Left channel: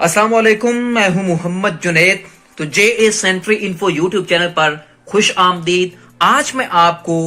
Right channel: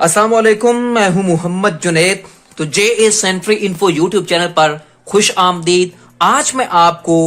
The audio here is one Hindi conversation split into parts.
अस्सलाम वालेकुम, मैं हूं मोहम्मद जुनैद। तो जे सेंट्री इन्फो यूट्यूब चैनल पर खुश आमदीद। आज मैं आपको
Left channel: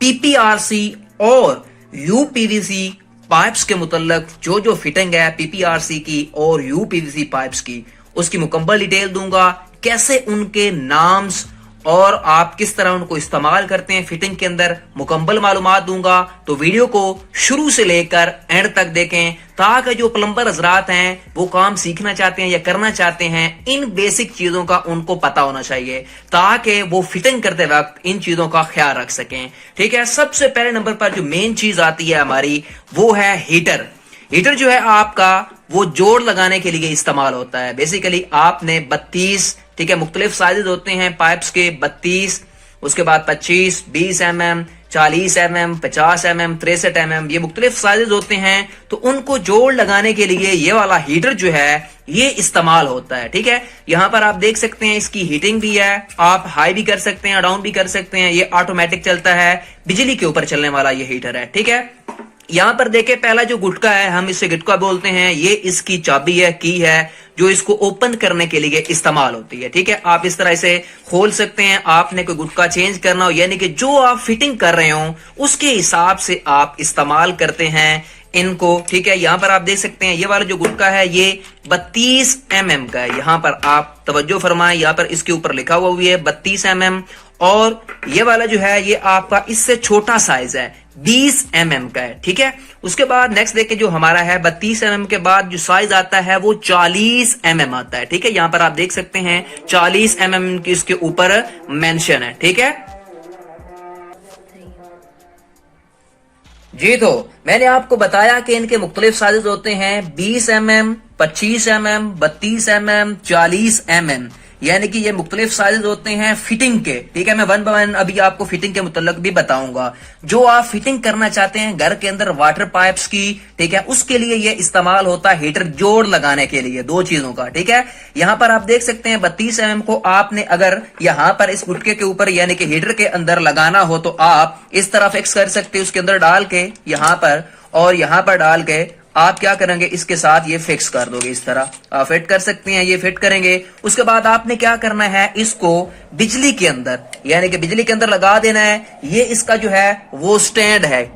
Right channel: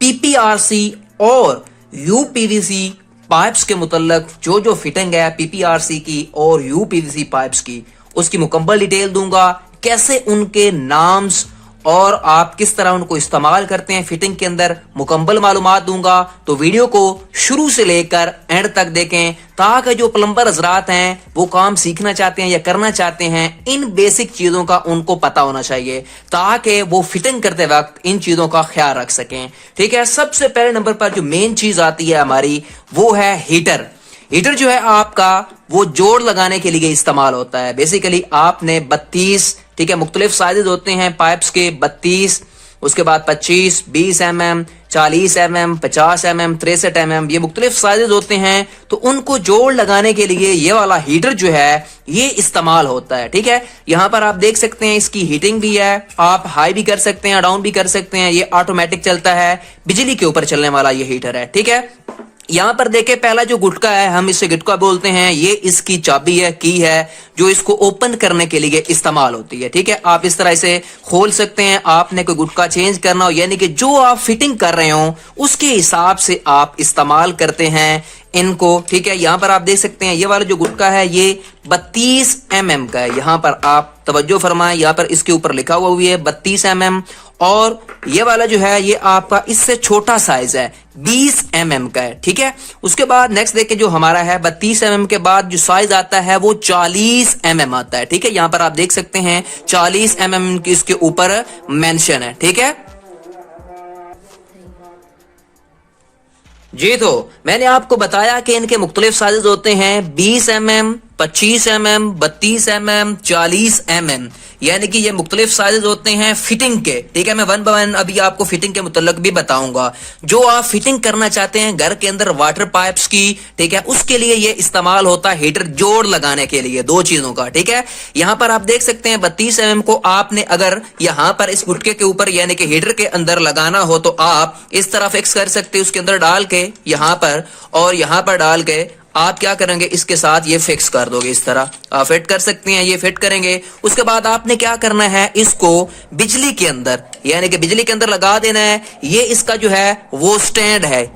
पीपीआरसी और यूपीवीसी पाइप्स के मुतल्लक जो फिटिंग है पीपीआरसी की और यूपीवीसी पाइप्स की, उसकी मुकम्मल डिटेल दूंगा। कैसे उनके नाम्स और आप किस तरह उनको इस्तेमाल करते हैं फिटिंग के अंदर, मुकम्मल मालूमात दूंगा। तो वीडियो को शुरू से लेकर एंड तक देखें ताकि जो प्लम्बर हजरात हैं वो काम सीखना चाहते हैं या करना चाहते हैं, इन बेसिक चीजों का उनको पता होना चाहिए ताकि वो फिटिंग करते वक्त इन चीजों का ख्याल रख सकें। ठीक है, सबसे पहले नंबर पर जो मेन चीज आती है हमारी वो है हीटर। हीटर जो है आपका वो जोड़ लगाने के लिए इस्तेमाल होता है। बेसिकली आपने 32, ठीक है, मुख्तलिफ साइजेस होते हैं पाइप्स के, 32, उसके बाद 25, 20 mm, 40 mm, 50 mm, 63 mm, ये मुख्तलिफ साइजेस होते हैं। तो उनको जोड़ लगाने के लिए ये वाला हीटर जो है ये इस्तेमाल होता है। ठीक है, यहाँ पर आप देख सकते हैं इसकी हीटिंग भी है, आप हाई भी कर सकते हैं, डाउन भी कर सकते हैं। ये ऑटोमेटिक चलता है, बिजली के ऊपर चलने वाला ये हीटर है। ठीक है, यहाँ पर देखें पहला जो गुटका है, हम इसे गुटका बोलते हैं, ये इसकी चाबी है, की है, जो इसको ओपन करने के लिए इस्तेमाल होती है। ठीक है, आप इस तरह इसे खोल सकते हैं। आपने कोई गुटका चेंज करना हो, यानी कि जो आप फिटिंग कर रहे हो उसके हिसाब से आप इस्तेमाल करते हैं इनको। ठीक है, यहाँ पर आप देख सकते हैं ये वाला जो गुटका है ये 32 mm का है। यहाँ पर आप तवज्जो फरमाएं, यहाँ पर इसके ऊपर लिखा हुआ है 32 mm, और ये वाला जो है ये आपका इससे छोटा साइज है, 20 mm का है। ठीक है, उसके बाद नेक्स्ट देखिए जो हमारा है 32 mm के बाद जो साइज आता है वो 40 mm आता है। ठीक है, यहाँ पर आप देख सकते हैं 40 mm की इसके ऊपर मेंशन है। ठीक है जी, तो मैंने आपको बताया कि इनके मुख्तलिफ साइजेस होते हैं 20 mm, 25 mm, 32 mm, 40 mm, यानी कि ये मुख्तलिफ साइजेस होते हैं फिटिंग के। ठीक है, मैं वन बाय वन अभी आपको फिटिंग के मुतल्लक भी बताऊंगा। जो आप फिटिंग करना चाहते हैं घर के अंदर वाटर पाइप्स की, ठीक है, उसके लिए ये इस्तेमाल होता है हीटर जोड़ लगाने के लिए, दो चीजों का। ठीक है, यहाँ पर आप देख सकते हैं 32 mm को आपने अगर यहाँ पर इस गुटके के ऊपर यानी कि हीटर के अंदर लगाना हो तो आप इस तरह फिक्स कर सकते हैं, उसके अंदर डाल के यहाँ पर और यहाँ पर डाल के आप क्या करेंगे, इसके साथ ये फिक्स कर दोगे, इस तरह आप फिट कर सकते हैं। ये फिट करेंगे, उसके बाद आपने क्या करना है, इसको बिजली के अंदर यानी कि बिजली के अंदर लगा देना है। ये इसका जो है वो स्टैंड है,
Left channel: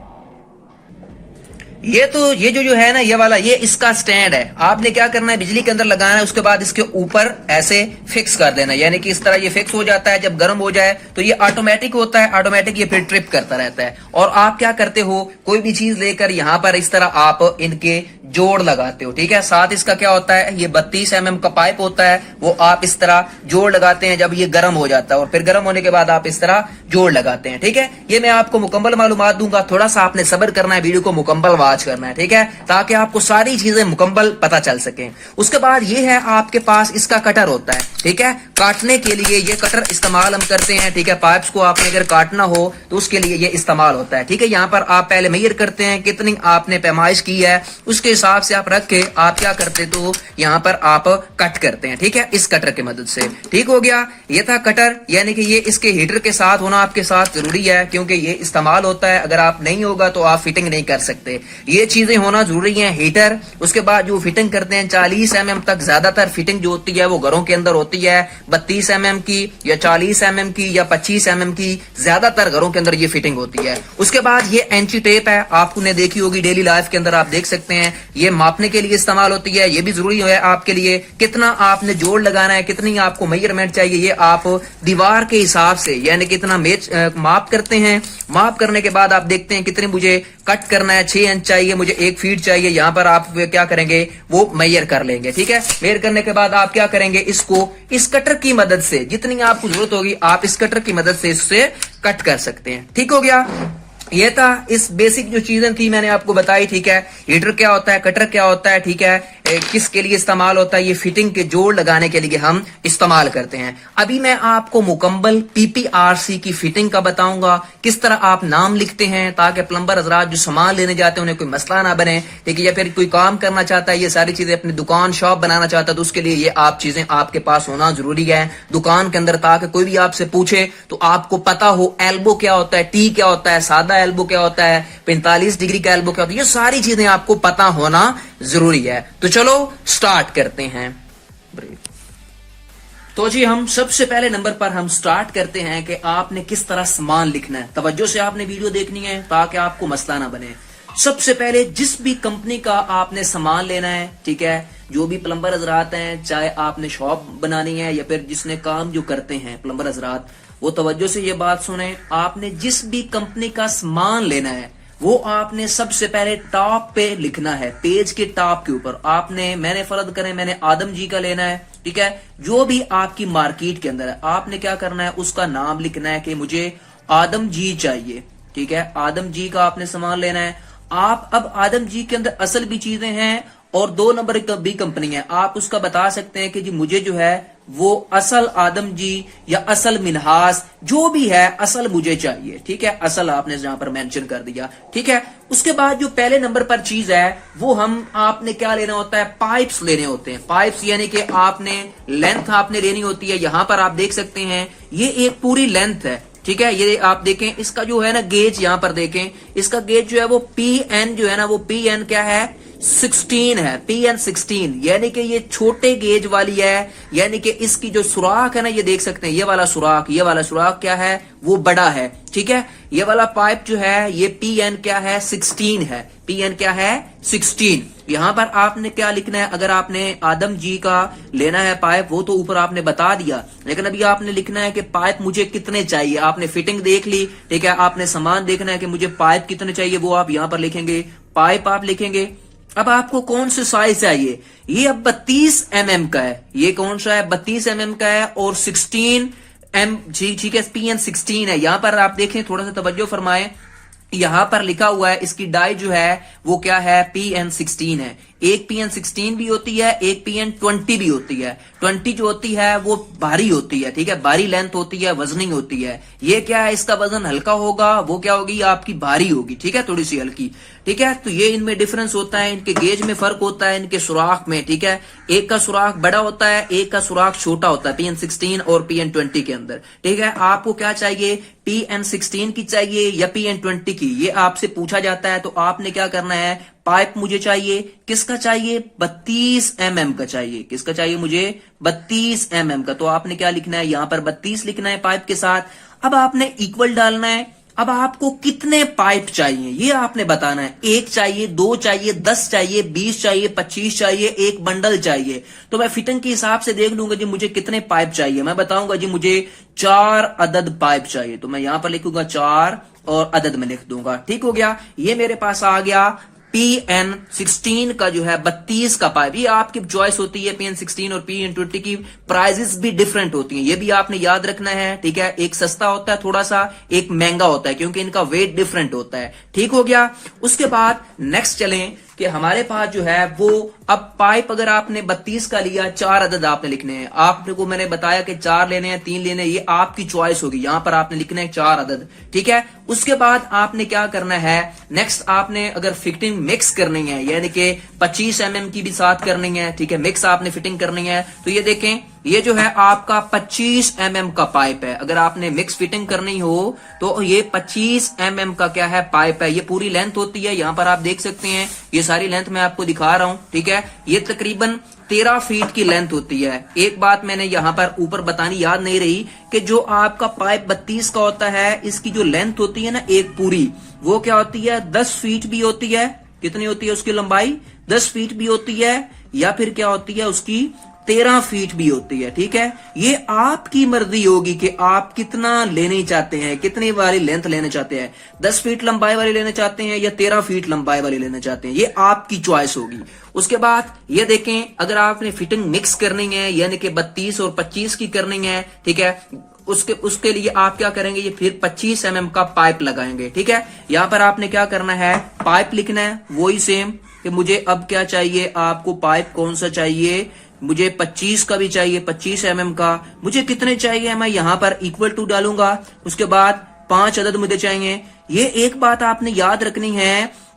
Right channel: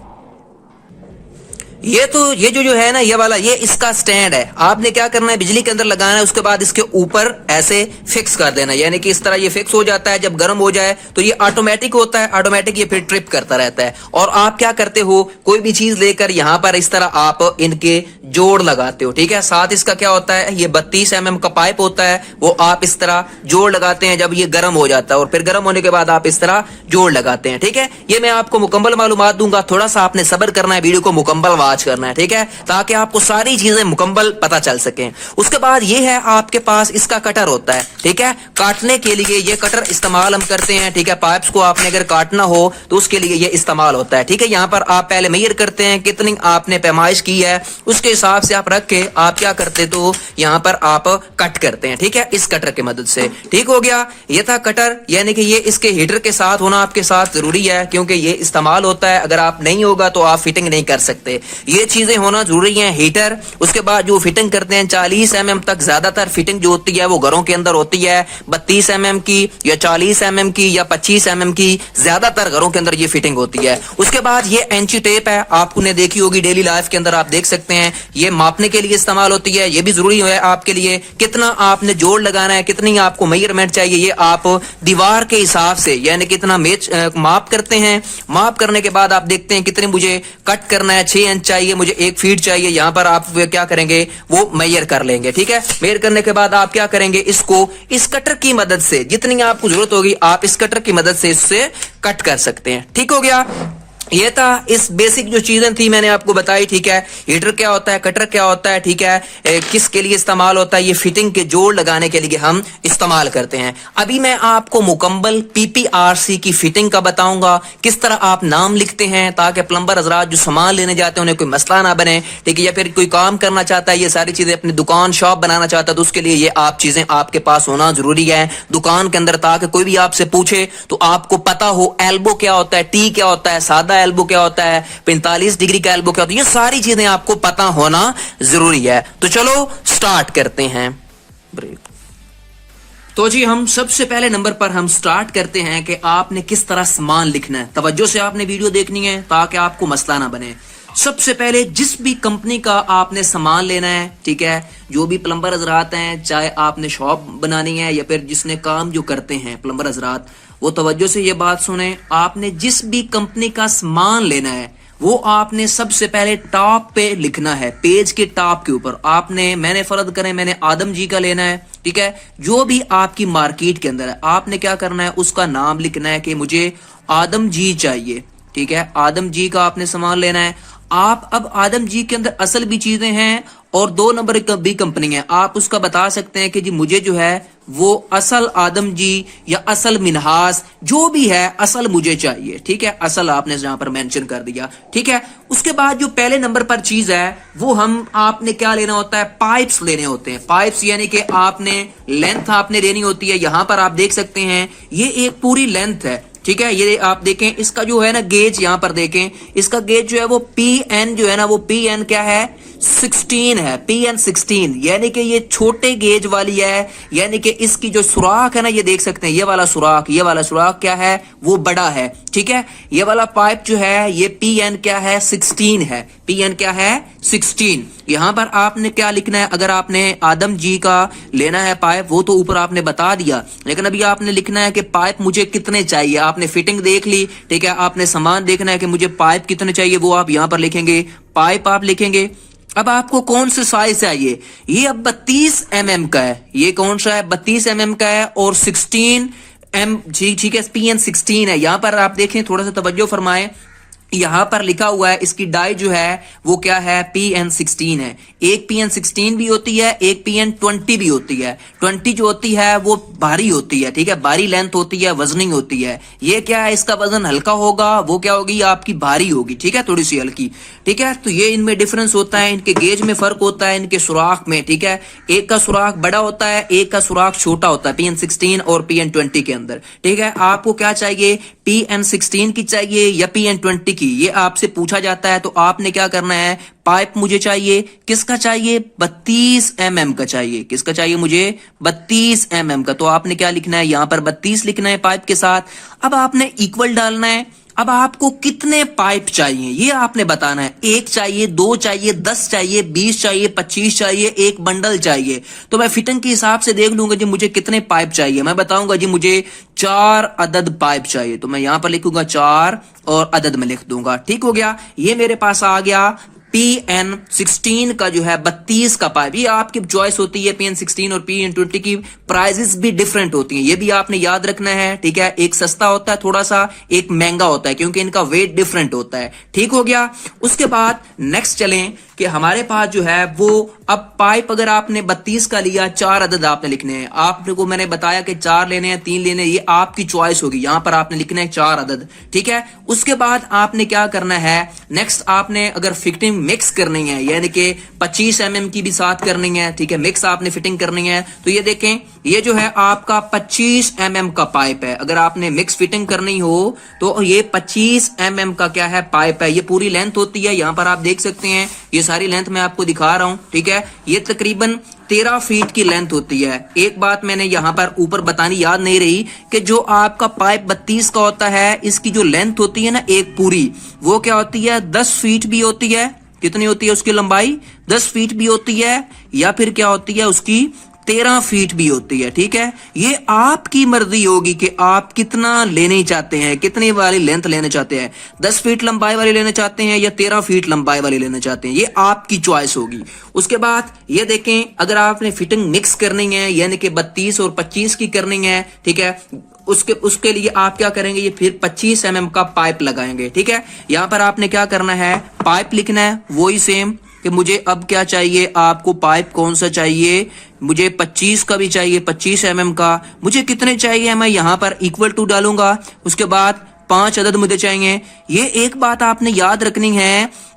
ये तो ये जो है ना ये वाला, ये इसका स्टैंड है। आपने क्या करना है, बिजली के अंदर लगाना है, उसके बाद इसके ऊपर ऐसे फिक्स कर देना, यानी कि इस तरह ये फिक्स हो जाता है। जब गर्म हो जाए तो ये ऑटोमेटिक होता है, ऑटोमेटिक ये फिर ट्रिप करता रहता है। और आप क्या करते हो, कोई भी चीज लेकर यहाँ पर इस तरह आप इनके जोड़ लगाते हो। ठीक है, साथ इसका क्या होता है, ये 32 mm का पाइप होता है, वो आप इस तरह जोड़ लगाते हैं जब ये गर्म हो जाता है, और फिर गर्म होने के बाद आप इस तरह जोड़ लगाते हैं। ठीक है, ये मैं आपको मुकम्मल मालूमात दूंगा, थोड़ा सा आपने सब्र करना है वीडियो को मुकम्मल वॉच वॉच करना है, ठीक है, ताकि आपको सारी चीजें मुकम्मल पता चल सके। उसके बाद ये है आपके पास इसका कटर होता है, ठीक है, काटने के लिए ये कटर इस्तेमाल हम करते हैं, ठीक है। पाइप्स को आपने अगर काटना हो तो उसके लिए ये इस्तेमाल होता है, ठीक है। यहाँ पर आप पहले मेजर करते हैं कितनी आपने पैमाइश की है, उसके हिसाब से आप रख के आप क्या करते तो यहाँ पर आप कट करते हैं, ठीक है, इस कटर की मदद से। ठीक हो गया, ये था कटर, यानी कि ये इसके हीटर के साथ होना आपके साथ जरूरी है, क्योंकि ये इस्तेमाल होता है। अगर आप नहीं होगा तो आप फिटिंग नहीं कर सकते, ये चीजें होना जरूरी है, हीटर। उसके बाद जो फिटिंग करते हैं 40 mm तक ज्यादातर फिटिंग जो होती है वो घरों के अंदर होती है, 32 mm की या 40 mm की या 25 mm की, ज्यादातर घरों के अंदर ये फिटिंग होती है। उसके बाद ये एंची टेप है, आपने देखी होगी डेली लाइफ के अंदर, आप देख सकते हैं, ये मापने के लिए इस्तेमाल होती है। ये भी जरूरी है आपके लिए, कितना आपने जोड़ लगाना है, कितनी आपको मेजरमेंट चाहिए, ये आप दीवार के हिसाब से यानी कितना माप करते हैं। माप करने के बाद आप देखते हैं कितने मुझे कट करना है, 6 इंच चाहिए, मुझे 1 फीट चाहिए, यहां पर आप क्या करेंगे वो मेजर कर लेंगे, ठीक है। मेजर करने के बाद आप क्या करेंगे, इसको इस कटर की मदद से जितनी आपको जरूरत होगी आप इस कटर की मदद से इससे कट कर सकते हैं। ठीक हो गया, ये था इस बेसिक जो चीजें थी मैंने आपको बताई, ठीक है। हीटर क्या होता है, कटर क्या होता है, ठीक है, किसके लिए इस्तेमाल होता है, ये फिटिंग के जोड़ लगाने के लिए हम इस्तेमाल करते हैं। अभी मैं आपको मुकम्मल पीपीआरसी की फिटिंग का बताऊंगा, किस तरह आप नाम लिखते हैं ताकि प्लम्बर हजरात जो सामान लेने जाते हैं उन्हें कोई मसला ना बने, ठीक है, या फिर कोई काम करना चाहता है, ये सारी चीजें अपनी दुकान शॉप बनाना चाहता है तो उसके लिए ये आप चीजें आपके पास होना जरूरी है दुकान के अंदर, ताकि कोई भी आपसे पूछे तो आपको पता हो एल्बो क्या होता है, टी क्या होता है, सादा एल्बो क्या होता है, 45 डिग्री का एल्बो क्या होता है, ये सारी चीजें आपको पता होना जरूरी है। तो चलो स्टार्ट करते हैं। तो जी हम सबसे पहले नंबर पर हम स्टार्ट करते हैं कि आपने किस तरह सामान लिखना है। तवज्जो से आपने वीडियो देखनी है ताकि आपको मसला ना बने। सबसे पहले जिस भी कंपनी का आपने सामान लेना है, ठीक है, जो भी प्लम्बर हजरात हैं, चाहे आपने शॉप बनानी है या फिर जिसने काम जो करते हैं प्लम्बर हजरात, वो तवज्जो से ये बात सुने, आपने जिस भी कंपनी का सामान लेना है वो आपने सबसे पहले टॉप पे लिखना है, पेज के टॉप के ऊपर आपने, मैंने फर्ज करें मैंने आदम जी का लेना है, ठीक है, जो भी आपकी मार्केट के अंदर है आपने क्या करना है उसका नाम लिखना है कि मुझे आदम जी चाहिए, ठीक है, आदम जी का आपने सामान लेना है। आप अब आदम जी के अंदर असल भी चीजें हैं और 2 नंबर भी कंपनी है, आप उसका बता सकते हैं कि जी मुझे जो है वो असल आदम जी या असल मिनहास जो भी है असल मुझे चाहिए, ठीक है, असल आपने यहां पर मेंशन कर दिया, ठीक है। उसके बाद जो पहले नंबर पर चीज है वो हम आपने क्या लेना होता है, पाइप्स लेने होते हैं। पाइप्स यानी कि आपने लेंथ आपने लेनी होती है, यहां पर आप देख सकते हैं ये एक पूरी लेंथ है, ठीक है, ये आप देखें इसका जो है ना गेज, यहां पर देखें इसका गेज जो है वो PN जो है ना वो PN क्या है 16 है, PN 16, यानी कि ये छोटे गेज वाली है, यानी कि इसकी जो सुराख है ना ये देख सकते हैं, ये वाला सुराख क्या है वो बड़ा है, ठीक है। ये वाला पाइप जो है ये PN क्या है 16 है, PN क्या है 16। यहां पर आपने क्या लिखना है, अगर आपने आदम जी का लेना है पाइप वो तो ऊपर आपने बता दिया, लेकिन अभी आपने लिखना है कि पाइप मुझे कितने चाहिए। आपने फिटिंग देख ली, ठीक है, आपने सामान देखना है कि मुझे पाइप कितने चाहिए, वो आप यहां पर लिखेंगे, पाइप आप लिखेंगे। अब आपको कौन सा साइज चाहिए, ये अब 32 mm का है, ये कौन सा है 32 mm का है और 16 ठीक है, PN 16 है। यहां पर आप देखें, थोड़ा सा तवज्जो फरमाएं, यहां पर लिखा हुआ है इसकी डाई जो है वो क्या है PN 16 है। एक PN 16 भी होती है, एक PN 20 भी होती है। 20 जो होती है वो भारी होती है, ठीक है, भारी लेंथ होती है, वजनिंग होती है। ये क्या है, इसका वजन हल्का होगा, वो क्या होगी आपकी भारी होगी, ठीक है, थोड़ी सी हल्की, ठीक है। तो ये इनमें डिफरेंस होता है, इनके गेज में फर्क होता है, इनके सुराख में, ठीक है। एक का सुराख बड़ा होता है, एक का सुराख छोटा होता है PN 16 और PN 20 के अंदर, ठीक है। आपको क्या चाहिए, PN 16 की चाहिए या PN 20 की, ये आपसे पूछा जाता है। तो आपने क्या करना है, पाइप मुझे चाहिए, किसका चाहिए 32 mm का चाहिए, किसका चाहिए मुझे 32 mm का, तो आपने क्या लिखना है यहां पर 32 लिखना है पाइप के साथ। अब आपने इक्वल डालना है। अब आपको कितने पाइप चाहिए ये आपने बताना है, 1 चाहिए, 2 चाहिए, 10 चाहिए, 20 चाहिए, 25 चाहिए, एक बंडल चाहिए। तो मैं फिटिंग के हिसाब से देख लूंगा जी मुझे कितने पाइप चाहिए, मैं बताऊंगा जी मुझे 4 अदद पाइप चाहिए, तो मैं यहां पर लिखूंगा 4 और अदद में लिख दूंगा। ठीक हो गया, ये मेरे पास आ गया PN16 का जो है 32 का पाइप, ये आपकी चॉइस होती है। PN16 और PN20 की प्राइजेस भी डिफरेंट होती हैं, ये भी आपने याद रखना है, ठीक है। एक सस्ता होता है थोड़ा सा, एक महंगा होता है, क्योंकि इनका वेट डिफरेंट होता है, ठीक हो गया। उसके बाद नेक्स्ट चलें कि हमारे पास जो है वो अब पाइप अगर आपने 32 का लिया, 4 अदद आपने लिखने हैं। आपको मैंने बताया कि 4 लेने हैं, 3 लेने हैं, ये आपकी चॉइस होगी। यहां पर आपने लिखना है 4 अदद, ठीक है। उसके बाद आपने क्या करना है, नेक्स्ट आपने अगर फिटिंग मिक्स करनी है, यानी कि 25 mm की भी साथ करनी है, ठीक है, मिक्स आपने फिटिंग करनी है, तो ये देखें, ये जो है आपका 25 mm का पाइप है। अगर आपने मिक्स फिटिंग करनी हो तो ये 25 mm का क्या है, पाइप है। ये पूरी लेंथ होती है, यहां पर आप देख सकते हैं, ये सारी लेंथ मैं आपको दिखा रहा हूं, ठीक है। ये तकरीबन 13 फीट की लेंथ होती है। एक बात मैंने यहां पर ऊपर बतानी याद नहीं रही कि जो आपका पाइप 32 का होता है, इसकी जो लेंथ होती है ना एक पूरी, वो क्या होती है, 10 फीट भी होती है। कितनी होती है उसकी लंबाई, 10 फीट भी होती है, या फिर क्या होती है उसकी 13 फीट भी होती है, ठीक है। ये आपकी मर्जी होगी कि आप कितना लेने चाहते हैं, कितनी वाली लेंथ लेना चाहते हैं, 10 फीट लंबाई वाली लेना चाहते हैं या 13 फीट लंबाई वाली लेना चाहते हैं, ये आपकी चॉइस होगी। उसके बाद ये देखें, अगर आपने फिटिंग मिक्स करनी है, यानी कि 32 और 25 की करनी है, ठीक है, उसके लिए आप क्या करेंगे, ये फिर 25 mm का पाइप लगाएंगे, ठीक है। यहां पर आपने क्या करना है, पाइप लिखना है, वही सेम कि मुझे अब क्या चाहिए, आपको पाइप कौन सा चाहिए, मुझे 25 का भी चाहिए, 25 mm का। मुझे कितने चाहिए, मैं यहां पर इक्वल टू डालूंगा। उसके बाद 5 अदद मुझे चाहिए। ये एक बात आपने याद रखनी है,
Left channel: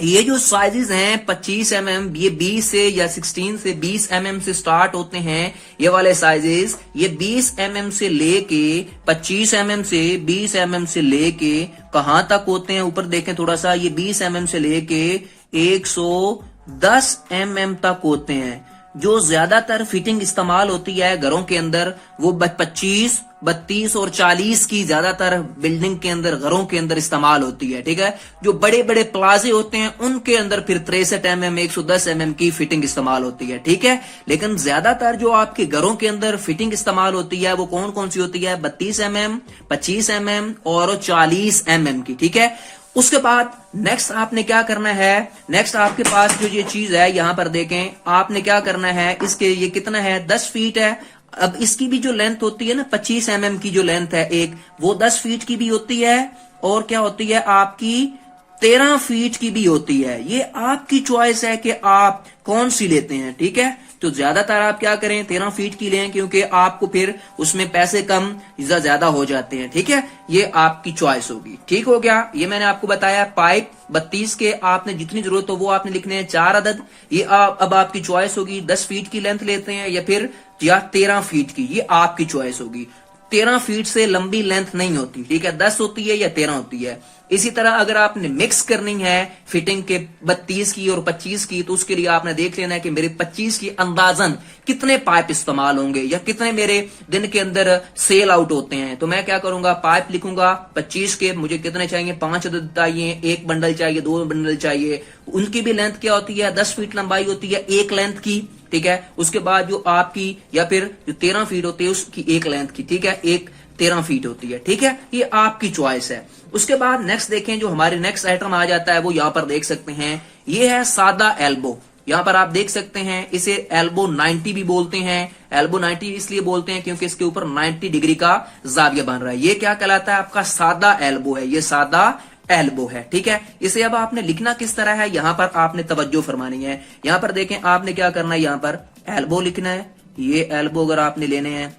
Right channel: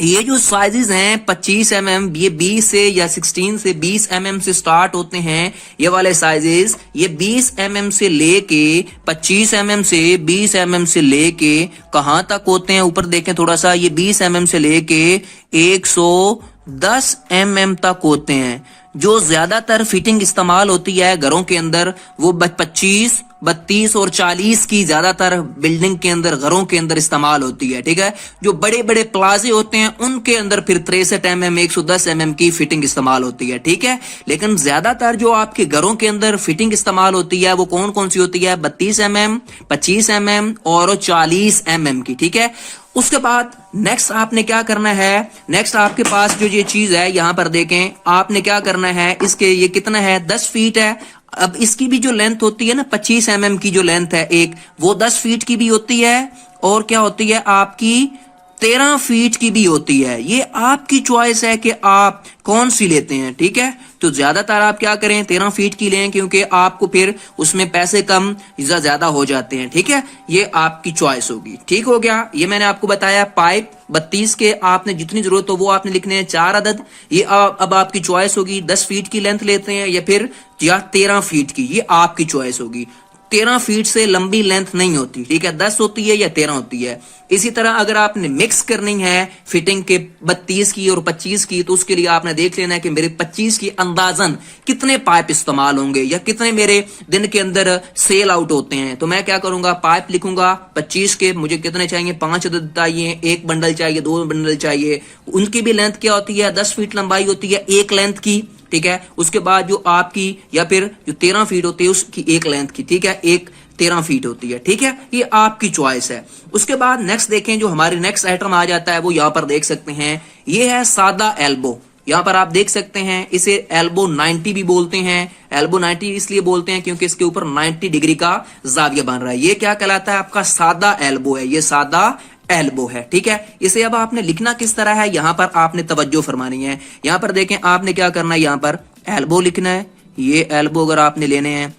ये जो साइजेस हैं 25 mm, ये 20 से या 16 से 20 mm से स्टार्ट होते हैं। ये वाले साइजेस, ये 20 mm से लेके 25 mm से 20 mm से लेके कहां तक होते हैं, ऊपर देखें थोड़ा सा, ये 20 mm से लेके 110 mm तक होते हैं। जो ज्यादातर फिटिंग इस्तेमाल होती है घरों के अंदर, वो 25, 32 और 40 की ज्यादातर बिल्डिंग के अंदर, घरों के अंदर इस्तेमाल होती है, ठीक है। जो बड़े बड़े प्लाजे होते हैं उनके अंदर फिर 63 mm, 110 mm की फिटिंग इस्तेमाल होती है, ठीक है। लेकिन ज्यादातर जो आपके घरों के अंदर फिटिंग इस्तेमाल होती है वो कौन कौन सी होती है, 32 mm, 25 mm और 40 mm की, ठीक है। उसके बाद नेक्स्ट आपने क्या करना है, नेक्स्ट आपके पास जो ये चीज है, यहां पर देखें, आपने क्या करना है, इसके ये कितना है, 10 फीट है। अब इसकी भी जो लेंथ होती है ना, 25 mm की जो लेंथ है एक, वो 10 फीट की भी होती है, और क्या होती है आपकी 13 फीट की भी होती है। ये आपकी चॉइस है कि आप कौन सी लेते हैं, ठीक है। तो ज्यादातर आप क्या करें, 13 फीट की लें, क्योंकि आपको फिर उसमें पैसे कम या ज्यादा हो जाते हैं, ठीक है। ये आपकी चॉइस होगी, ठीक हो गया। ये मैंने आपको बताया पाइप 32 के आपने जितनी जरूरत हो वो आपने लिखने हैं 4 अदद। ये अब आपकी चॉइस होगी, 10 फीट की लेंथ लेते हैं या फिर 13 फीट की, ये आपकी चॉइस होगी। 13 फीट से लंबी लेंथ नहीं होती, ठीक है, 10 होती है या 13 होती है। इसी तरह अगर आपने मिक्स करनी है फिटिंग के 32 की और 25 की, तो उसके लिए आपने देख लेना है कि मेरे 25 की अंदाजन कितने पाइप इस्तेमाल होंगे या कितने मेरे दिन के अंदर सेल आउट होते हैं। तो मैं क्या करूंगा, पाइप लिखूंगा 25 के, मुझे कितने चाहिए, 5 अदद चाहिए, 1 बंडल चाहिए, 2 बंडल चाहिए। उनकी भी लेंथ क्या होती है, 10 फीट लंबाई होती है एक लेंथ की, ठीक है। उसके बाद जो आपकी या फिर जो 13 फीट होती है उसकी एक लेंथ की, ठीक है, एक 13 फीट होती है, ठीक है। ये आपकी चॉइस है। उसके बाद नेक्स्ट देखें, जो हमारे नेक्स्ट आइटम आ जाता है वो यहां पर देख सकते हैं, ये है सादा एल्बो। यहां पर आप देख सकते हैं, इसे एल्बो 90 भी बोलते हैं। एल्बो 90 इसलिए बोलते हैं क्योंकि इसके ऊपर 90 डिग्री का जाविया बन रहा है। ये क्या कहलाता है, आपका सादा एल्बो है, ये सादा एल्बो है, ठीक है। इसे अब आपने लिखना किस तरह है, यहां पर आपने तवज्जो फरमानी है। यहां पर देखें, आपने क्या करना है, यहां पर एल्बो लिखना है। ये एल्बो अगर आपने लेने हैं,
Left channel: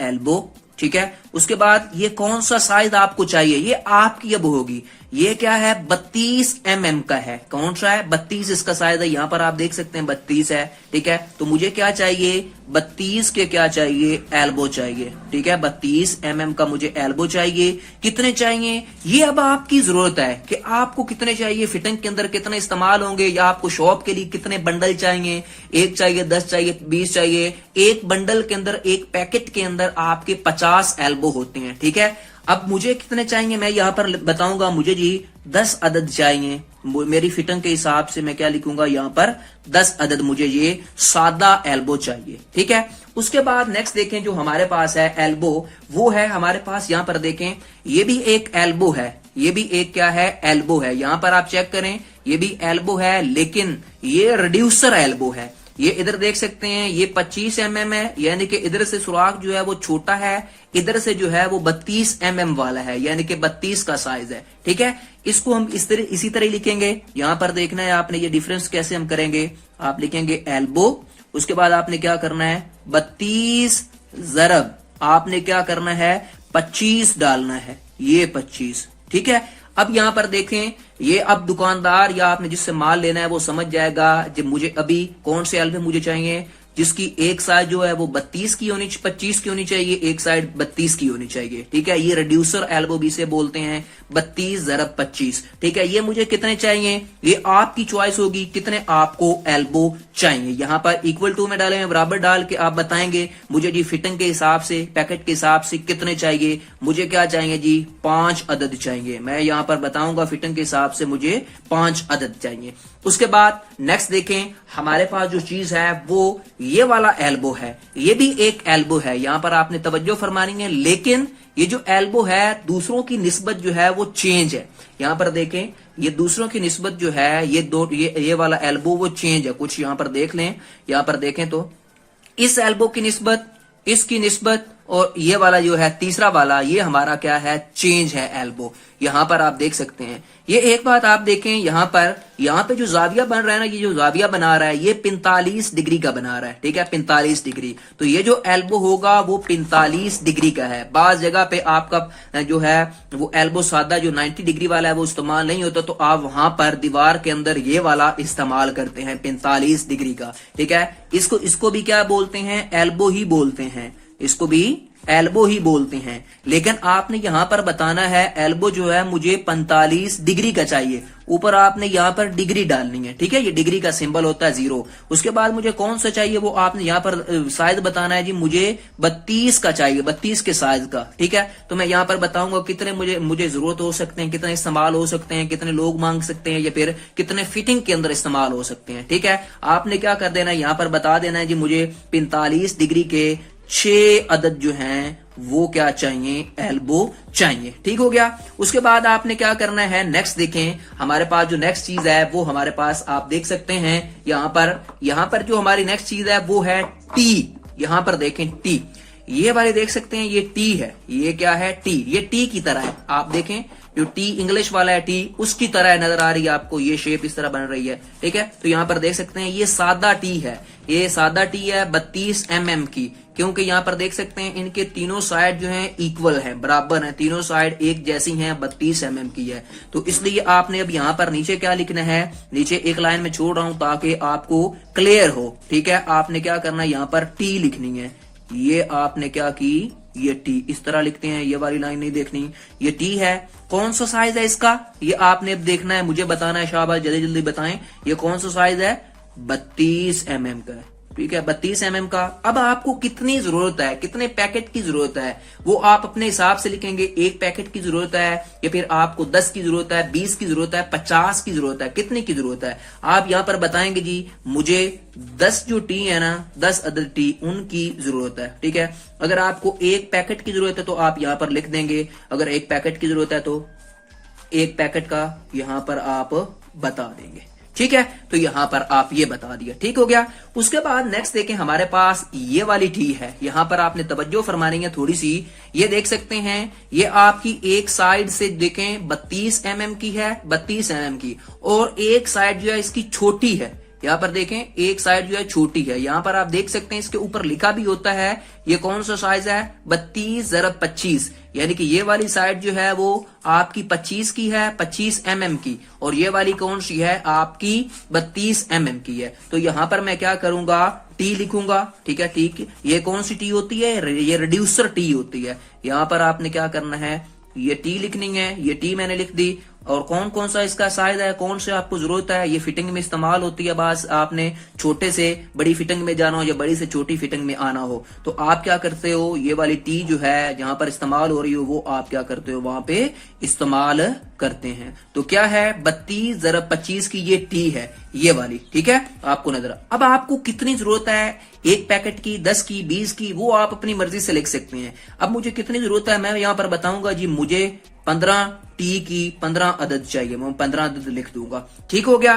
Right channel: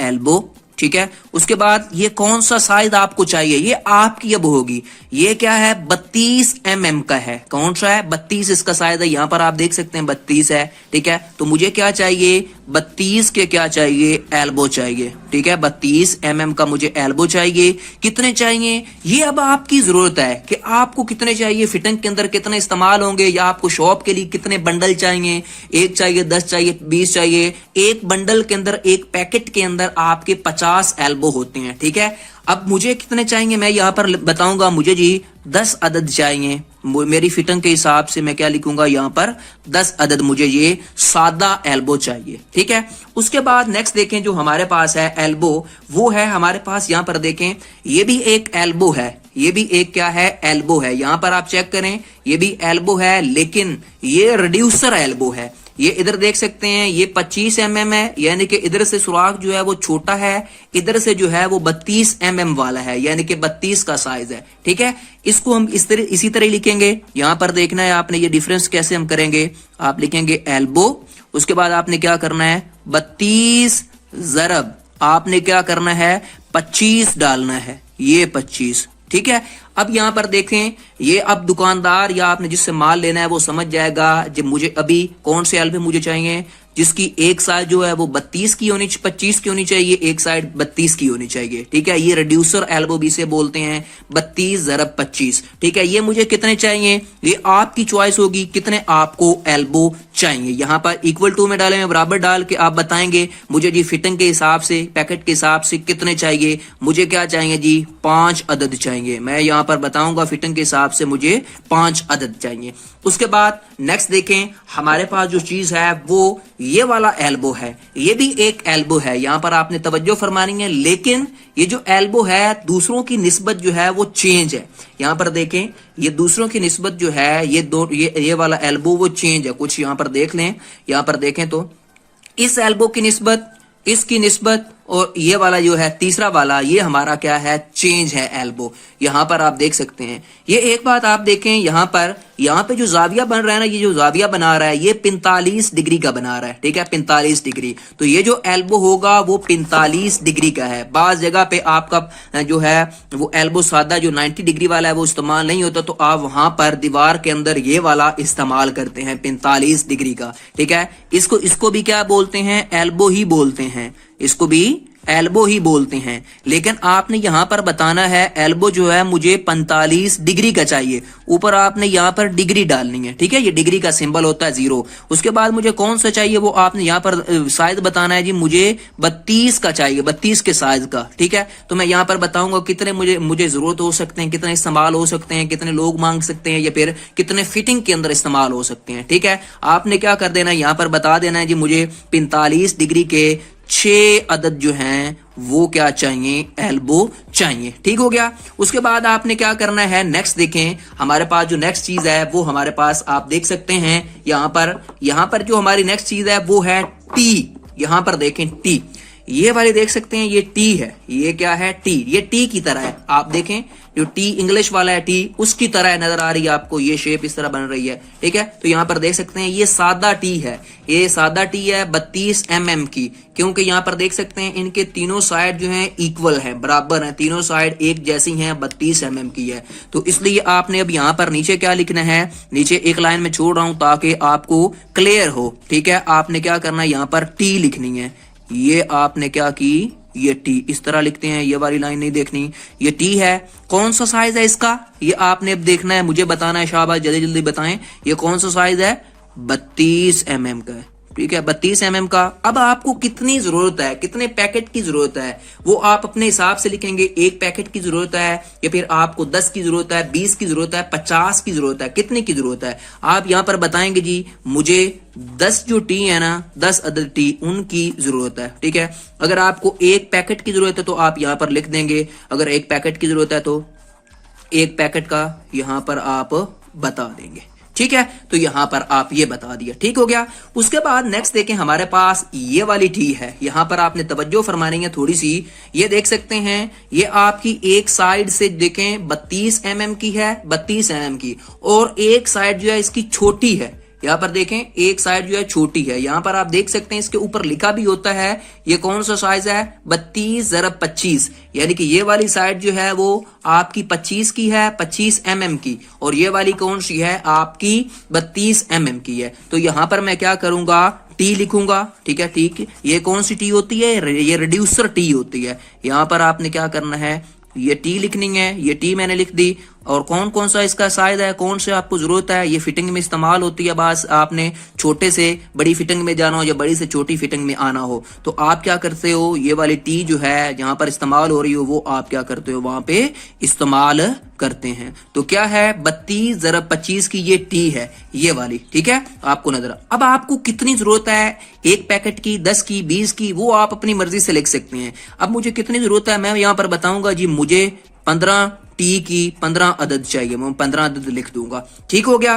एल्बो, ठीक है। उसके बाद ये कौन सा साइज आपको चाहिए, ये आपकी अब होगी। ये क्या है, 32 mm का है। कौन सा है, 32 इसका साइज है। यहां पर आप देख सकते हैं 32 है, ठीक है। तो मुझे क्या चाहिए, 32 के क्या चाहिए, एल्बो चाहिए, ठीक है। 32 mm का मुझे एल्बो चाहिए। कितने चाहिए, ये अब आपकी जरूरत है कि आपको कितने चाहिए, फिटिंग के अंदर कितने इस्तेमाल होंगे, या आपको शॉप के लिए कितने बंडल चाहिए, 1 चाहिए, 10 चाहिए, 20 चाहिए। एक बंडल के अंदर, एक पैकेट के अंदर आपके 50 एल्बो होते हैं, ठीक है। अब मुझे कितने चाहिए, मैं यहां पर बताऊंगा, मुझे जी 10 अदद चाहिए। मेरी फिटिंग के हिसाब से मैं क्या लिखूंगा, यहां पर 10 अदद मुझे ये सादा एल्बो चाहिए, ठीक है। उसके बाद नेक्स्ट देखें, जो हमारे पास है एल्बो, वो है हमारे पास, यहां पर देखें, ये भी एक एल्बो है। ये भी एक क्या है, एल्बो है। यहां पर आप चेक करें, ये भी एल्बो है, लेकिन ये रिड्यूसर एल्बो है। ये इधर देख सकते हैं, ये 25 mm है, यानी कि इधर से सुराख जो है वो छोटा है, इधर से जो है वो 32 mm वाला है, यानी कि 32 का साइज है। ठीक है, इसको हम इसी तरह लिखेंगे। यहां पर देखना है आपने, ये डिफरेंस कैसे हम करेंगे। आप लिखेंगे एल्बो, उसके बाद आपने क्या करना है, 32 ज़रब आपने क्या करना है, 25 डालना है, ये 25। ठीक है, अब यहां पर देखें, ये अब दुकानदार या आपने जिससे माल लेना है वो समझ जाएगा जब मुझे अभी कौन से एल्बो मुझे चाहिए, जिसकी एक साइड जो है वो 32 की होनी, 25 की होनी चाहिए, एक साइड 32 की होनी चाहिए। ठीक है, ये रिड्यूसर एल्बो भी से बोलते हैं, 32 ज़रब 25। ठीक है, ये मुझे कितने चाहिए, ये आपकी चॉइस होगी कितने आपको एल्बो चाहिए। यहां पर इक्वल टू में डालेंगे, बराबर डाल के आप बताएंगे मुझे जी फिटिंग के हिसाब से, पैकेट के हिसाब से कितने चाहिए। मुझे क्या चाहिए जी, 5 अदद चाहिए। मैं यहां पर बताऊंगा फिटिंग के हिसाब से मुझे 5 अदद चाहिए। उसके बाद नेक्स्ट देखें, हमारे पास जो चीज है वो ये वाला एल्बो है, ये भी एक एल्बो है। यहां पर आपने तवज्जो फरमानी है, लेकिन ये जो एल्बो है दूसरों की निस्बत जो है वो चेंज है। यहां पर देखें, ये दूसरों की निस्बत जो है, ये वाला एल्बो वो चेंज है कुछ। यहां पर देख लें, यहां पर देखें तो इस एल्बो की निस्बत, इसकी निस्बत, और ये वाला जो है तीसरा वाला, ये हमारा क्या है, चेंज है एल्बो। यहां पर आप देख सकते हैं। ये एक बात आप देखें, यहां पे जो जाविया बन रहा है ना, ये जो जाविया बना रहा है ये 45 डिग्री का बना रहा है। ठीक है, 45 डिग्री। तो ये जो एल्बो होगा वो 45 डिग्री का है। बाज जगह पे आपका जो है वो एल्बो सादा जो 90 डिग्री वाला है वो इस्तेमाल नहीं होता, तो आप वहां पर दीवार के अंदर ये वाला इस्तेमाल करते हैं 45 डिग्री का। ठीक है, इसको भी क्या बोलते हैं, एल्बो ही बोलते हैं, इसको भी एल्बो ही बोलते हैं। लेकिन आपने यहां पर बताना है एल्बो जो है मुझे 45 डिग्री का चाहिए, ऊपर आपने यहां पर डिग्री डालनी है। ठीक है, ये डिग्री का सिंबल होता है 0। उसके बाद मुझे कौन सा चाहिए वो आपने यहां पर साइज बताना है जी, मुझे 32 का चाहिए, 32 के साइज का। ठीक है, तो मैं यहां पर बताऊंगा कितने मुझे जरूरत हो सकते हैं, कितने इस्तेमाल हो सकते हैं, कितने लोग मांग सकते हैं, या फिर कितने फिटिंग के अंदर इस्तेमाल हो सकते हैं। ठीक है, आपने क्या कर देना है, यहां पर बता देना है जी मुझे 45 डिग्री के 6 अदद जो हैं वो क्या चाहिए, एल्बो चाहिए। ठीक हो गया। उसके बाद आपने क्या करना है, नेक्स्ट देखें, हमारे पास जो नेक्स्ट चीज है वो हमारे पास आप देख सकते हैं यहां पर जो हमारी नेक्स्ट चीज है वो है टी। यहां पर देखें टी, ये वाले देख सकते हैं, ये टी है, ये क्या है, टी। ये टी की तरह है, आप देखें जो टी इंग्लिश वाला है टी उसकी तरह नजर आ रही है आपको, ये शेप इस तरह बन रही है। ठीक है, तो यहां पर देख सकते हैं ये सादा टी है, ये सादा टी है 32 mm की, क्योंकि यहां पर देख सकते हैं इनके तीनों साइड जो हैं इक्वल हैं, बराबर हैं, तीनों साइड एक जैसी हैं, 32 mm की है। तो इसलिए आपने अब यहां पर नीचे क्या लिखना है, नीचे एक लाइन में छोड़ रहा हूं ताकि आपको क्लियर हो। ठीक है, आपने क्या करना है, यहां पर टी लिखनी है, ये आपने क्या की, ये टी इस तरह लिखते हैं, ये वाली लाइन नहीं देखनी, ये टी है। कौन सा साइज है इसका, ये आपने अब देखना है, मुझे बताना है, शाबाश जल्दी जल्दी बताएं, ये कौन सा साइज है, 32 mm का है। ठीक है, 32 mm का। अब आपको कितनी जरूरत है, कितने पैकेट की जरूरत है, वो आप अपने हिसाब से लिखेंगे। एक पैकेट की जरूरत है, या फिर आपको 10 की जरूरत है, 20 की जरूरत है, 50 की जरूरत है, कितने की जरूरत है आप यहां पर बताएंगे जी मुझे 10 जो टी है ना, 10 अदद टी उनकी जरूरत है। ठीक है, अगर आपको एक पैकेट की जरूरत है तो आप यहां पर लिख देंगे, अगर एक पैकेट की जरूरत है तो एक पैकेट का यहां पर आप बता देंगे। ठीक है, तो यहां पर आप ये बता दिया। ठीक हो गया। उसके बाद नेक्स्ट देखें, हमारे पास ये वाली टी है, यहां पर आपने तवज्जो फरमानी है थोड़ी सी। ये देख सकते हैं, ये आपकी एक साइड से देखें 32 mm की है, 32 mm की, और एक साइड जो है इसकी छोटी है। यहाँ पर देखें एक साइड जो है छोटी है, यहाँ पर आप देख सकते हैं इसके ऊपर लिखा भी होता है ये कौन सा साइज है, 32 ज़रब 25, यानी कि ये वाली साइड जो है वो आपकी 25 की है, 25 mm की, और ये वाली कौन सी है आपकी 32 mm की है। तो यहाँ पर मैं क्या करूंगा, टी लिखूंगा। ठीक है, ठीक, ये कौन सी टी होती है, ये रिड्यूसर टी होती है। यहाँ पर आपने क्या करना है, ये टी लिखनी है, ये टी मैंने लिख दी। और कौन कौन सा इसका साइज है, कौन से आपको जरूरत है, ये फिटिंग में इस्तेमाल होती है। बस आपने छोटे से बड़ी फिटिंग में जाना हो या बड़ी से छोटी फिटिंग में आना हो तो आप क्या करते हो, ये वाली टी जो है जहां पर इस्तेमाल हो रही हो वो आप क्या करते हो, वहां पे इस्तेमाल करते हैं। तो क्या है, 32 ज़रब 25 की ये टी है, ये वाली। ठीक है, आपको नजर। अब आपको कितनी जरूरत है, एक पैकेट की, 10 की, 20 की, वो आप अपनी मर्जी से लिख सकते हैं। अब मुझे कितनी जरूरत है मैं यहां पर बताऊंगा जी, मुझे 15 टी की 15 अदद चाहिए, मैं 15 अदद लिख दूंगा। ठीक हो गया।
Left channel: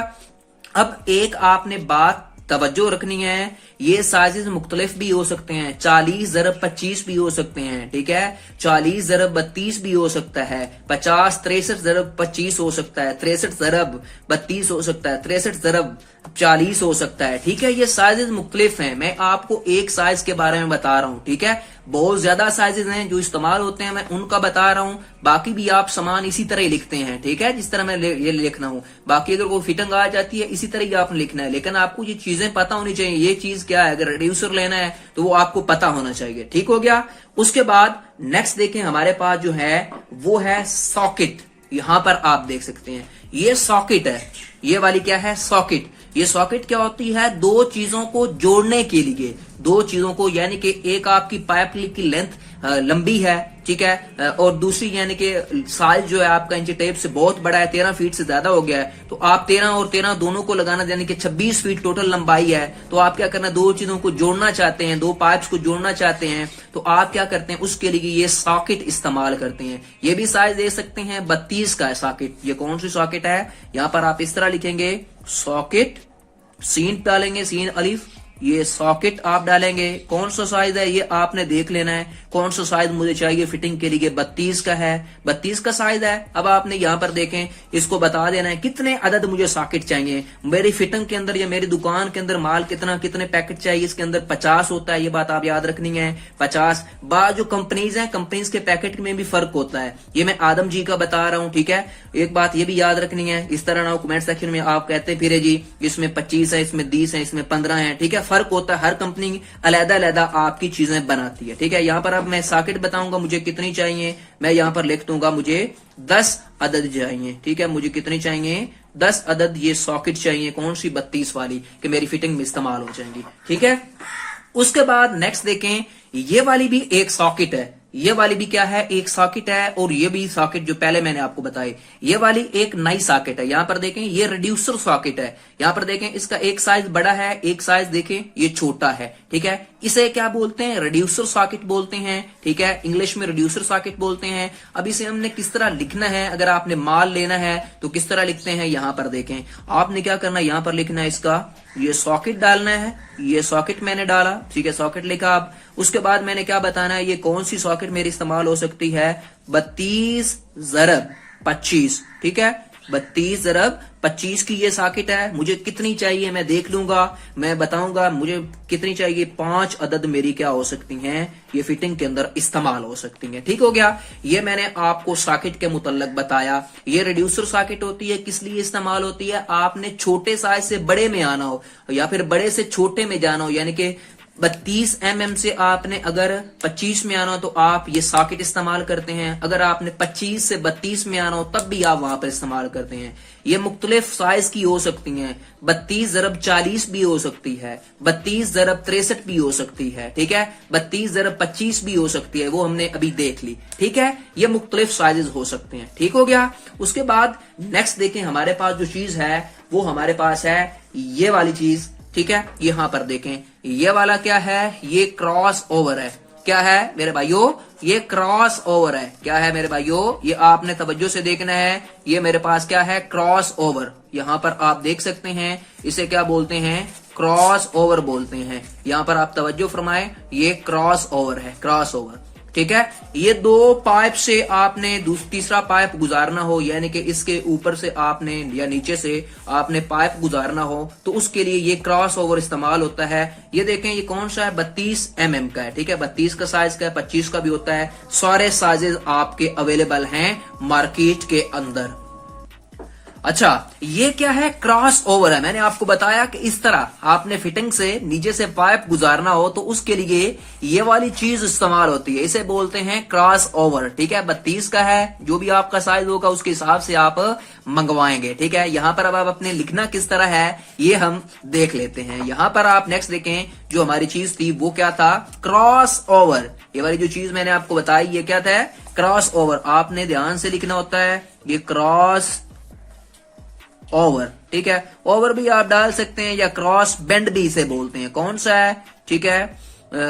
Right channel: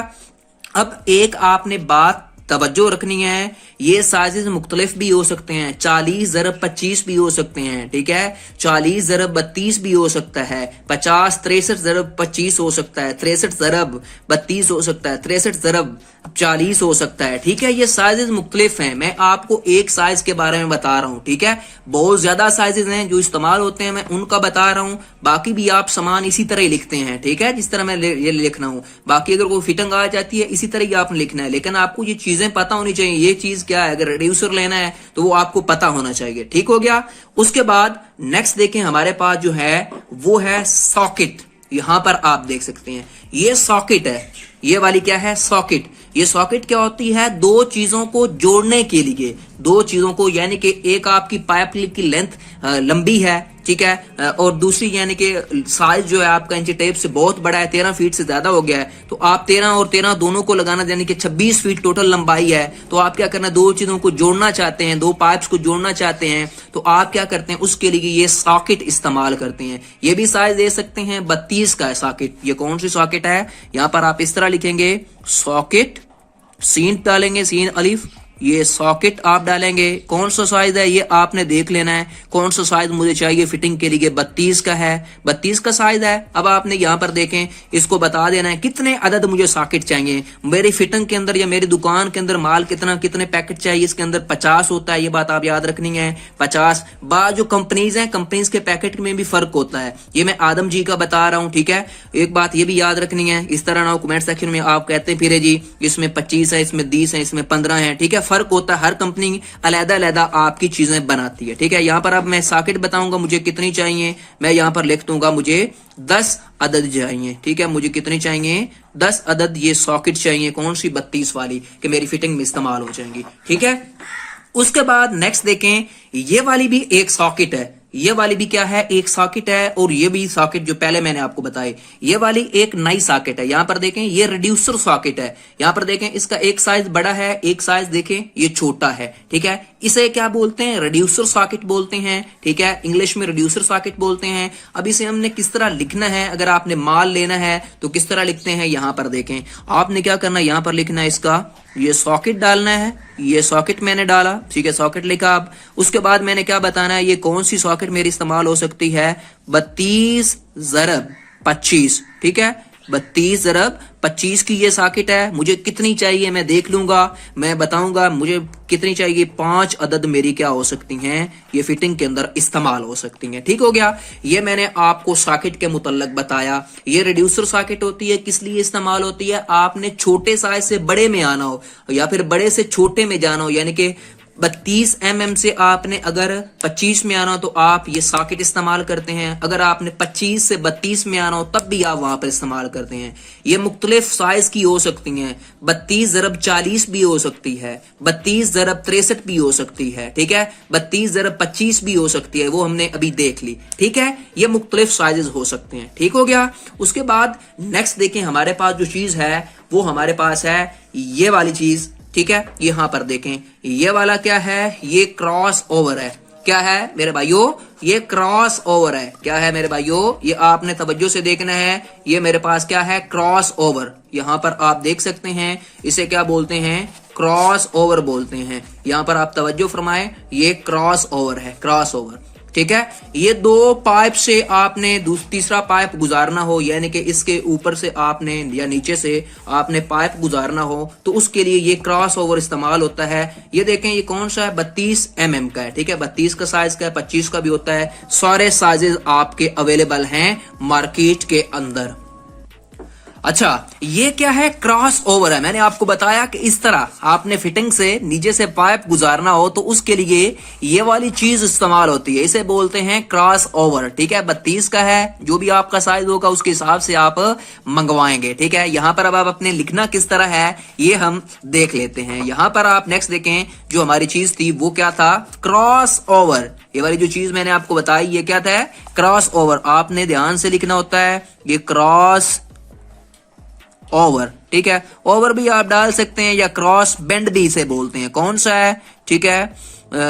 अब एक आपने बात तवज्जो रखनी है, ये साइजेस मुख्तलिफ भी हो सकते हैं, 40 ज़रब 25 भी हो सकते हैं, ठीक है, 40 ज़रब 32 भी हो सकता है, 50 63 ज़रब 25 हो सकता है, 63 ज़रब 32 हो सकता है, 63 ज़रब 40 हो सकता है। ठीक है, ये साइजेस मुख्तलिफ हैं, मैं आपको एक साइज के बारे में बता रहा हूं। ठीक है, बहुत ज्यादा साइजेस हैं जो इस्तेमाल होते हैं, मैं उनका बता रहा हूं, बाकी भी आप सामान इसी तरह ही लिखते हैं। ठीक है, जिस तरह मैं ये लिखना हूं, बाकी अगर कोई फिटिंग आ जाती है इसी तरह ही आपने लिखना है, लेकिन आपको ये चीजें पता होनी चाहिए, ये चीज क्या है, अगर रिड्यूसर लेना है तो वो आपको पता होना चाहिए। ठीक हो गया। उसके बाद नेक्स्ट देखें, हमारे पास जो है वो है सॉकेट। यहां पर आप देख सकते हैं ये सॉकेट है, ये वाली क्या है, सॉकेट। ये सॉकेट क्या होती है, दो चीजों को जोड़ने के लिए, दो चीजों को, यानी कि एक आपकी पाइप की लेंथ लंबी है, ठीक है, और दूसरी यानी कि साइज जो है आपका इंची टेप से बहुत बड़ा है, 13 फीट से ज्यादा हो गया है, तो आप 13 और 13 दोनों को लगाना, यानी कि 26 फीट टोटल लंबाई है। तो आप क्या करना, दो चीजों को जोड़ना चाहते हैं, दो पाइप्स को जोड़ना चाहते हैं, तो आप क्या करते हैं, उसके लिए ये सॉकेट इस्तेमाल करते हैं। ये भी साइज दे सकते हैं, 32 का है सॉकेट। ये कौन सी सॉकेट है, यहां पर आप इस तरह लिखेंगे सॉकेट, सीन डालेंगे, सीन अलिफ, ये सॉकेट आप डालेंगे। कौन सा साइज है ये आपने देख लेना है, कौन सा साइज मुझे चाहिए फिटिंग के लिए, 32 का है, 32 का साइज है। अब आपने यहां पर देखें, इसको बता देना है कितने अदद मुझे सॉकेट चाहिए मेरी फिटिंग के अंदर, या मेरी दुकान के अंदर माल कितना, कितने पैकेट चाहिए, इसके अंदर 50 होता है, ये बात आप याद रखनी है, 50। बाद जो कंपनीज हैं, कंपनीज के पैकेट में भी फर्क होता है, ये मैं आदम जी का बता रहा हूं। ठीक है, एक बात ये भी याद रखनी है, इस तरह ना कमेंट सेक्शन में आप कहते फिरे जी इसमें 25 है, इसमें 20 है, इसमें 15 है। ठीक है, फर्क होता है, हर कंपनी अलग अलग आपकी चीजें बनाती है। ठीक है, यहां पर अब मैं सॉकेट बताऊंगा मुझे कितनी चाहिए, मैं यहां पर लिख दूंगा मुझे 10 अदद चाहिए। ठीक है, मुझे कितनी चाहिए, 10 अदद ये सॉकेट चाहिए। कौन सी, 32 वाली, कि मेरी फिटिंग में इस्तेमाल हो जाएंगी। ठीक है, उसके बाद नेक्स्ट देखें, ये वाली भी एक सॉकेट है, ये वाली भी क्या है, एक सॉकेट है, और ये भी सॉकेट जो पहले मैंने आपको बताई, ये वाली एक नई सॉकेट है। यहां पर देखें ये रिड्यूसर सॉकेट है, यहां पर देखें इसका एक साइज बड़ा है, एक साइज देखें ये छोटा है। ठीक है, इसे क्या बोलते हैं, रिड्यूसर सॉकेट बोलते हैं। ठीक है, इंग्लिश में रिड्यूसर सॉकेट बोलते हैं। अब इसे हमने किस तरह लिखना है, अगर आपने माल लेना है तो किस तरह लिखते हैं, यहां पर देखें, आपने क्या करना है, यहां पर लिखना है इसका ये सॉकेट डालना है, ये सॉकेट मैंने डाला, ठीक है, सॉकेट लिखा। आप उसके बाद मैंने क्या बताना है, ये कौन सी सॉकेट मेरी इस्तेमाल हो सकती है, 32 ज़रब 25। ठीक है, 32 ज़रब 25 की ये सॉकेट है। मुझे कितनी चाहिए मैं देख लूंगा, मैं बताऊंगा मुझे कितनी चाहिए, 5 अदद मेरी क्या हो सकती हैं, ये फिटिंग के अंदर इस्तेमाल हो सकती हैं। ठीक हो गया, ये मैंने आपको सॉकेट के मुतल्लक बताया। ये रिड्यूसर सॉकेट होती है, किस लिए इस्तेमाल होती है, आपने छोटे साइज से बड़े में आना हो या फिर बड़े से छोटे में जाना हो, यानी कि 32 mm से आपने अगर 25 में आना हो तो आप ये सॉकेट इस्तेमाल करते हैं, अगर आपने 25 से 32 में आना हो तब भी आप वहां पर इस्तेमाल करते हैं। ये मुख्तलिफ साइज की हो सकती हैं, 32 ज़रब 40 भी हो सकती है, 32 ज़रब 63 भी हो सकती है। ठीक है, 32 ज़रब 25 भी हो सकती है, वो हमने अभी देख ली। ठीक है, ये मुख्तलिफ साइजेस हो सकते हैं। ठीक हो गया। उसके बाद नेक्स्ट देखें, हमारे पास जो चीज है वो हमारे पास है ये वाली चीज। ठीक है, यहां पर देखें, ये वाला क्या है, ये क्रॉस ओवर है। क्या है मेरे भाइयों, ये क्रॉस ओवर है। क्या है मेरे भाइयों, ये आपने तवज्जो से देखना है, ये मेरे पास क्या है, क्रॉस ओवर। यहां पर आप देख सकते हैं, इसे क्या बोलते हैं, क्रॉस ओवर बोलते हैं। यहां पर आप तवज्जो फरमाएं, ये क्रॉस ओवर है, क्रॉस ओवर। ठीक है, ये दो पाइप से आपने तीसरा पाइप गुजारना हो, यानी कि इसके ऊपर से आपने या नीचे से आपने पाइप गुजारना हो, तो उसके लिए ये क्रॉस ओवर इस्तेमाल होता है। ये देखें, ये कौन सा है, 32 mm का है। ठीक है, 32 का साइज का है, 25 का भी होता है, सारे साइजेस आपके अवेलेबल हैं मार्केट के अंदर। अच्छा, ये क्या है, क्रॉस ओवर है। मैंने आपको बताया कि इस तरह आपने फिटिंग से नीचे से पाइप गुजारना हो तो उसके लिए ये वाली चीज इस्तेमाल होती है, इसे बोलते हैं क्रॉस ओवर। ठीक है, 32 का है, जो भी आपका साइज होगा उसके हिसाब से आप मंगवाएंगे। ठीक है, यहां पर अब आप अपने लिखना किस तरह है ये हम देख लेते हैं। यहां पर आप नेक्स्ट देखें, जो हमारी चीज थी वो क्या था, क्रॉस ओवर। ये वाली जो चीज मैंने आपको बताई ये क्या था, क्रॉस ओवर। आपने ध्यान से लिखना होता है, ये क्रॉस ओवर। ठीक है, ओवर भी आप डाल सकते हैं या क्रॉस बेंड भी इसे बोलते हैं। कौन सा है, ठीक है,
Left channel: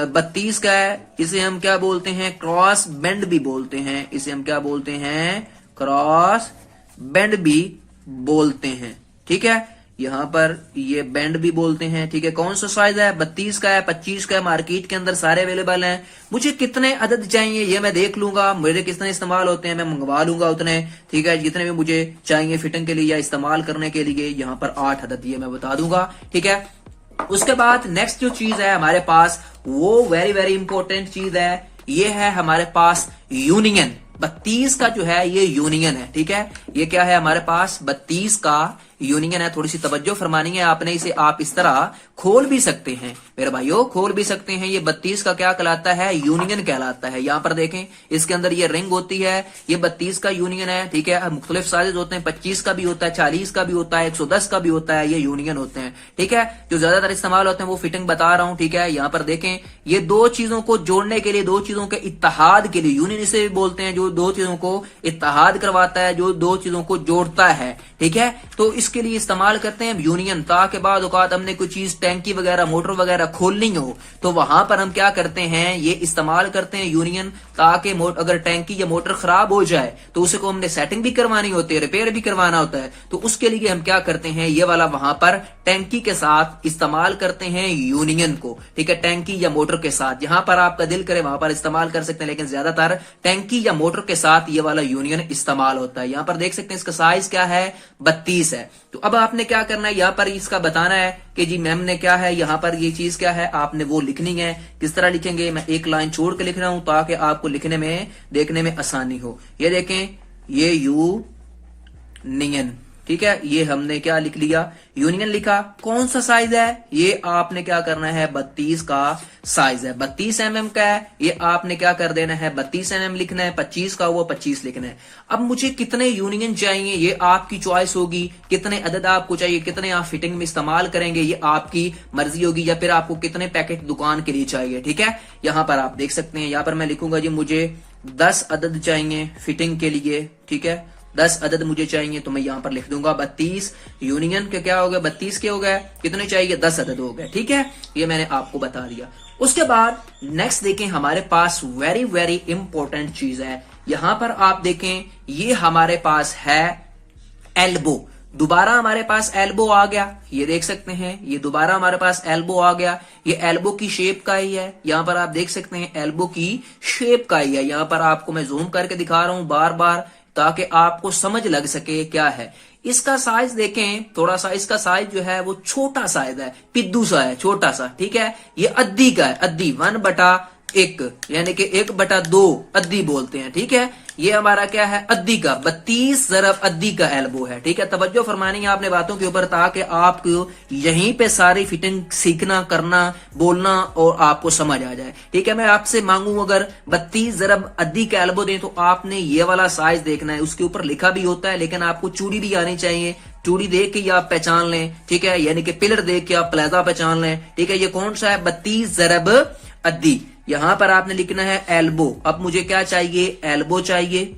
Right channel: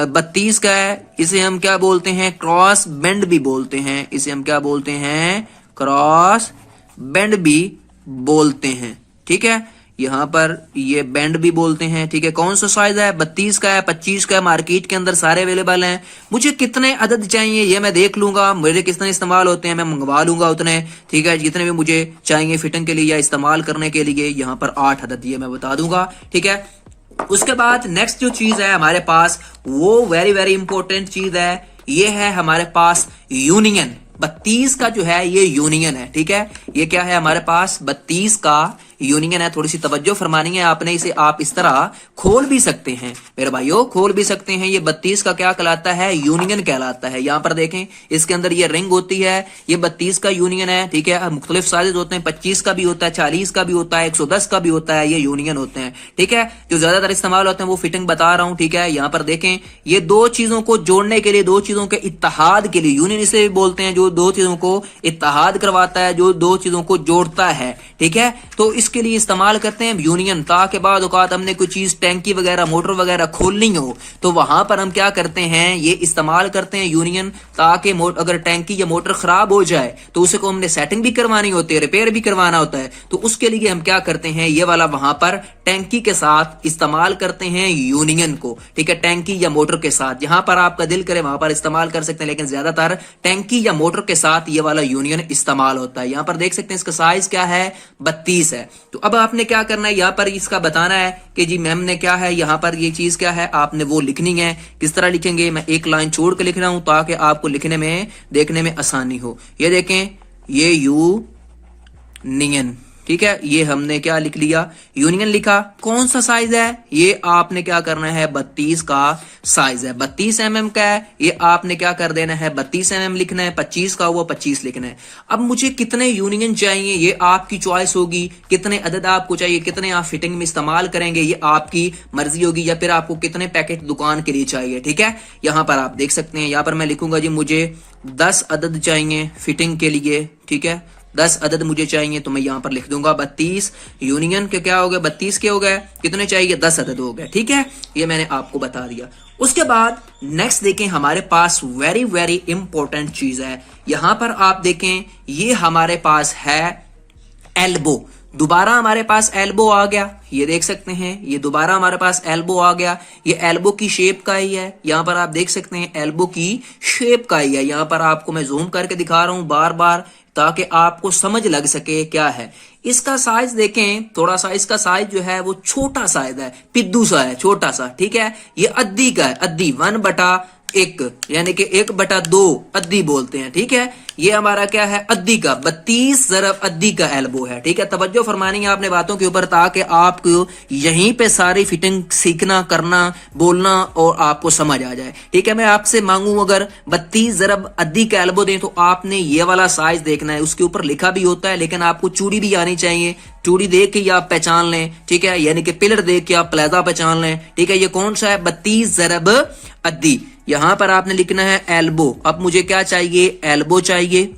32 का है, इसे हम क्या बोलते हैं, क्रॉस बेंड भी बोलते हैं, इसे हम क्या बोलते हैं, क्रॉस बेंड भी बोलते हैं। ठीक है, यहाँ पर ये बेंड भी बोलते हैं। ठीक है, कौन सा साइज है? 32 का है, 25 का है, मार्केट के अंदर सारे अवेलेबल हैं। मुझे कितने अदद चाहिए ये मैं देख लूंगा, मेरे कितने इस्तेमाल होते हैं मैं मंगवा लूंगा उतने। ठीक है, जितने भी मुझे चाहिए फिटिंग के लिए या इस्तेमाल करने के लिए, यहाँ पर 8 अदद ये मैं बता दूंगा। ठीक है, उसके बाद नेक्स्ट जो चीज है हमारे पास वो वेरी वेरी इंपॉर्टेंट चीज है, ये है हमारे पास यूनियन। 32 का जो है ये यूनियन है। ठीक है, ये क्या है हमारे पास? 32 का यूनियन है। थोड़ी सी तवज्जो फरमानी है आपने, इसे आप इस तरह खोल भी सकते हैं मेरे भाइयों, खोल भी सकते हैं। ये 32 का क्या कहलाता है? यूनियन कहलाता है। यहां पर देखें, इसके अंदर ये रिंग होती है, ये 32 का यूनियन है। ठीक है, मुख्तलिफ साइज होते हैं, 25 का भी होता है, 40 का भी होता है, 110 का भी होता है, ये यूनियन होते हैं। ठीक है, जो ज्यादातर इस्तेमाल होते हैं वो फिटिंग बता रहा हूं। ठीक है, यहां पर देखें, ये दो चीजों को जोड़ने के लिए, दो चीजों के इत्तेहाद के लिए, यूनियन इसे भी बोलते हैं, जो दो चीजों को इत्तेहाद करवाता है, जो दो चीजों को जोड़ता है। ठीक है, तो इसके लिए इस्तेमाल करते हैं यूनियन। ताकि बाद औकात हमने कोई चीज टैंकी वगैरह मोटर वगैरह खोलनी हो तो वहां पर हम क्या करते हैं, ये इस्तेमाल करते हैं यूनियन। ताकि अगर टैंकी या मोटर खराब हो जाए तो उसे को हमने सेटिंग भी करवानी होती है, रिपेयर भी करवाना होता है, तो उसके लिए हम क्या करते हैं, ये वाला वहां पर टैंकी के साथ इस्तेमाल करते हैं यूनियन को। ठीक है, टैंकी या मोटर के साथ, जहां पर आपका दिल करे वहां पर इस्तेमाल कर सकते हैं, लेकिन ज्यादातर टैंकी या मोटर के साथ ये वाला यूनियन इस्तेमाल होता है। यहां पर देख सकते हैं इसका साइज क्या है? 32 है। तो अब आपने क्या करना है, यहां पर इसका बताना है कि जी मैम ने क्या है, यहां पर ये चीज क्या है, आपने वो लिखनी है। किस तरह लिखेंगे? मैं एक लाइन छोड़ के लिख रहा हूं ताकि आपको लिखने में, देखने में आसानी हो। ये देखें, ये यूनियन। ठीक है, ये हमने क्या लिख लिया? यूनियन लिखा। कौन सा साइज है? ये आपने क्या करना है? 32 का साइज है, 32 mm का है। ये आपने क्या कर देना है? 32 mm लिखना है। 25 का हुआ 25 लिखना है। अब मुझे कितने यूनियन चाहिए ये आपकी चॉइस होगी, कितने अदद आपको चाहिए, कितने आप फिटिंग में इस्तेमाल करेंगे ये आपकी मर्जी होगी, या फिर आपको कितने पैकेट दुकान के लिए चाहिए। ठीक है, यहां पर आप देख सकते हैं, यहां पर मैं लिखूंगा जी मुझे 10 अदद चाहिए फिटिंग के लिए। ठीक है, 10 अदद मुझे चाहिए, तो मैं यहां पर लिख दूंगा 32 यूनियन के क्या हो गया? 32 के हो गए, कितने चाहिए? 10 अदद हो गए। ठीक है, ये मैंने आपको बता दिया। उसके बाद नेक्स्ट देखें, हमारे पास वेरी वेरी इंपॉर्टेंट चीज है। यहां पर आप देखें, ये हमारे पास है एल्बो। दोबारा हमारे पास एल्बो आ गया, ये देख सकते हैं, ये दोबारा हमारे पास एल्बो आ गया। ये एल्बो की शेप का ही है, यहां पर आप देख सकते हैं एल्बो की शेप का ही है। यहां पर आपको मैं जूम करके दिखा रहा हूं बार बार ताकि आपको समझ लग सके क्या है। इसका साइज देखें, थोड़ा सा इसका साइज जो है वो छोटा साइज है, पिद्दू सा है, छोटा सा। ठीक है, ये अद्दी का है, अद्दी 1/1 यानी कि 1/2 अद्दी बोलते हैं। ठीक है, ये हमारा क्या है? अद्दी का 32 ज़रब अद्दी का एल्बो है। ठीक है, तवज्जो फरमानी है आपने बातों के ऊपर ताकि आपको यहीं पे सारी फिटिंग सीखना, करना, बोलना और आपको समझ आ जाए। ठीक है, मैं आपसे मांगू अगर 32 ज़रब अद्दी का एल्बो दें तो आपने ये वाला साइज देखना है। उसके ऊपर लिखा भी होता है, लेकिन आपको चूड़ी भी आनी चाहिए। चूड़ी देख के ही आप पहचान लें। ठीक है, यानी कि पिलर देख के आप प्लेजा पहचान लें। ठीक है, ये कौन सा है? 32 ज़रब अद्दी। यहां पर आपने लिखना है एल्बो। अब मुझे क्या चाहिए? एल्बो चाहिए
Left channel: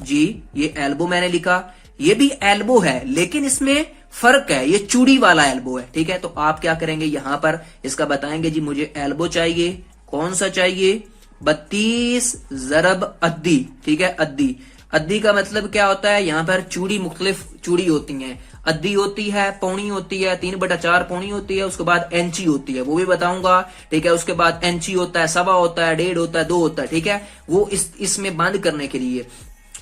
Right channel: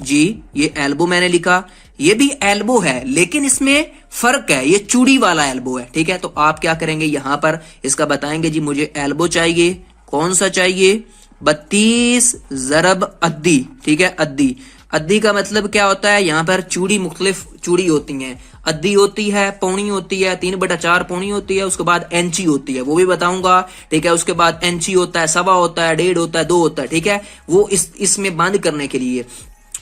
जी। ये एल्बो मैंने लिखा, ये भी एल्बो है लेकिन इसमें फर्क है, ये चूड़ी वाला एल्बो है। ठीक है, तो आप क्या करेंगे, यहां पर इसका बताएंगे जी मुझे एल्बो चाहिए। कौन सा चाहिए? 32 ज़रब अद्दी। ठीक है, अद्दी। अद्दी का मतलब क्या होता है? यहां पर चूड़ी, मुख्तलिफ चूड़ी होती हैं। अद्दी होती है, पौनी होती है, 3/4 पौनी होती है, उसके बाद इंची होती है, वो भी बताऊंगा। ठीक है, उसके बाद इंची होता है, सवा होता है, 1.5 होता है, 2 होता है। ठीक है, वो इसमें बंद करने के लिए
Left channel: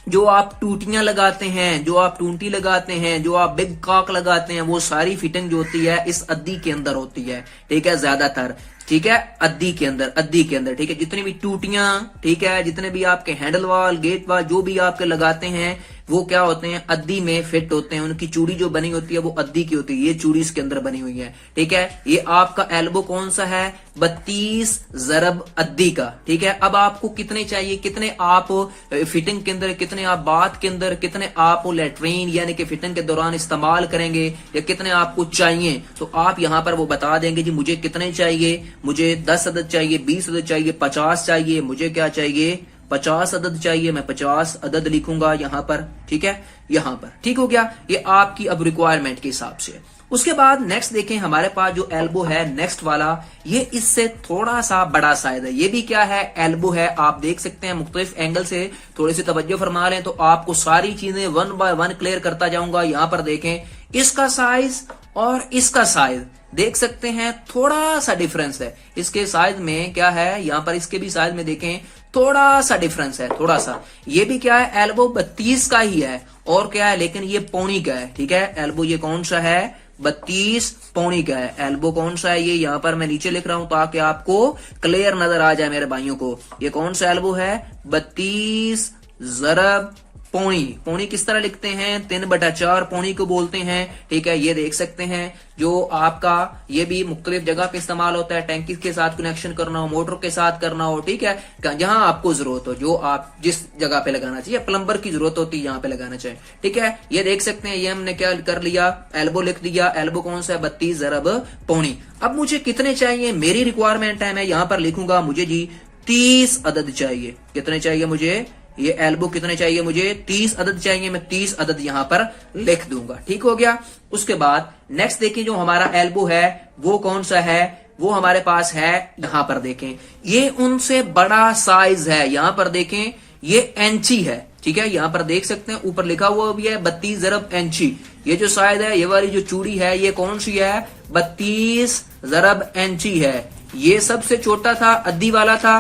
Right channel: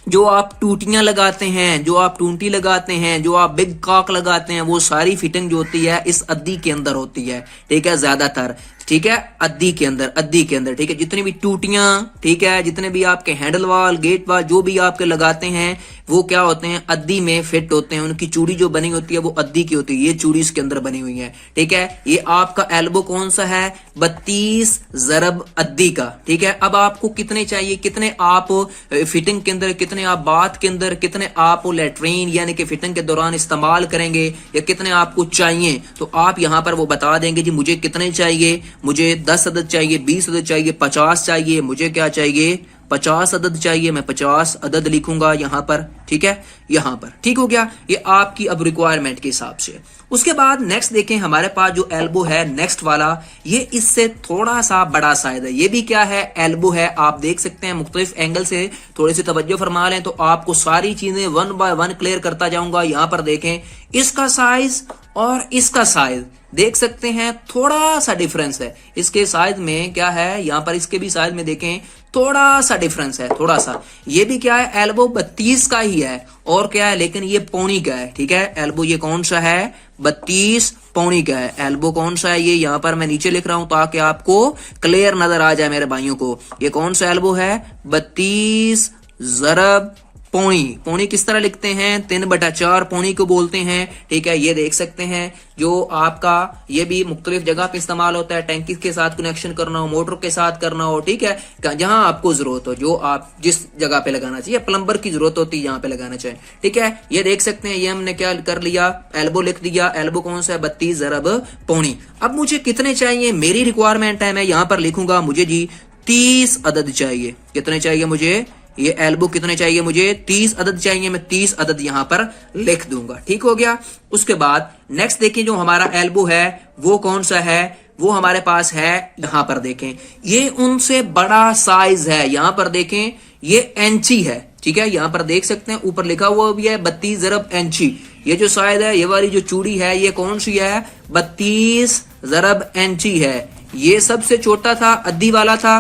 जो आप टूटियां लगाते हैं, जो आप टूंटी लगाते हैं, जो आप बिग कॉक लगाते हैं, वो सारी फिटिंग जो होती है इस अद्दी के अंदर होती है। ठीक है, ज्यादातर। ठीक है, अद्दी के अंदर, अद्दी के अंदर। ठीक है, जितनी भी टूटियां, ठीक है, जितने भी आपके हैंडल वाल, गेट वाल जो भी आपके लगाते हैं वो क्या होते हैं? अद्दी में फिट होते हैं। उनकी चूड़ी जो बनी होती है वो अद्दी की होती है। ये चूड़ी इसके अंदर बनी हुई है। ठीक है, ये आपका एल्बो कौन सा है? 32 ज़रब अद्दी का। ठीक है, अब आपको कितने चाहिए, कितने आप फिटिंग के अंदर, कितने आप बाथ के अंदर, कितने आप लेटरीन यानी कि फिटिंग के दौरान इस्तेमाल करेंगे, या कितने आपको चाहिए, तो आप यहां पर वो बता देंगे जी मुझे कितने चाहिए। मुझे 10 अदद चाहिए, 20 अदद चाहिए, 50 चाहिए, मुझे क्या चाहिए? 50 अदद चाहिए, मैं 50 अदद लिखूंगा यहाँ पर, ठीक है, यहाँ पर। ठीक हो गया, ये आपकी अब रिक्वायरमेंट के हिसाब से। उसके बाद नेक्स्ट देखें, हमारे पास जो एल्बो है नेक्स्ट वाला, ये इससे थोड़ा सा बड़ा साइज है। ये भी क्या है, एल्बो है। आप देख सकते हैं मुख्तलिफ एंगल से थोड़ी सी तवज्जो फरमा लें तो आपको सारी चीजें वन बाय वन क्लियर करता जाऊंगा। यहाँ पर देखें, इसका साइज और इसका साइज देख सकते हैं, थोड़ा सा डिफरेंस है। इसके साइज में क्या है, यहाँ पर इसके भी साइज में देखें थोड़ा सा डिफरेंस है, थोड़ा सा। ये भी क्या है, एल्बो 32 का ही है और क्या है, लेकिन ये पौनी का है। ठीक है, एल्बो ये कौन सा है, 32 पौनी का है। एल्बो कौन सा है, ये यहाँ पर मैं नीचे लिख रहा हूं ताकि आपको क्लियर नजर आ जाए मेरे भाइयों को। ये कौन सा एल्बो है, 32 ज़रब पौनी। पौनी किस तरह लिखते हैं, 3/4 पौनी को बोलते हैं। ठीक है, ये देख सकते हैं जो आपका, ये भी मुख्तलिफ जगह पे इस्तेमाल होता है। टैंकी के साथ कनेक्शन करना हो, मोटर के साथ करना हो, ठीक है, जहां आपको जरूरत हो, जो आप जिस जगह पे लगाना चाहिए, प्लम्बर की जरूरत होती है यहाँ पे लगाना चाहिए। ठीक है, ये देख सकते हैं, ये हमने क्या कर लिया, एल्बो लिख दिया। एल्बो कौन सा है, 32 ज़रब पौनी। अब मुझे कितने चाहिए, मेरी रिक्वायरमेंट है, मैं यहाँ पर लिखूंगा मुझे जी 30 अदद चाहिए। कितने चाहिए मुझे, ये एल्बो कितने चाहिए मुझे, 30 अदद चाहिए। मैं 30 अदद यहां पर लिख दूंगा। ठीक हो गया। उसके बाद नेक्स्ट देखें, जो हमारा एल्बो है वो कौन सा है, वो हमारे पास है, यहां पर देखें, ये उनसे बड़ा साइज है। यहां पर देखें, ये इंची है। ठीक है, यहां पर देख सकते हैं, ऊपर लिखा हुआ भी है 32 ज़रब इंची। ये जो साइज है, ये वाली जो चूड़ी है, ये कौन सी है, 32 ज़रब इंची है। ये सबसे छोटा था, अद्दी वाला था,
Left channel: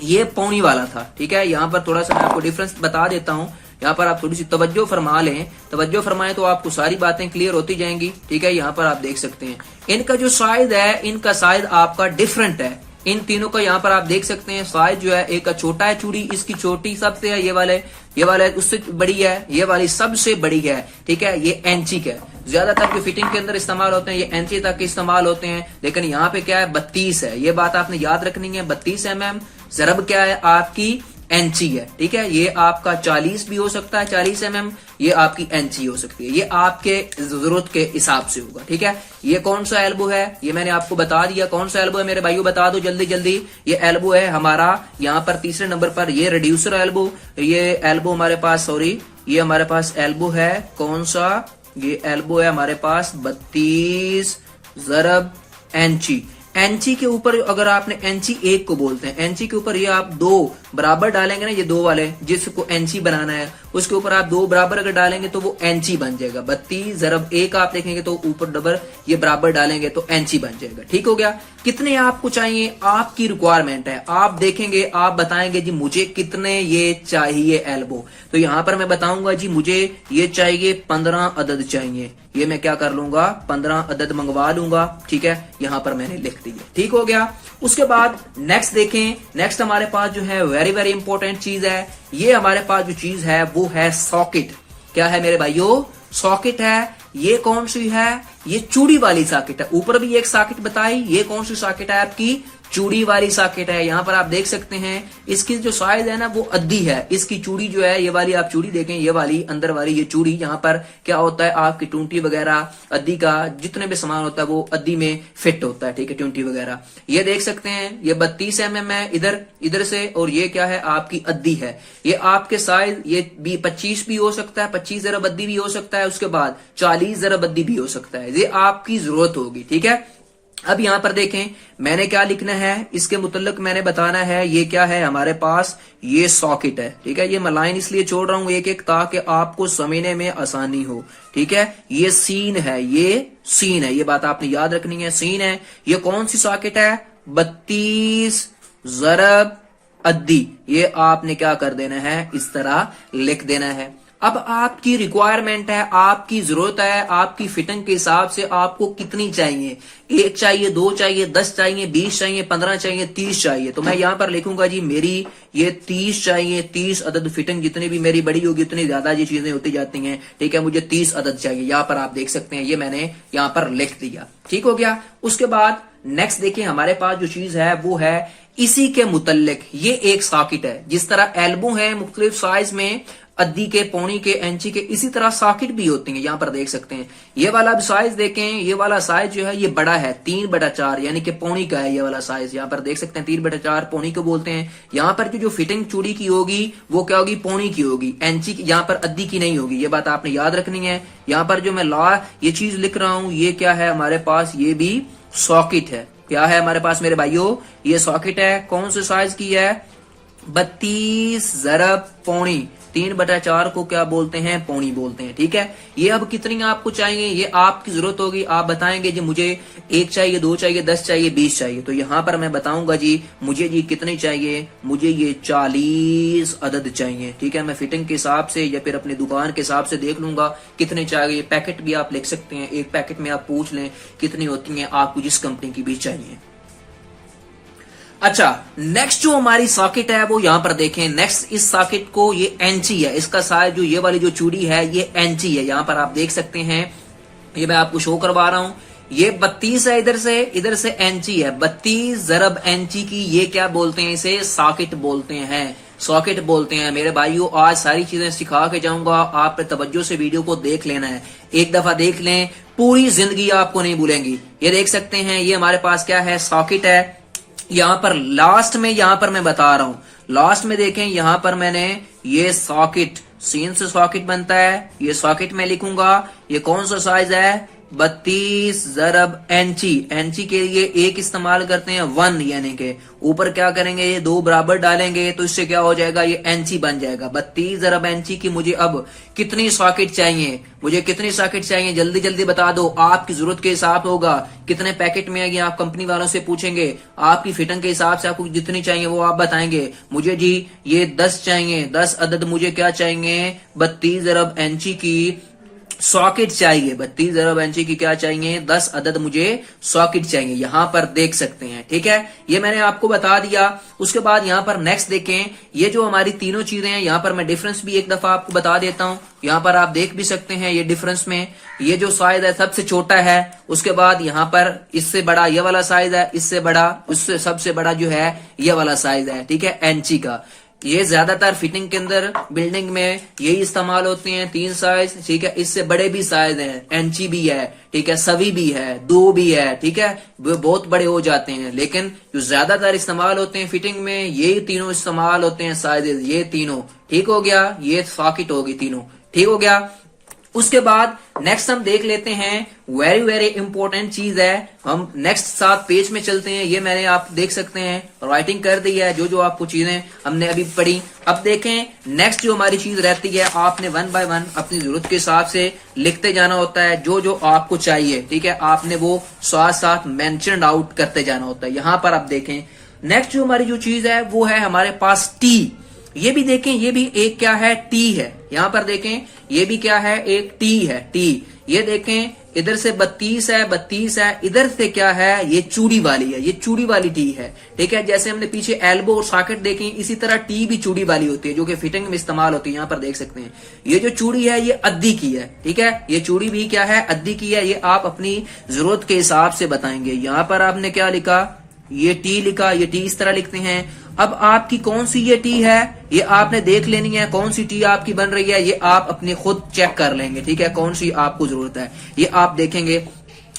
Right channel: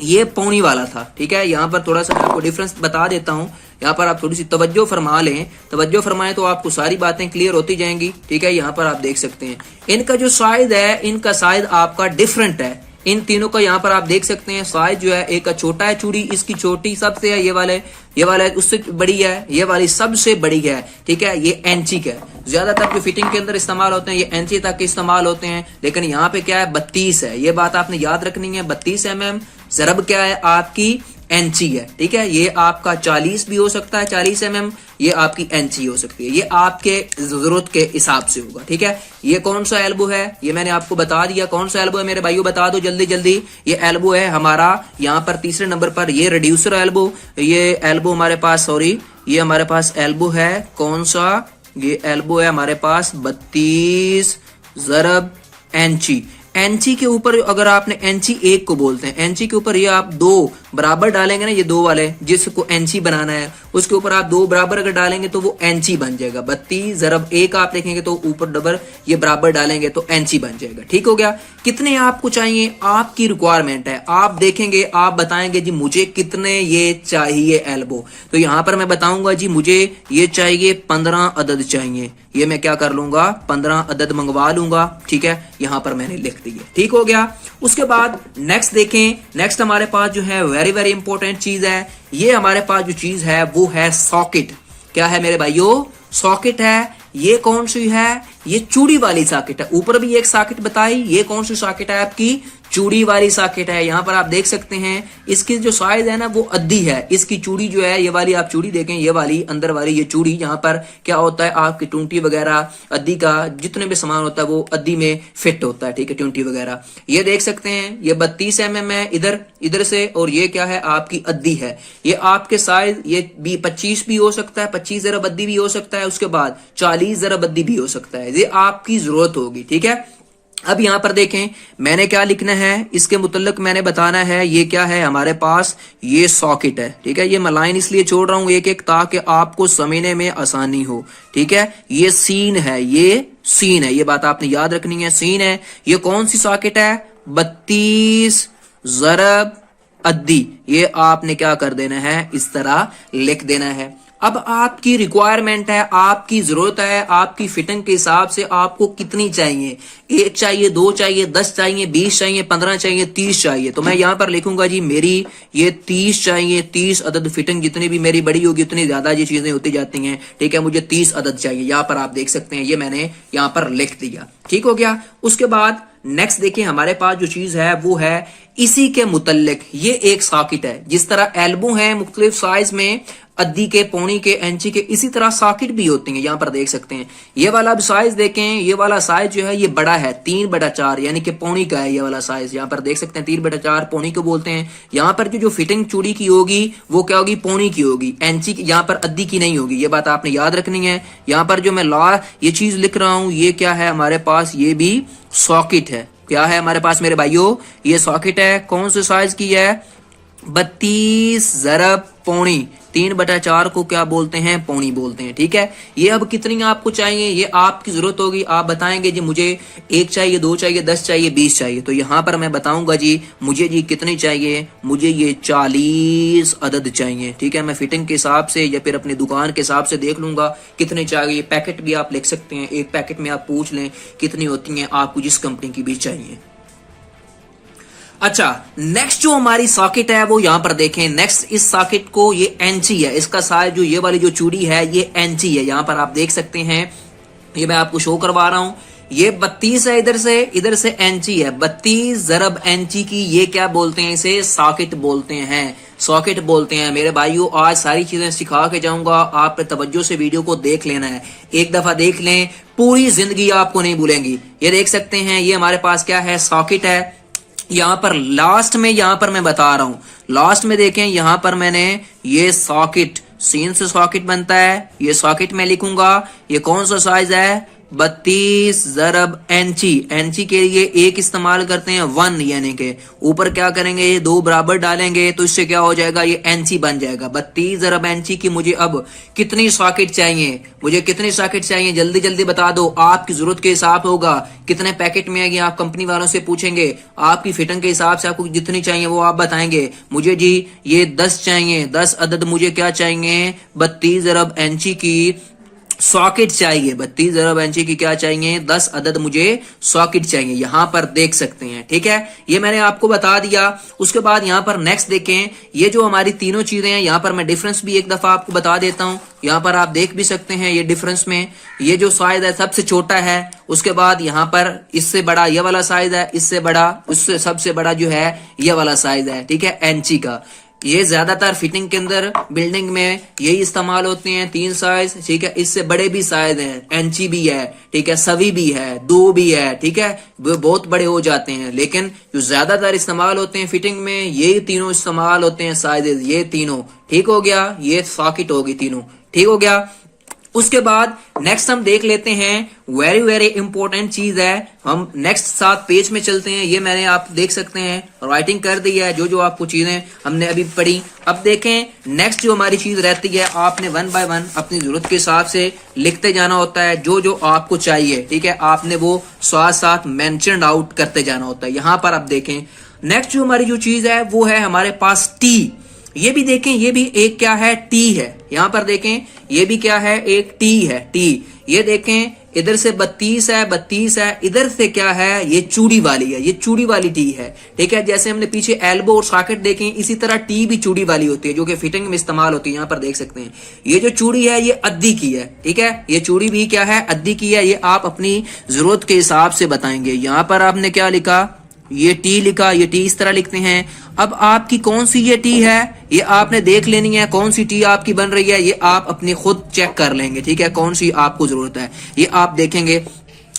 ये पौनी वाला था। ठीक है, यहाँ पर थोड़ा सा मैं आपको डिफरेंस बता देता हूँ। यहाँ पर आप थोड़ी सी तवज्जो फरमा लें, तवज्जो फरमाएं तो आपको सारी बातें क्लियर होती जाएंगी। ठीक है, यहाँ पर आप देख सकते हैं, इनका जो साइज है, इनका साइज आपका डिफरेंट है। इन तीनों का यहाँ पर आप देख सकते हैं, साइज जो है, एक का छोटा है चूड़ी, इसकी छोटी सबसे है, ये वाले उससे बड़ी है, ये वाली सबसे बड़ी है। ठीक है, ये इंची का है। ज्यादातर जो फिटिंग के अंदर इस्तेमाल होते हैं ये इंची तक के इस्तेमाल होते हैं, लेकिन यहाँ पे क्या है, 32 है। ये बात आपने याद रखनी है। 32 mm ज़रब क्या है, आपकी इंची है। ठीक है, ये आपका 40 भी हो सकता है, 40 mm, ये आपकी इंची हो सकती है। ये आपके जरूरत के हिसाब से होगा। ठीक है, ये कौन सा एल्बो है, ये मैंने आपको बता दिया कौन सा एल्बो है। मेरे भाइयों बता दो जल्दी जल्दी, ये एल्बो है हमारा यहाँ पर तीसरे नंबर पर, ये रिड्यूसर एल्बो। ये एल्बो हमारे पास, सॉरी, ये हमारे पास एल्बो है कौन सा, ये एल्बो है हमारे पास 32 ज़रब इंची। इंची के ऊपर अगर आपने इंची 1 को बोलते हैं, इंची के ऊपर ये आप 2 बराबर डालेंगे ना, ये 2 वाले जिसको इंची बनाना है, उसके ऊपर आप 2 बराबर अगर डालेंगे तो वो इंची बन जाएगा। 32 ज़रब 1 आप देखेंगे तो ऊपर डबल ये बराबर डालेंगे तो इंची बन जाएगा। ठीक हो गया। कितने आपको चाहिए, आपकी रिक्वायरमेंट है, आप देखेंगे, आप बताएंगे जी मुझे कितने ये चाहिए एल्बो। तो यहाँ पर मैं बताऊंगा जी मुझे ये चाहिए 15 अदद चाहिए। ये मैं क्या कर लूंगा, 15 अदद मंगवा लूंगा। ठीक है, यहाँ पर मैंने लिख दिया। ठीक हो गया। उसके बाद नेक्स्ट देखें, नेक्स्ट हमारे पास जो है वेरी वेरी इंपॉर्टेंट चीज है, ये हमारे पास जो चीज है वो है सॉकेट। क्या है मेरे भाइयों, सॉकेट है। ये कौन सी है, ये चूड़ी वाली सॉकेट है। ऊपर भी एक सॉकेट बताई, ये कौन सी सॉकेट है, आपकी चूड़ी वाली सॉकेट है। यहाँ पर आप देख सकते हैं, इसकी जो साइज है ना वो अद्दी है। इसकी चूड़ी जो है, ये वाली आप चूड़ी देखें, ये वाली अंदर वाली ये चूड़ी, यहाँ पर क्या होता है, आपकी टूंटी वगैरह, अद्दी का जितने भी सामान होता है वो अद्दी में फिट होता है। ठीक है, टूंटी वगैरह ये देख सकते हैं, ये 32 mm है इधर से, और ये क्या है, आपकी अद्दी है। ये आपके साइज ये 25 भी हो सकता है, 25 ज़रब अद्दी भी हो सकता है, उसके बाद 40 ज़रब अद्दी भी हो सकता है। ये आपकी जरूरत होगी। ठीक है, अब यहां पर देखें मैंने क्या लिखना है, इसके मुतल्लिक मैंने बताना है, ये क्या है हमारे पास, ये सॉकेट है। ठीक है, ये मैं लाइन इसलिए छोड़ रहा हूं एक एक ताकि आपको समझने में आसानी हो। ठीक है, ये सीन है, ये सीन है, ये बात आपने याद रखनी है, सीन है। ये कौन सी सॉकेट है, 32 ज़रब अद्दी। ये आपने क्या कर देना है, इस तरह लिख देना है। अब आपकी रिक्वायरमेंट है, आपकी जरूरत है, आपकी फिटिंग के हिसाब से आपको कितनी चाहिए, 1 चाहिए, 2 चाहिए, 10 चाहिए, 20 चाहिए, 15 चाहिए, 30 चाहिए। तो मैं यहाँ पर लिखूंगा जी मेरी ये 30 चाहिए, 30 अदद फिटिंग जितनी भी मेरी बड़ी होगी उतनी ज्यादा ये चीजें होती जाती हैं। ठीक है, मुझे 30 अदद चाहिए। यहाँ पर आप देख सकते हैं, ये मैंने यहाँ पर लिख दिया। ठीक हो गया। उसके बाद नेक्स्ट देखिए हमारे पास जो चीज है वो है इसी के मुतल्लिक ये एक सॉकेट है। जिस तरह एल्बो है मुख्तलिफ साइज में, अद्दी के, पौनी के, इंची के, इसी तरह सॉकेट भी होती हैं। यहाँ पर देख सकते हैं ये वाला साइज देखें, ये वाला साइज जो है ये बड़ा है 3/4 यानी कि पौनी का है ये वाला साइज। यहाँ पर देख सकते हैं 3/4 पौनी को बोलते हैं। यहाँ पर जो फिटिंग चूड़ी की होगी वो क्या होगी, पौनी की होगी, इंची की, यहाँ पर अद्दी की नहीं होगी। ये बात आपने याद रखनी है। यहाँ पर जो मैं ये चीज लिख रहा हूं ये क्या है हमारे पास, ये भी सॉकेट है। क्या है हमारे पास मेरे भाइयों, ये सॉकेट है। कौन से साइज की है, 32 ज़रब पौनी। 3/4 को क्या बोलते हैं, पौनी बोलते हैं। ठीक है, ये अब कितनी आपको चाहिए ये आपकी जरूरत होगी। आप बताएंगे जी मुझे 1 चाहिए, 2 चाहिए, 10 चाहिए, 20 चाहिए। तो यहाँ पर मैं बताऊंगा जी मुझे जी कितनी चाहिए, मुझे ये 40 अदद चाहिए। ठीक है, मैं फिटिंग के हिसाब से या फिर अपनी दुकान के हिसाब से देख लूंगा कितने चाहिए। पैकेट भी आप लिख सकते हैं, एक पैकेट में आप पूछ लें कितनी होती है आपको, जिस कंपनी की भी चाहिए। अच्छा, नेक्स्ट जो हमारी सॉकेट है वो यहां पर देखें। नेक्स्ट इस सॉकेट को ये इंची है, इसका साइज जो ये वाली जो चूड़ी है ये इंची है। यहां पर आप देख सकते हैं, ये मैं आपको शो करवा रहा हूं। ये 32 है, इधर से इंची है। 32 ज़रब इंची की ये क्या बोलते हैं, इसे सॉकेट बोलते हैं, सॉकेट बोलते हैं। मेरे भाइयों आज सारी चीजें सिखा के जाऊंगा, आप तवज्जो से वीडियो को देख लेना है। एक दफा देख लें, पूरी जिंदगी आपको नहीं भूलेंगी। ये देख सकते हैं ये हमारे पास क्या है, सॉकेट है। यहाँ पर लास्ट में, यहाँ पर मैं बता रहा हूं, लास्ट में देखें यहाँ पर मैंने ये सॉकेट, सीन से सॉकेट बनता है, ये सॉकेट में लिखूंगा। ये कौन सा साइज है, 32 ज़रब इंची। इंची के लिए एक इस्तेमाल करते हैं 1, यानी के ऊपर क्या करेंगे, ये 2 बराबर डालेंगे तो इससे क्या हो जाएगा, ये इंची बन जाएगा। 32 ज़रब इंची की मुझे अब कितनी सॉकेट चाहिए, मुझे कितनी सॉकेट चाहिए जल्दी जल्दी बता दो। आपकी जरूरत के हिसाब होगा कितने पैकेट में आएगी, आप कंपनी वालों से पूछेंगे, आपकी फिटिंग के हिसाब से आपको जितनी चाहिए वो आप बताएंगे। मुझे जी ये 10 चाहिए, 10 अदद मुझे क्या चाहिए, 32 ज़रब इंची की सॉकेट चाहिए। 32 ज़रब इंची की क्या चाहिए, 10 अदद मुझे सॉकेट चाहिए। यहां पर देख सकते हैं। ठीक है, ये मैंने आपको बता दिया। उसके बाद यहां पर नेक्स्ट देखें, ये जो हमारी तीनों चीजें हैं, यहां पर मैं डिफरेंस भी एक दफा आपको बता देता हूं। यहां पर आप देख भी सकते हैं ये डिफरेंस में, ये जो साइज है सबसे छोटा है। उसके बाद यहाँ पर इससे बड़ा ये वाला साइज है, इससे बड़ा, उससे सबसे बड़ा जो है ये वाला साइज है। ठीक है, इंची का। ये ज्यादातर फिटिंग के अंदर बिल्डिंग में यही इस्तेमाल होते हैं, 3 साइज। ठीक है, इससे बड़े भी साइज हैं, इंची भी है, ठीक है, सवी भी है, 2 भी है। ठीक है, वो बहुत बड़े हो जाते हैं, लेकिन जो ज्यादातर इस्तेमाल होते हैं फिटिंग में यही तीनों इस्तेमाल होते हैं साइजेस, ये तीनों। ठीक हो गया, ये सॉकेट होगी तीनों। ठीक हो गया। उसके बाद नेक्स्ट हम देख लेते हैं, वेरी वेरी इंपॉर्टेंट चीज है। हम नेक्स्ट 7 पेज में चलते हैं। ये मैंने आप देख सकते हैं राइटिंग कर दी है, जो जो आपको चीजें हमने अभी पढ़ी। अब देखें नेक्स्ट जो हमारी चीज रहती है, आपने 1 बाय 1 अपनी जरूरत के हिसाब से लिखते जाना होता है, जो जो आपको चाहिए। ठीक है, आपने वो साथ साथ मेंशन आउट करते जाना होता है। यहां पर आप देखें नेक्स्ट जो हमारी जो चीज है वो है हमारे पास टी। ये भी देखें, ये भी एक क्या है, टी है। यहां पर देखें ये भी क्या है, एक टी है, टी। ये देखें इधर से 32 है, 32 है, इधर से क्या है, ये चूड़ी वाली है, ये चूड़ी वाली टी है। ठीक है, जैसे हमने पीछे एल्बो और सॉकेट देखे, इसी तरह टी भी चूड़ी वाली होती है, जो कि फिटिंग में इस्तेमाल होती है। यहाँ पर देख सकते हैं ये जो चूड़ी है ये अद्दी की है। ठीक है, ये चूड़ी भी क्या है, अद्दी की है। ये आप अपनी जरूरत के हिसाब से बताएंगे। यहाँ पर आपने क्या लिखा, ये टी लिखा, ये टी इस तरह लिखते हैं। अब आपकी कौन सी ये टी है ये आपने देख लेनी है, कौन सी टी आपकी बन रही है ये आप अपनी खुद चेक कर लेंगे। ठीक है, कौन सी आपको जरूरत है ये आप देखेंगे।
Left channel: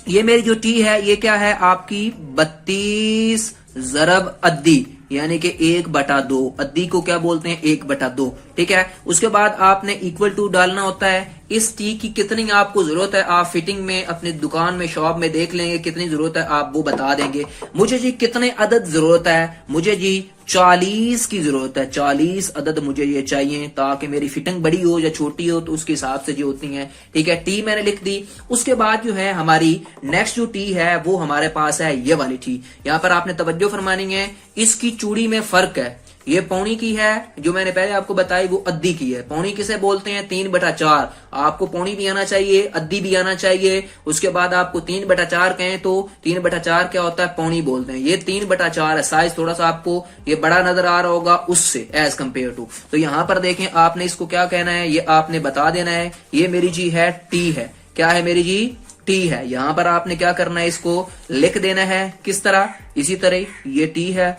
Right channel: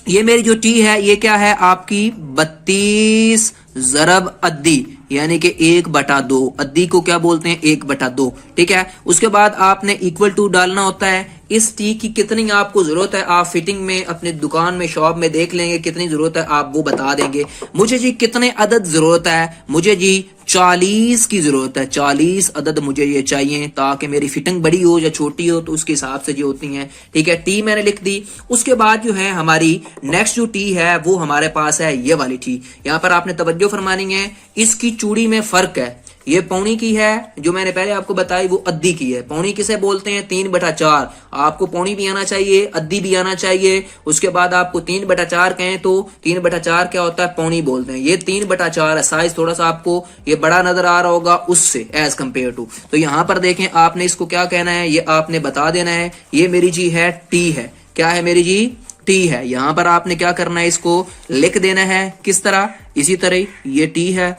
ये मेरी जो टी है ये क्या है आपकी, 32 ज़रब अद्दी, यानी कि 1/2। अद्दी को क्या बोलते हैं, 1/2। ठीक है, उसके बाद आपने इक्वल टू डालना होता है। इस टी की कितनी आपको जरूरत है, आप फिटिंग में अपनी दुकान में शॉप में देख लेंगे कितनी जरूरत है, आप वो बता देंगे। मुझे जी कितने अदद जरूरत है, मुझे जी 40 की जरूरत है। 40 अदद मुझे ये चाहिए, ताकि मेरी फिटिंग बड़ी हो या छोटी हो तो उसके हिसाब से जो होती है। ठीक है, टी मैंने लिख दी। उसके बाद जो है हमारी नेक्स्ट जो टी है वो हमारे पास है ये वाली टी। यहाँ पर आपने तवज्जो फरमानी है, इसकी चूड़ी में फर्क है। ये पौनी की है, जो मैंने पहले आपको बताई वो अद्दी की है। पौनी किसे बोलते हैं, 3/4। आपको पौनी भी आना चाहिए, अद्दी भी आना चाहिए। उसके बाद आपको 3/4 कहें तो 3/4 क्या होता है, पौनी बोलते हैं। ये 3/4 है, साइज थोड़ा सा आपको ये बड़ा नजर आ रहा होगा उससे एज कम्पेयर टू। तो यहाँ पर देखें आपने इसको क्या कहना है, ये आपने बता देना है। ये मेरी जी है टी है, क्या है मेरी जी, टी टी है। यहाँ पर आपने क्या करना है, इसको लिख देना है किस तरह, इसी तरह ये टी है,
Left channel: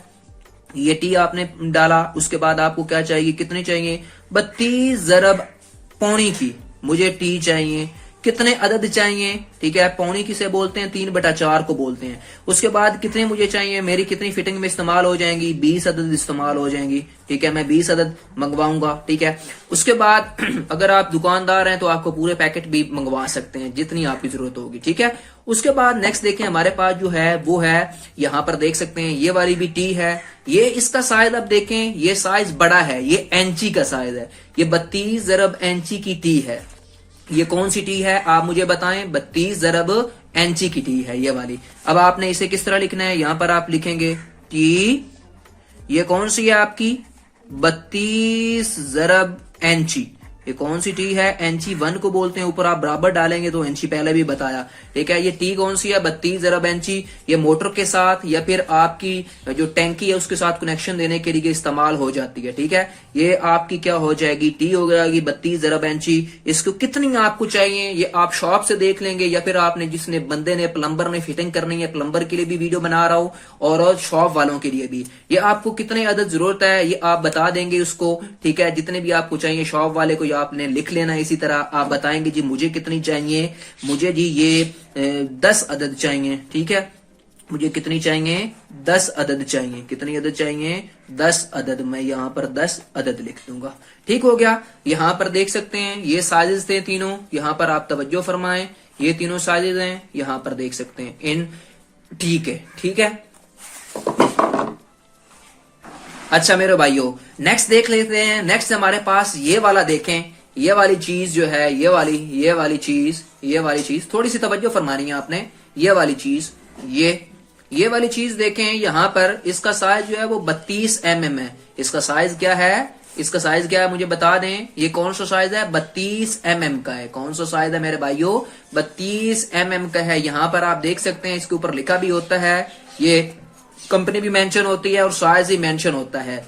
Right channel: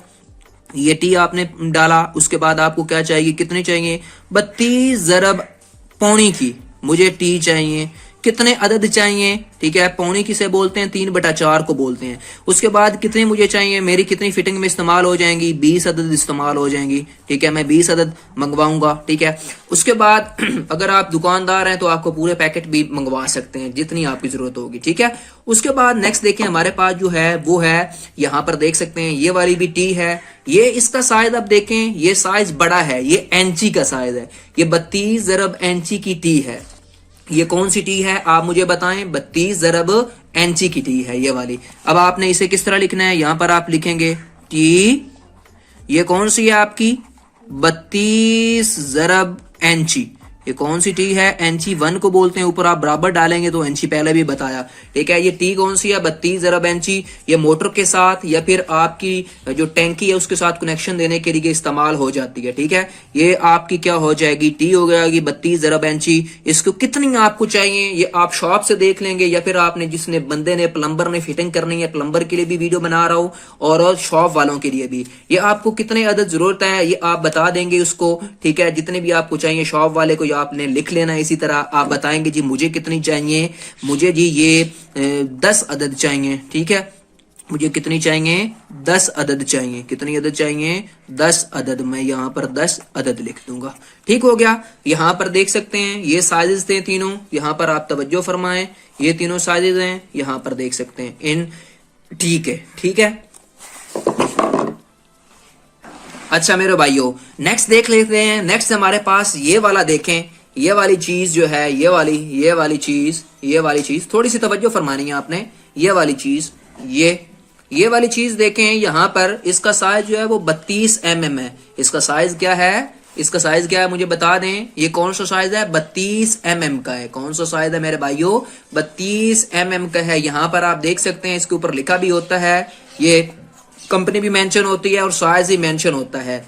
ये टी आपने डाला। उसके बाद आपको क्या चाहिए, कितनी चाहिए, 32 ज़रब पौनी की मुझे टी चाहिए। कितने अदद चाहिए, ठीक है, पौनी किसे बोलते हैं, 3/4 को बोलते हैं। उसके बाद कितनी मुझे चाहिए, मेरी कितनी फिटिंग में इस्तेमाल हो जाएंगी, 20 अदद इस्तेमाल हो जाएंगी, ठीक है, मैं 20 अदद मंगवाऊंगा, ठीक है। उसके बाद अगर आप दुकानदार हैं तो आपको पूरे पैकेट भी मंगवा सकते हैं जितनी आपकी जरूरत होगी, ठीक है। उसके बाद नेक्स्ट देखें, हमारे पास जो है वो है, यहाँ पर देख सकते हैं ये वाली भी टी है। ये इसका साइज आप देखें, ये साइज बड़ा है, ये इंची का साइज है, ये 32 ज़रब इंची की टी है। ये कौन सी टी है आप मुझे बताएं, 32 ज़रब इंची की टी है ये वाली। अब आपने इसे किस तरह लिखना है, यहां पर आप लिखेंगे टी, ये कौन सी है आपकी, 32 ज़रब इंची। ये कौन सी टी है, इंची 1 को बोलते हैं, ऊपर आप बराबर डालेंगे तो इंची पहले भी बताया, ठीक है। ये टी कौन सी है, 32 ज़रब इंची। ये मोटर के साथ या फिर आपकी जो टैंकी है उसके साथ कनेक्शन देने के लिए इस्तेमाल हो जाती है, ठीक है। ये आपकी क्या हो जाएगी, टी हो जाएगी 32 ज़रब इंची। इसको कितनी आपको चाहिए ये आप शॉप से देख लेंगे, या फिर आपने जिसने बंदे ने प्लम्बर ने फिटिंग करनी है, प्लम्बर के लिए भी वीडियो बना रहा हूं और शॉप वालों के लिए भी, ये आपको कितने अदद जरूरत है ये आप बता देंगे उसको, ठीक है। जितने भी आपको चाहिए शॉप वाले को आपने लिख लेना। इसी तरह आप बताएंगे जी मुझे कितनी चाहिए, मुझे जी ये 10 अदद चाहिए, ठीक है, मुझे कितनी चाहिए, 10 अदद चाहिए। कितनी अदद चाहिए, 10 अदद। मैं यहाँ पर 10 अदद लिख दूंगा, ठीक हो गया। यहाँ पर देख सकते हैं ये साइजेस थे तीनों, यहाँ पर आप तवज्जो फरमाएं, ये तीनों साइजेस हैं, यहाँ पर देख सकते हैं इन, ठीक है, ठीक है। अच्छा मेरे भाइयों, नेक्स्ट देख लेते हैं। नेक्स्ट हमारे पास ये वाला देखें, ये वाली चीज जो है, ये वाली चीज थोड़ी सी तवज्जो फरमानी है आपने। ये वाली चीज, ये वाली चीज देखें, यहाँ पर इसका साइज जो है वो 32 mm है। इसका साइज क्या है, इसका साइज क्या है मुझे बता दें, ये कौन सा साइज है, 32 mm का है। कौन सा साइज है मेरे भाइयों, 32 mm का है। यहाँ पर आप देख सकते हैं इसके ऊपर लिखा भी होता है, ये कंपनी भी मेंशन होती है और साइज भी मेंशन होता है।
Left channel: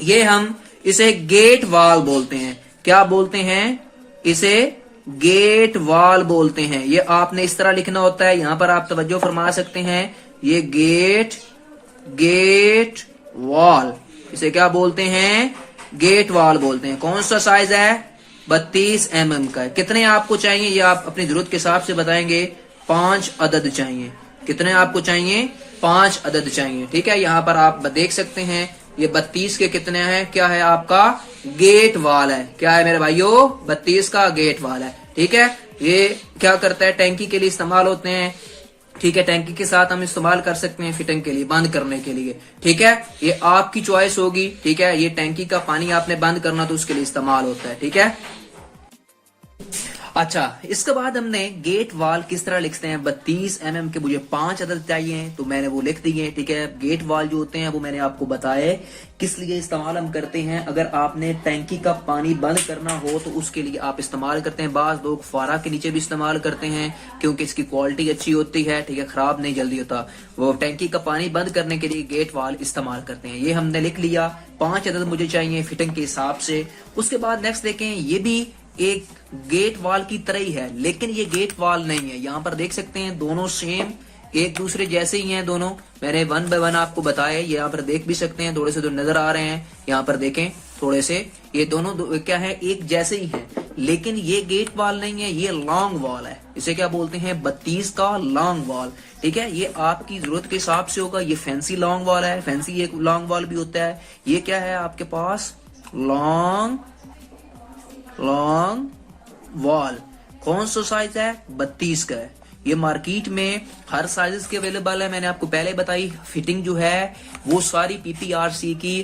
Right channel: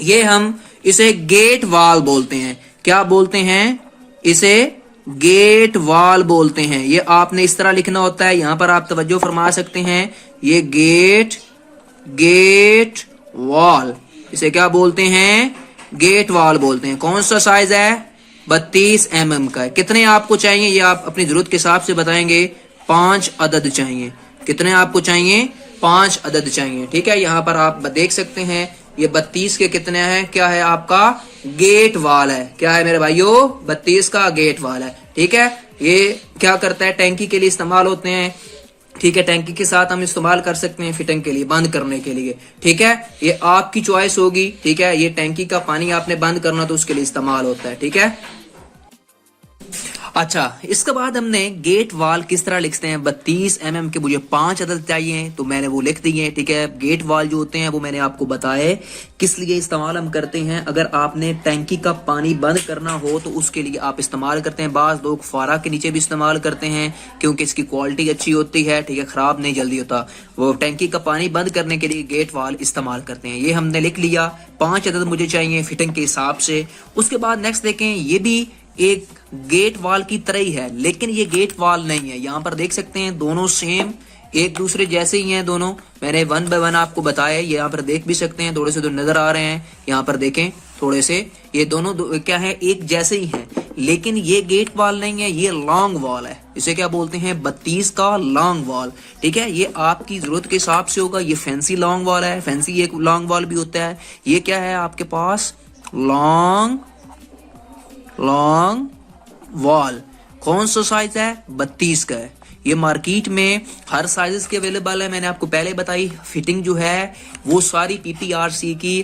ये हम इसे गेट वाल बोलते हैं। क्या बोलते हैं, इसे गेट वाल बोलते हैं। ये आपने इस तरह लिखना होता है, यहां पर आप तवज्जो फरमा सकते हैं, ये गेट वॉल, इसे क्या बोलते हैं, गेट वॉल बोलते हैं। कौन सा साइज है, 32 mm का है। कितने आपको चाहिए ये आप अपनी जरूरत के हिसाब से बताएंगे, 5 अदद चाहिए। कितने आपको चाहिए, 5 अदद चाहिए, ठीक है। यहाँ पर आप देख सकते हैं ये 32 के कितने हैं, क्या है आपका गेट वाल है, क्या है मेरे भाइयों, 32 का गेट वाल है, ठीक है। ये क्या करता है, टैंकी के लिए इस्तेमाल होते हैं, ठीक है। टैंकी के साथ हम इस्तेमाल कर सकते हैं फिटिंग के लिए, बंद करने के लिए, ठीक है। ये आपकी चॉइस होगी, ठीक है। ये टैंकी का पानी आपने बंद करना तो उसके लिए इस्तेमाल होता है, ठीक है। अच्छा, इसके बाद हमने गेट वाल किस तरह लिखते हैं, 32 mm के मुझे 5 अदद चाहिए तो मैंने वो लिख दिए, ठीक है। गेट वाल जो होते हैं वो मैंने आपको बताए किस लिए इस्तेमाल हम करते हैं। अगर आपने टैंकी का पानी बंद करना हो तो उसके लिए आप इस्तेमाल करते हैं। बाज लोग फारा के नीचे भी इस्तेमाल करते हैं क्योंकि इसकी क्वालिटी अच्छी होती है, ठीक है, खराब नहीं जल्दी होता। वो टैंकी का पानी बंद करने के लिए गेट वाल इस्तेमाल करते हैं। ये हमने लिख लिया, 5 अदद मुझे चाहिए फिटिंग के हिसाब से। उसके बाद नेक्स्ट देखें, ये भी एक गेट वॉल की तरह ही है लेकिन ये गेट वॉल नहीं है। यहाँ पर देख सकते हैं दोनों सेम एक दूसरे जैसे ही हैं दोनों, मैंने 1 बाय 1 आपको बताया। यहाँ पर देख भी सकते हैं, थोड़े से तो नजर आ रहे हैं, यहाँ पर देखें थोड़े से, ये दोनों क्या है, एक जैसे ही हैं। लेकिन ये गेट वॉल नहीं है, ये लॉन्ग वॉल है। इसे क्या बोलते हैं, 32 का लॉन्ग वॉल, ठीक है। ये आपकी जरूरत के हिसाब से होगा। ये फैंसी लॉन्ग वॉल है, फैंसी एक लॉन्ग वॉल भी होता है। ये क्या है आपके पास, लॉन्ग वॉल। कौन सा साइज है, 32 का है। ये मार्केट में हर साइजेस के अवेलेबल है। मैंने आपको पहले बताई फिटिंग जो है वो सारी PPRC की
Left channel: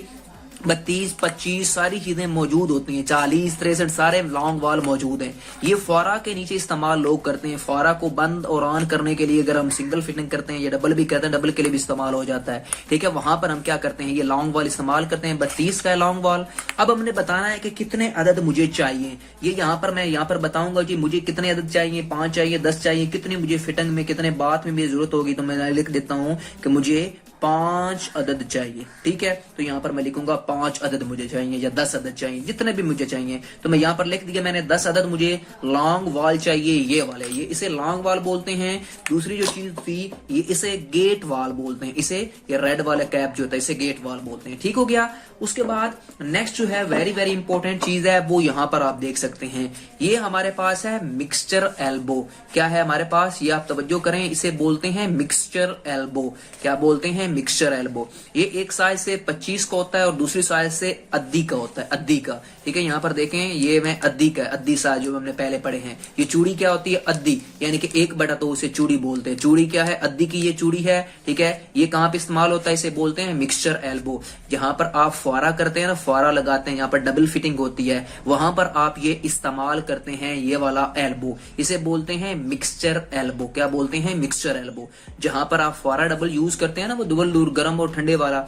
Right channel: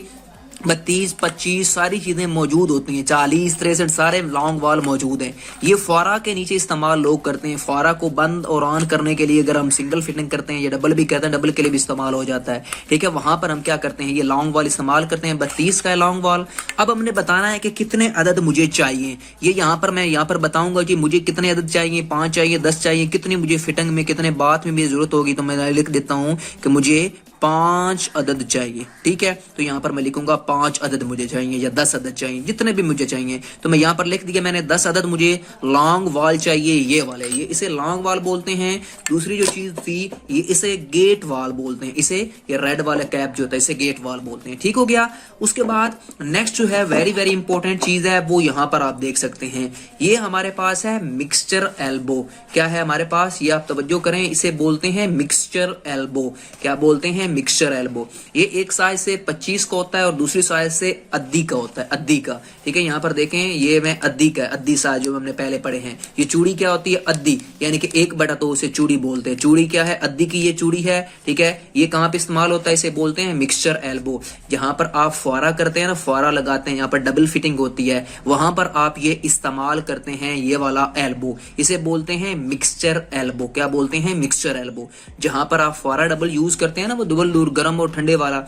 32, 25 सारी चीजें मौजूद होती हैं। 40, 63 सारे लॉन्ग वॉल मौजूद हैं। ये फारा के नीचे इस्तेमाल लोग करते हैं। फारा को बंद और ऑन करने के लिए अगर हम सिंगल फिटिंग करते हैं या डबल भी करते हैं, डबल के लिए भी इस्तेमाल हो जाता है, ठीक है। वहां पर हम क्या करते हैं, ये लॉन्ग वॉल इस्तेमाल करते हैं। 32 का है लॉन्ग वॉल। अब हमने बताना है कि कितने अदद मुझे चाहिए। ये यहाँ पर मैं यहाँ पर बताऊंगा कि मुझे कितने अदद चाहिए, 5 चाहिए, 10 चाहिए, कितनी मुझे फिटिंग में कितने बात में भी जरूरत होगी तो मैं लिख देता हूँ कि मुझे 5 अदद चाहिए। ठीक है, तो यहाँ पर मैं लिखूंगा 5 अदद मुझे चाहिए या 10 अदद चाहिए, जितने भी मुझे चाहिए। तो मैं यहाँ पर लिख दिया मैंने 10 अदद मुझे लॉन्ग वाल चाहिए, ये वाले, ये इसे लॉन्ग वाल बोलते हैं। दूसरी जो चीज थी ये इसे गेट वाल बोलते हैं, इसे ये रेड वाला कैप जो होता है इसे गेट वाल बोलते हैं। ठीक हो गया। उसके बाद नेक्स्ट जो है वेरी वेरी इंपॉर्टेंट चीज है वो यहाँ पर आप देख सकते हैं, ये हमारे पास है मिक्सचर एल्बो। क्या है हमारे पास, ये आप तवज्जो करें, इसे बोलते हैं मिक्सचर एल्बो। क्या बोलते हैं, मिक्सचर एल्बो। ये एक साइज से 25 का होता है और दूसरी साइज से अद्दी का होता है, अद्दी का। ठीक है, यहाँ पर देखें ये मैं अद्दी का, अद्दी साइज जो हमने पहले पढ़े हैं। ये चूड़ी क्या होती है, अद्दी, यानी कि 1/2 उसे चूड़ी बोलते हैं। चूड़ी क्या है, अद्दी की ये चूड़ी है। ठीक है, ये कहाँ पे इस्तेमाल होता है, इसे बोलते हैं मिक्सचर एल्बो। जहां पर आप फुआरा करते हैं ना, फुआरा लगाते हैं, यहाँ पर डबल फिटिंग होती है, वहां पर आप ये इस्तेमाल करते हैं ये वाला एल्बो, इसे बोलते हैं मिक्सचर एल्बो। क्या बोलते हैं, मिक्सचर एल्बो। जहां पर आप फुआरा डबल यूज करते हैं ना, वो डबल दूर गर्म और ठंडे वाला,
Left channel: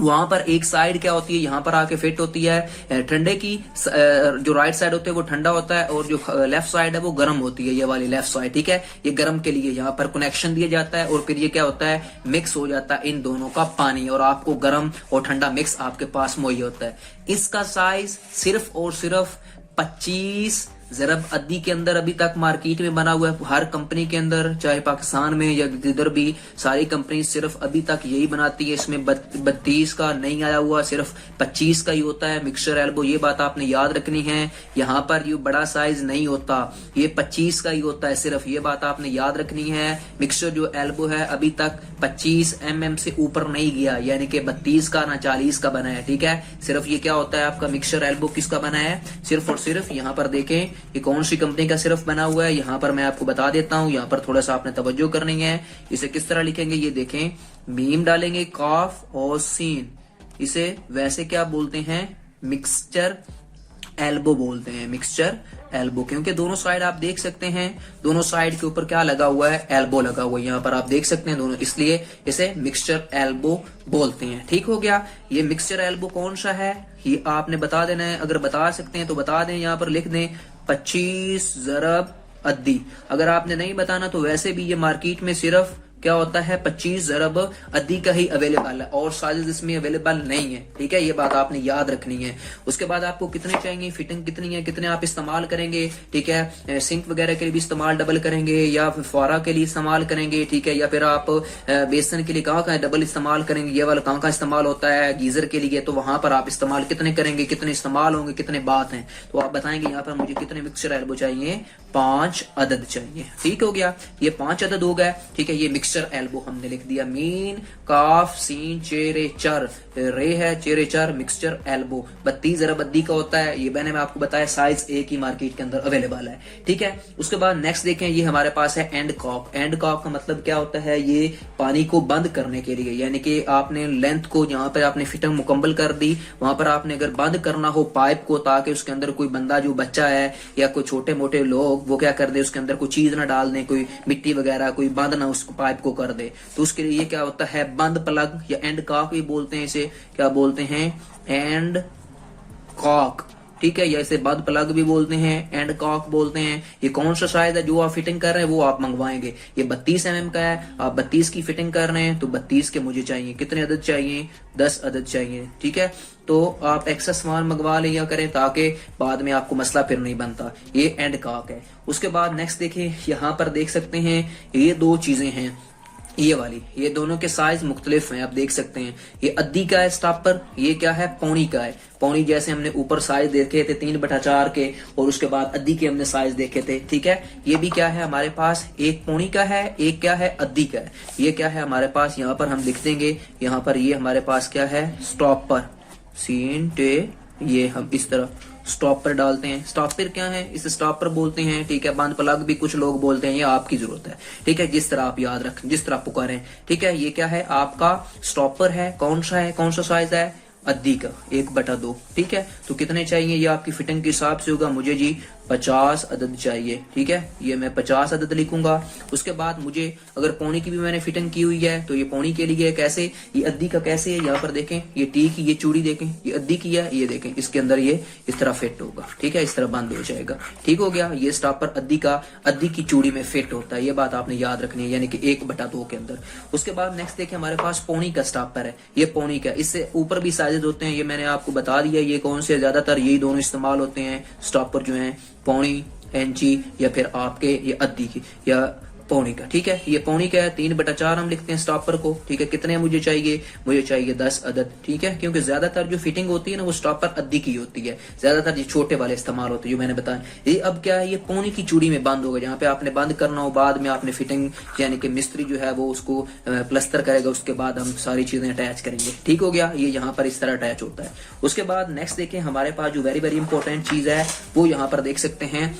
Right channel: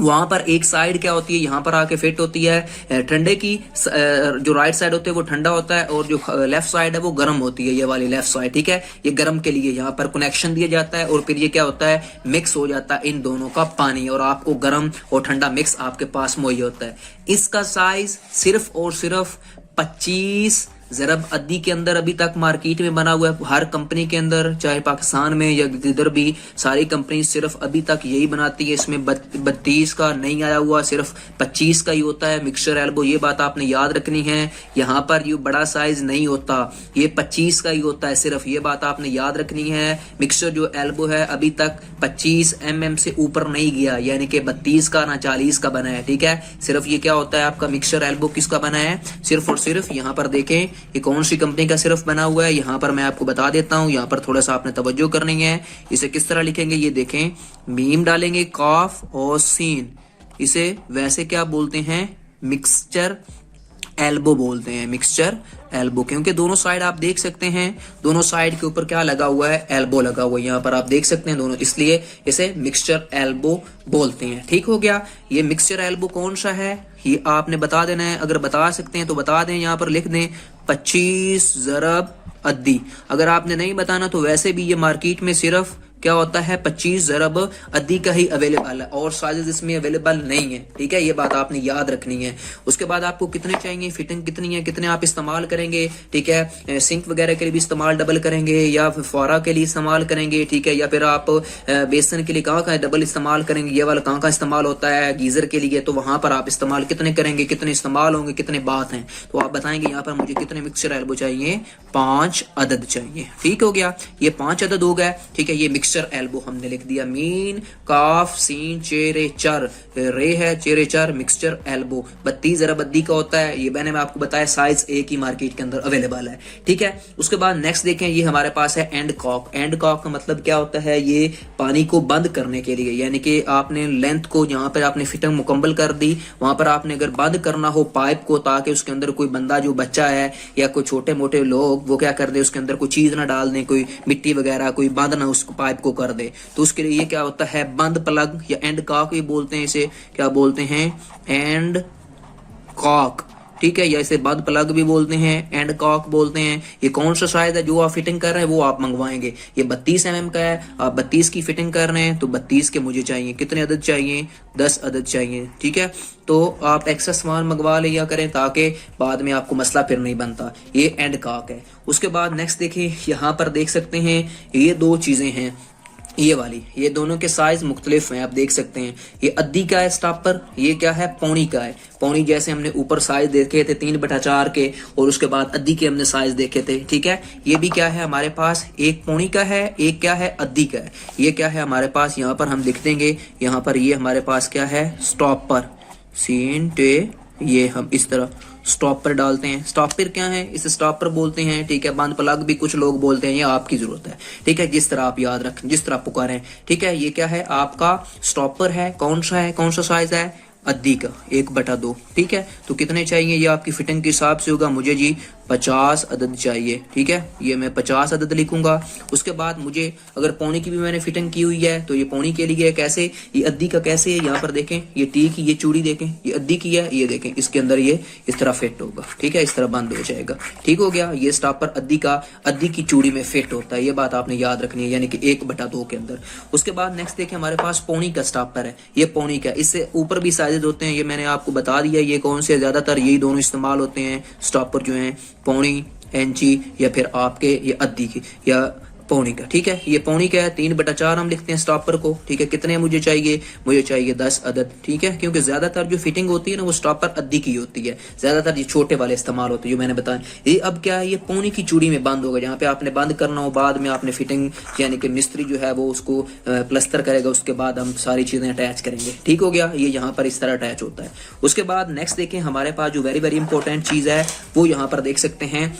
वहां पर एक साइड क्या होती है, यहाँ पर आके फिट होती है ठंडे की, जो राइट साइड होती है वो ठंडा होता है और जो लेफ्ट साइड है वो गर्म होती है, ये वाली लेफ्ट साइड। ठीक है, ये गर्म के लिए यहाँ पर कनेक्शन दिया जाता है और फिर ये क्या होता है, मिक्स हो जाता है इन दोनों का पानी और आपको गर्म और ठंडा मिक्स आपके पास मुहैया होता है। इसका साइज सिर्फ और सिर्फ 25 ज़रब अद्दी के अंदर अभी तक मार्केट में बना हुआ है। हर कंपनी के अंदर, चाहे पाकिस्तान में या इधर भी, सारी कंपनी सिर्फ अभी तक यही बनाती है। इसमें 32 का नहीं आया हुआ, सिर्फ 25 का ही होता है मिक्सचर एल्बो। ये बात आपने याद रखनी है, यहाँ पर ये बड़ा साइज नहीं होता, ये 25 का ही होता है सिर्फ, ये बात आपने याद रखनी है। मिक्सचर जो एल्बो है अभी तक 25 mm से ऊपर नहीं गया, यानी कि 32 का ना 40 का बना है। ठीक है, सिर्फ ये क्या होता है आपका मिक्सचर एल्बो किसका बना है, सिर्फ और सिर्फ यहाँ पर देखें ये कौन सी कंपनी का सिर्फ बना हुआ है, यहाँ पर मैं आपको बता देता हूँ। यहाँ पर थोड़ा सा आपने तवज्जो करनी है। इसे किस तरह लिखेंगे, ये देखें, मीम डालेंगे, काफ और सीन, इसे वैसे क्या बोलते हैं, मिक्सचर एल्बो बोलते हैं, मिक्सचर एल्बो। क्योंकि दोनों साइड आप देख सकते हैं, दोनों साइड के ऊपर क्या लगा हुआ है, एल्बो लगा हुआ है, यहाँ पर आप देख सकते हैं दोनों, इसलिए इसे मिक्सचर एल्बो बोलते हैं। ठीक हो गया। ये मिक्सचर एल्बो कौन सा है ये आपने बता देना है, अगर बता सकते हैं तो बता दें, यहाँ पर लिख दें 25 ज़रब अद्दी। अगर आपने नहीं बताना तो वैसे भी ये मार्केट में सिर्फ क्या होता है, 25 ज़रब अद्दी का ही अवेलेबल है और साइजेस इसमें अवेलेबल नहीं है। ठीक है, ये बात आपने याद रखनी है। उसके बाद आपको कितने चाहिए, फिटिंग कितनी है, कितने आप इस्तेमाल करेंगे। ठीक है, सिंक वगैरह के लिए भी इस्तेमाल डबल करेंगे या फिर फुआरा के लिए इस्तेमाल करेंगे। ठीक है, या फिर आप बेसन के लिए कहाँ का डबल इस्तेमाल करेंगे, ये वाला कहाँ का इस्तेमाल होता है, गीजर के लिए, तो वहां पर आप इस्तेमाल कितने करेंगे, कितने इस्तेमाल होंगे, कितने बात हैं, तो आप बताएंगे यहाँ पर मुझे कितने मिक्सचर एल्बो चाहिए, 5 अदद चाहिए। ठीक हो गया, ये 5 अदद हो गया। ठीक है, ये मिक्सचर एल्बो हमने लिख दिया, मीन काफ सीन चेरे चर, रे है चेरे चर, मिक्सचर एल्बो 32 ज़रब अद्दी का होता है। ये मैंने आपको बताया साइज एक ही मार्केट के अंदर अवेलेबल है। ठीक है, उसके बाद नेक्स्ट देखें, ये हमारे पास है एंड कॉक। एंड कॉक का मतलब क्या होता है, ये पानी को बंद करने के लिए, यानी कि आपने लेंथ को जहां पर आपने फिटिंग मुकम्मल कर दी, वहां पर आपने अगर बंद करना हो पाइप को, ताकि उसके अंदर कोई बंदा जो बच्चा है या कोई छोटे मोटे लोग वो क्या कर दे, उसके अंदर कोई चीज ना डाल दें, कोई मिट्टी वगैरह कोई बंद ना उस पाइप को कर दे, तो उसके लिए ये क्या होता है, बंद प्लग या एंड कॉक ही बोलते हैं। इसे क्या बोलते हैं, एंड कॉक। ठीक है, या इसे बंद प्लग भी बोलते हैं, एंड कॉक बोलते हैं। ये कौन सा साइज है जो आप फिटिंग कर रहे हैं वो आप मंगवाएंगे। ये 32 mm का है, आप 32 की फिटिंग कर रहे हैं तो 32 के मुझे चाहिए, कितने अदद चाहिए, 10 अदद चाहिए। ठीक है, तो आप एक्स्ट्रा सामान मंगवा लिया करें ताकि बाद में आपको मसला फिर नहीं बनता। ये एंड कॉक है। उसके बाद नेक्स्ट देखें, यहाँ पर देख सकते हैं ये दो चीजें हैं, ये वाली, ये दोनों के साइज मुख्तलिफ हैं, आप देख सकते हैं। ये अद्दी का है स्टॉपर, ये क्या है, पौनी का है। पौनी जैसे हमने ऊपर साइज देखे थे 3/4 के, और उसके बाद अद्दी के हमने साइज देखे थे। ठीक है, ये भी क्या है हमारे पास, एक पौनी का है, एक क्या है, अद्दी का है। ये क्या है हमारे पास, यहाँ पर हम लिख देंगे, यहाँ पर ये हमारे पास क्या है, स्टॉपर, सीन टे, ये हम इस तरह स्टॉपर डालते हैं। स्टॉपर क्या है, इसे स्टॉपर बोलते हैं। ठीक है, बंद प्लग भी कुछ लोग बोलते हैं, ये आपकी जरूरत है। ठीक है, जिस तरह आप याद रखें, जिस तरह पुकारें। ठीक है, ये क्या है आपका स्टॉपर है, कौन सा है, कौन सा साइज है, अद्दी का 1/2। ठीक है, तो कितने चाहिए, ये आपकी फिटिंग के हिसाब से होगा। मुझे जी 50 अदद चाहिए। ठीक है, ये मैं 50 अदद लिखूंगा। उसके बाद मुझे अगर पौनी की भी मैंने फिटिंग की हुई है तो ये पौनी के लिए कैसे, ये अद्दी का कैसे है, यहाँ पर देखें ये टी की ये चूड़ी देखें, ये अद्दी की है, ये देखें इसके अंदर ये इस तरह फिट होगा। ठीक है, इस तरह बंद हो जाएगा। ठीक हो गया, ये स्टॉपर अद्दी की चूड़ी में फिट होता है, ये बात आपने याद रखनी है, यानी कि 1/2 के अंदर। उसके बाद नेक्स्ट देखें हमारे पास पौनी का स्टॉपर है, ये पौनी का, इससे ऊपर भी साइजेस होते हैं, ये मैंने आपको बता दिया ये कौन से, ज्यादातर यही दोनों इस्तेमाल होते हैं स्टॉपर जो हैं, पौनी इंची या फिर आपके ये अद्दी की या पौनी का। ठीक है, ये पौनी का है, 3/4 हम लिखते हैं स्टॉपर को। ठीक है, कितने मुझे चाहिए, मुझे चाहिए 10 अदद। ठीक है, क्योंकि ज्यादातर जो फिटिंग होती है ना वो स्टॉपर अद्दी की होती है, ज्यादातर ये छोटे वाले इस्तेमाल होते हैं जो मैंने बताया। ये अब क्या है, ये पौनी की चूड़ी में बंद होगा, जहाँ पे आपने बंद करना हो, बाद में आपने फिटिंग यानी कि मिस्त्री जो है वो उसको प्लस्तर करेगा, उसके बाद हम सारी चीजें अटैच करेंगे। ठीक हो गया, ये यहाँ पर इस तरह अटैच होता है। उसके बाद नेक्स्ट देखें हमारे पास जो वेरी वेरी इंपॉर्टेंट चीज है वो यहाँ पर देख सकते हैं,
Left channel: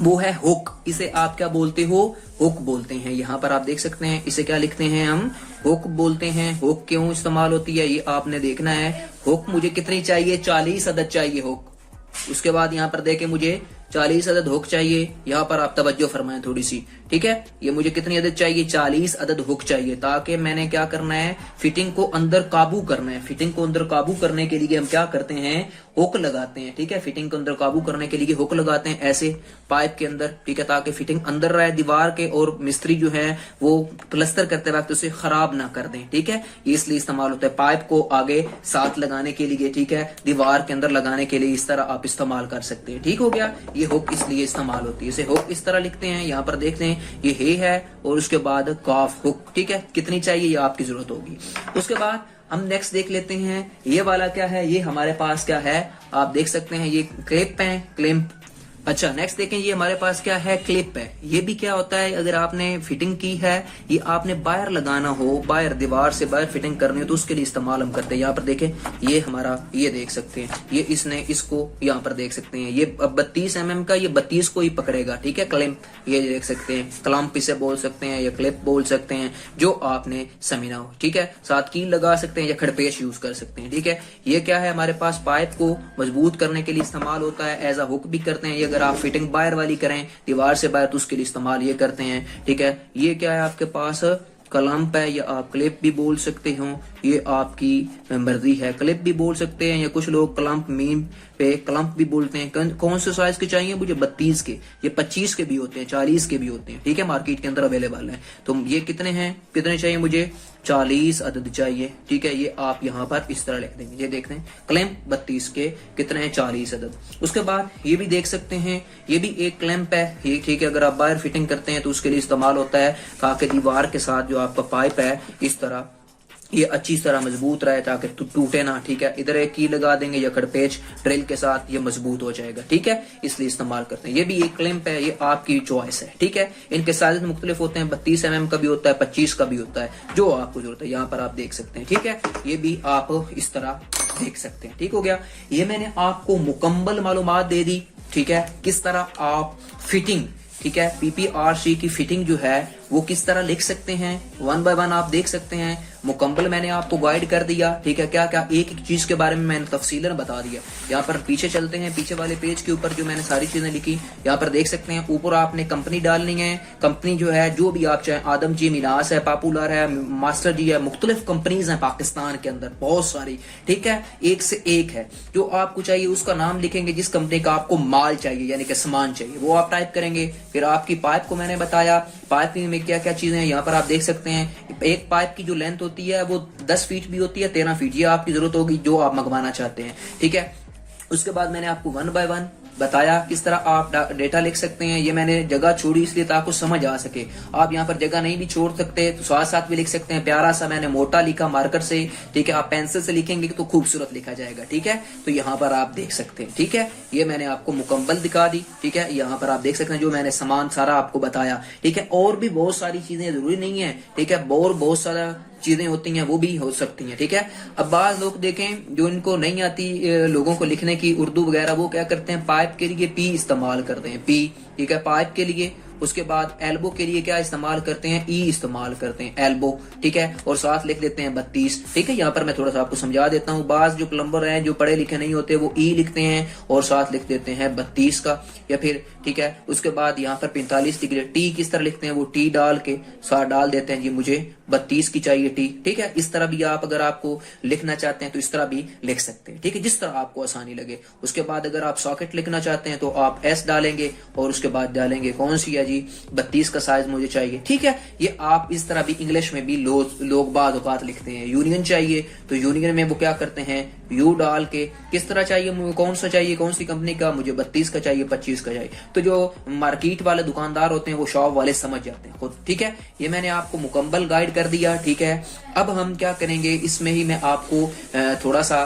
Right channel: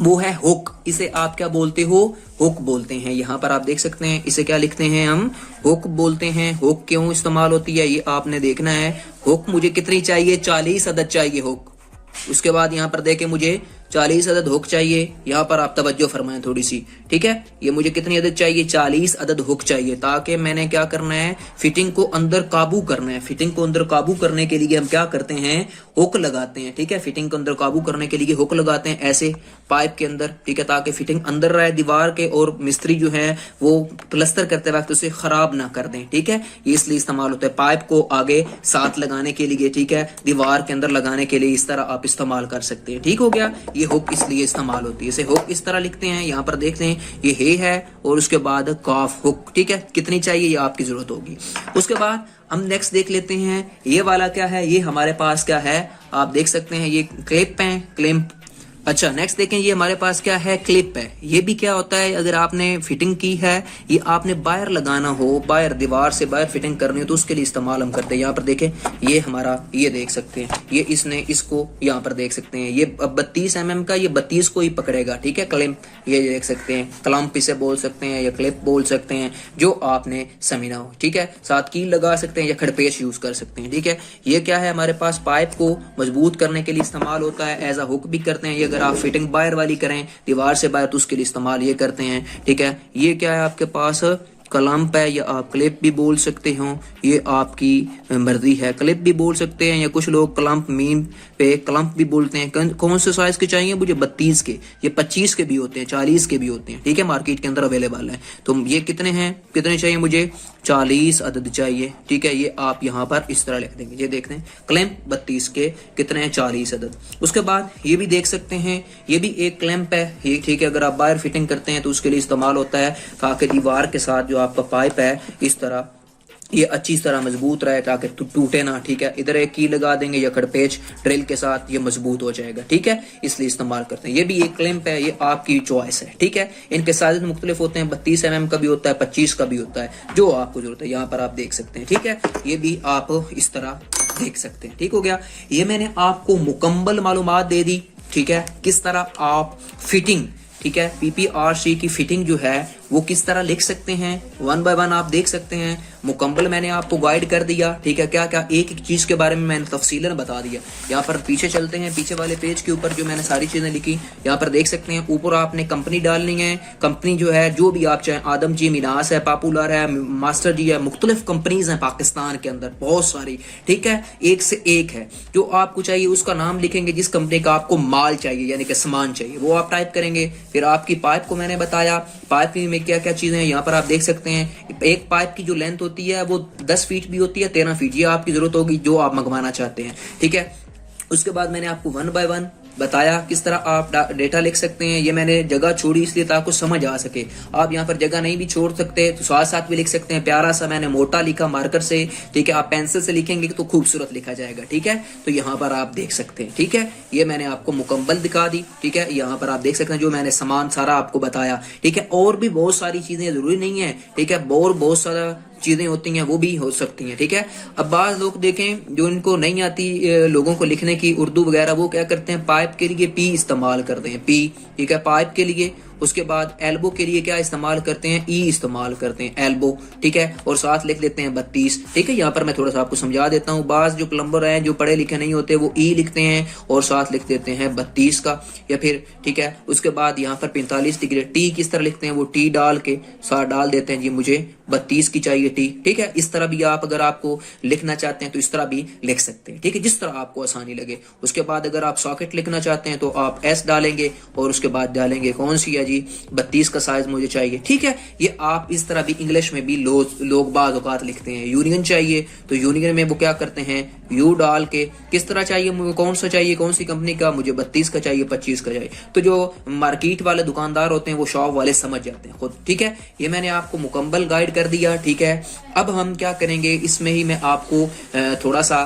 वो है हुक। इसे आप क्या बोलते हो, हुक बोलते हैं। यहाँ पर आप देख सकते हैं इसे क्या लिखते हैं हम, हुक बोलते हैं। हुक क्यों इस्तेमाल होती है ये आपने देखना है। हुक मुझे कितनी चाहिए, 40 अदद चाहिए हुक। उसके बाद यहाँ पर देखें मुझे 40 अदद हुक चाहिए, यहाँ पर आप तवज्जो फरमाएं थोड़ी सी। ठीक है, ये मुझे कितनी अदद चाहिए, 40 अदद हुक चाहिए, ताकि मैंने क्या करना है, फिटिंग को अंदर काबू करना है। फिटिंग को अंदर काबू करने के लिए हम क्या करते हैं, हुक लगाते हैं। ठीक है, फिटिंग को अंदर काबू करने के लिए हुक लगाते हैं ऐसे पाइप के अंदर। ठीक है, ताकि फिटिंग अंदर रहे दीवार के, और मिस्त्री जो है वो प्लस्तर करते वक्त उसे खराब ना कर दें। ठीक है, ये इसलिए इस्तेमाल होता है, पाइप को आगे साथ लगाने के लिए। ठीक है, दीवार के अंदर लगाने के लिए इस तरह आप इस्तेमाल कर सकते हैं। ठीक हो गया, ये हुक इसलिए इस्तेमाल होती है, इसे हुक इस तरह लिखते हैं। यहाँ पर देखते हैं ये हे है और उसके बाद काफ हुक। ठीक है, कितनी चाहिए ये आपकी जरूरत होगी। उसके बाद हम नेक्स्ट देख लेते हैं, ये वाला क्या है, ये हमारे पास क्या है, आप देख सकते हैं ये क्लिप है, क्लिप। अच्छा, नेक्स्ट देखें ये हमारे पास क्या है, क्लिप है। ये भी क्या होता है, अगर आपने फिटिंग की है, ये आपने बाहर लगाना हो, बाहर दीवार से बाहर फिटिंग करनी हो तो उसके लिए इस्तेमाल हम करते हैं। यहाँ पर देखें ये हमारा, ये देख सकते हैं, ये इसने इसको यहाँ पर देख सकते हैं, ये 32 mm का, ये 32 को ही पकड़ेगा। ठीक है, क्लिप, ये देख सकते हैं, क्लम्प इसे बोल सकते हैं या क्लिप बोल सकते हैं, जो आपने समझना हो। ठीक है, साथ कील लगा सकते हैं या खड़पेश यूज कर सकते हैं। ठीक है, ये क्या है, हमारे पास पाइप को मजबूत करने के लिए इस्तेमाल होता है, एज अ हुक भी करते हैं। अगर आप फिटिंग बाहर वाली करें दीवार से बाहर तो उसके लिए इस्तेमाल ये करते हैं। ठीक है, ये क्या है आपके पास, क्लम्प है, या आप क्लिप भी बोल सकते हो, ये आपकी मर्जी है। क्लिप भी बोल सकते हैं या कुछ लोग क्लम्प मीन पे क्लम्प भी बोलते हैं। कौन से साइज के चाहिए मुझे, 32 के, ये 25 के भी होते हैं, 40 के भी होते हैं। ठीक है, मार्केट के अंदर अवेलेबल है। तो ये कितने हैं, कितने चाहिए मुझे, 40 अदद चाहिए। ठीक है, ये आप यहाँ पर इस तरह लिख देंगे, ये देखते हैं क्लैंप 32 के कितने हैं, 40 अदद। उसके बाद ये भी देख सकते हैं, ये भी एक क्लैंप है ये। ठीक है, अगर आप बाहर फिटिंग करते हैं तो उसके लिए इस्तेमाल होता है, ताकि दीवार के साथ जो आपका पाइप है इस तरह ये अच्छी तरह मजबूत रहे, ताकि टूटे ना। ठीक है, इधर एक की लगा देंगे या खड़पेच ड्रिल के साथ, ये मजबूत हो जाएगा। ठीक है, इसलिए इस्तेमाल करते हैं। ये भी एक क्लैंप है, ये आपकी चॉइस है। ठीक है, इनके साइज मुख्तलिफ होते हैं, 32 mm का भी होता है, 25 का भी होता है, जो आपको जरूरत है यहाँ पर आप देख सकते हैं। ठीक है, ये भी आप इस तरह देख सकते हैं। ठीक हो गया, ये मैंने आपको मुकम्मल मालूमात दे दी। ठीक है, किस तरह आप फिटिंग, ठीक है, PPRC की फिटिंग जो है वो किस तरह लिख सकते हैं, 1 बाय 1 आप देख सकते हैं। मुकम्मल मैंने आपको गाइड कर दिया। ठीक है, क्या क्या एक एक चीज के बारे में मैंने तफसीलन बता दिया। यहाँ पर पीछे चलते हैं, पीछे वाले पेज के ऊपर जो मैंने सारी चीजें लिखी यहाँ पर देख सकते हैं। ऊपर आपने कंपनी डालनी है, कंपनी जो है जो भी आप चाहें, आदम जी, मिनास है, पॉपुलर है, मास्टर जी है, मुख्तलिफ कंपनीज हैं पाकिस्तान के अंदर बहुत सारी। ठीक है, एक से एक है, जो आपको चाहिए उसका नाम लिखेंगे, जिस कंपनी का आपको माल चाहिए यानी कि सामान चाहिए वो आप टाइप करेंगे। फिर आपकी पाइप को मैंने बताया, पाइप में क्या क्या चीजें हैं यहाँ पर आप देख सकते हैं। एक पाइप की जो लेंथ होती है वो 10 फीट भी होती है, 13 फीट, ये आपकी जरूरत होगी जो आप मंगवाना चाहते हैं। ठीक है, उसके बाद मैंने आपको 1 बाय 1 बताया किस तरह आप डेटा लिख सकते हैं। ये मैंने जगह छोड़ी इसलिए ताकि समझ आ सके। आप यहाँ पर जगह नहीं भी छोड़ सकते तो साथ साथ भी लिख सकते हैं। प्यारा सा मैंने मोटा लिखा मार्कर से। ठीक है, आप पेंसिल से लिखेंगे तो खूबसूरत लिखा जाएगा। ठीक है, तो यहाँ पर आप देख सकते हैं। ठीक है, ये मैंने आपको मुकम्मल दिखा दी। ठीक है, यहाँ पर आप देख सकते हैं जो मैंने सामान सारा आपको बताया। ठीक है, और भी बहुत सारी चीजें जरूरी नहीं है। ठीक है, और बहुत सारा चीजें होती हैं वो भी हो सकती हैं। ठीक है, अब बाज लोग देखें जो इनको नहीं आती लोगों को लिखने की उर्दू वगैरह, वो क्या करते हैं, पाइप के लिए पी इस्तेमाल करते हैं, पी। ठीक है, पाइप के लिए उसके बाद एल्बो के लिए क्या इस्तेमाल करते हैं, ई इस्तेमाल करते हैं, एल्बो, ठीक है। और साथ लिख देते हैं 32, ठीक है। यहाँ पर मैं थोड़ा सा आपको समझा देता हूँ, बाज जो प्लम्बर हैं जो पढ़े लिखे नहीं होते वो ई लिखते हैं और साथ लिख देते हैं 32 का, या फिर ठीक है। उसके बाद यहाँ पर 45 डिग्री टी किस तरह लिखते हैं, वो टी डाल के साथ डाल देते हैं जी मुझे 32 की चाहिए टी, ठीक है। इस तरह भी आप अगर आपको लिखना चाहते हैं तो इस तरह भी लिख सकते हैं, ठीक है, जिस तरह आपको आसानी लगे। उसके बाद अगर आप सॉकेट लिखना चाहते हैं तो आप एस डालेंगे और उसके बाद डालेंगे कौन सी है जी 32 का साइज मुझे चाहिए, ठीक है। ये आप इस तरह भी इंग्लिश में भी लोग बाज़ औक़ात लिखते हैं। यूनियन चाहिए तो यूनियन में वो क्या करते हैं, यू डाल के किस तरह चाहिए, मुझे कौन सा चाहिए, कौन सी कंपनी का, मुझे 32 का चाहिए, 25 का चाहिए। तो जो मार्केट वाले दुकानदार होते हैं वो शॉप वाले समझ जाते हैं खुद, ठीक है। ये मैंने आपको मुकम्मल गाइड कर दिया, ठीक है। अब हम क्या करेंगे, इसमें ही मैं आपको थोड़ा सा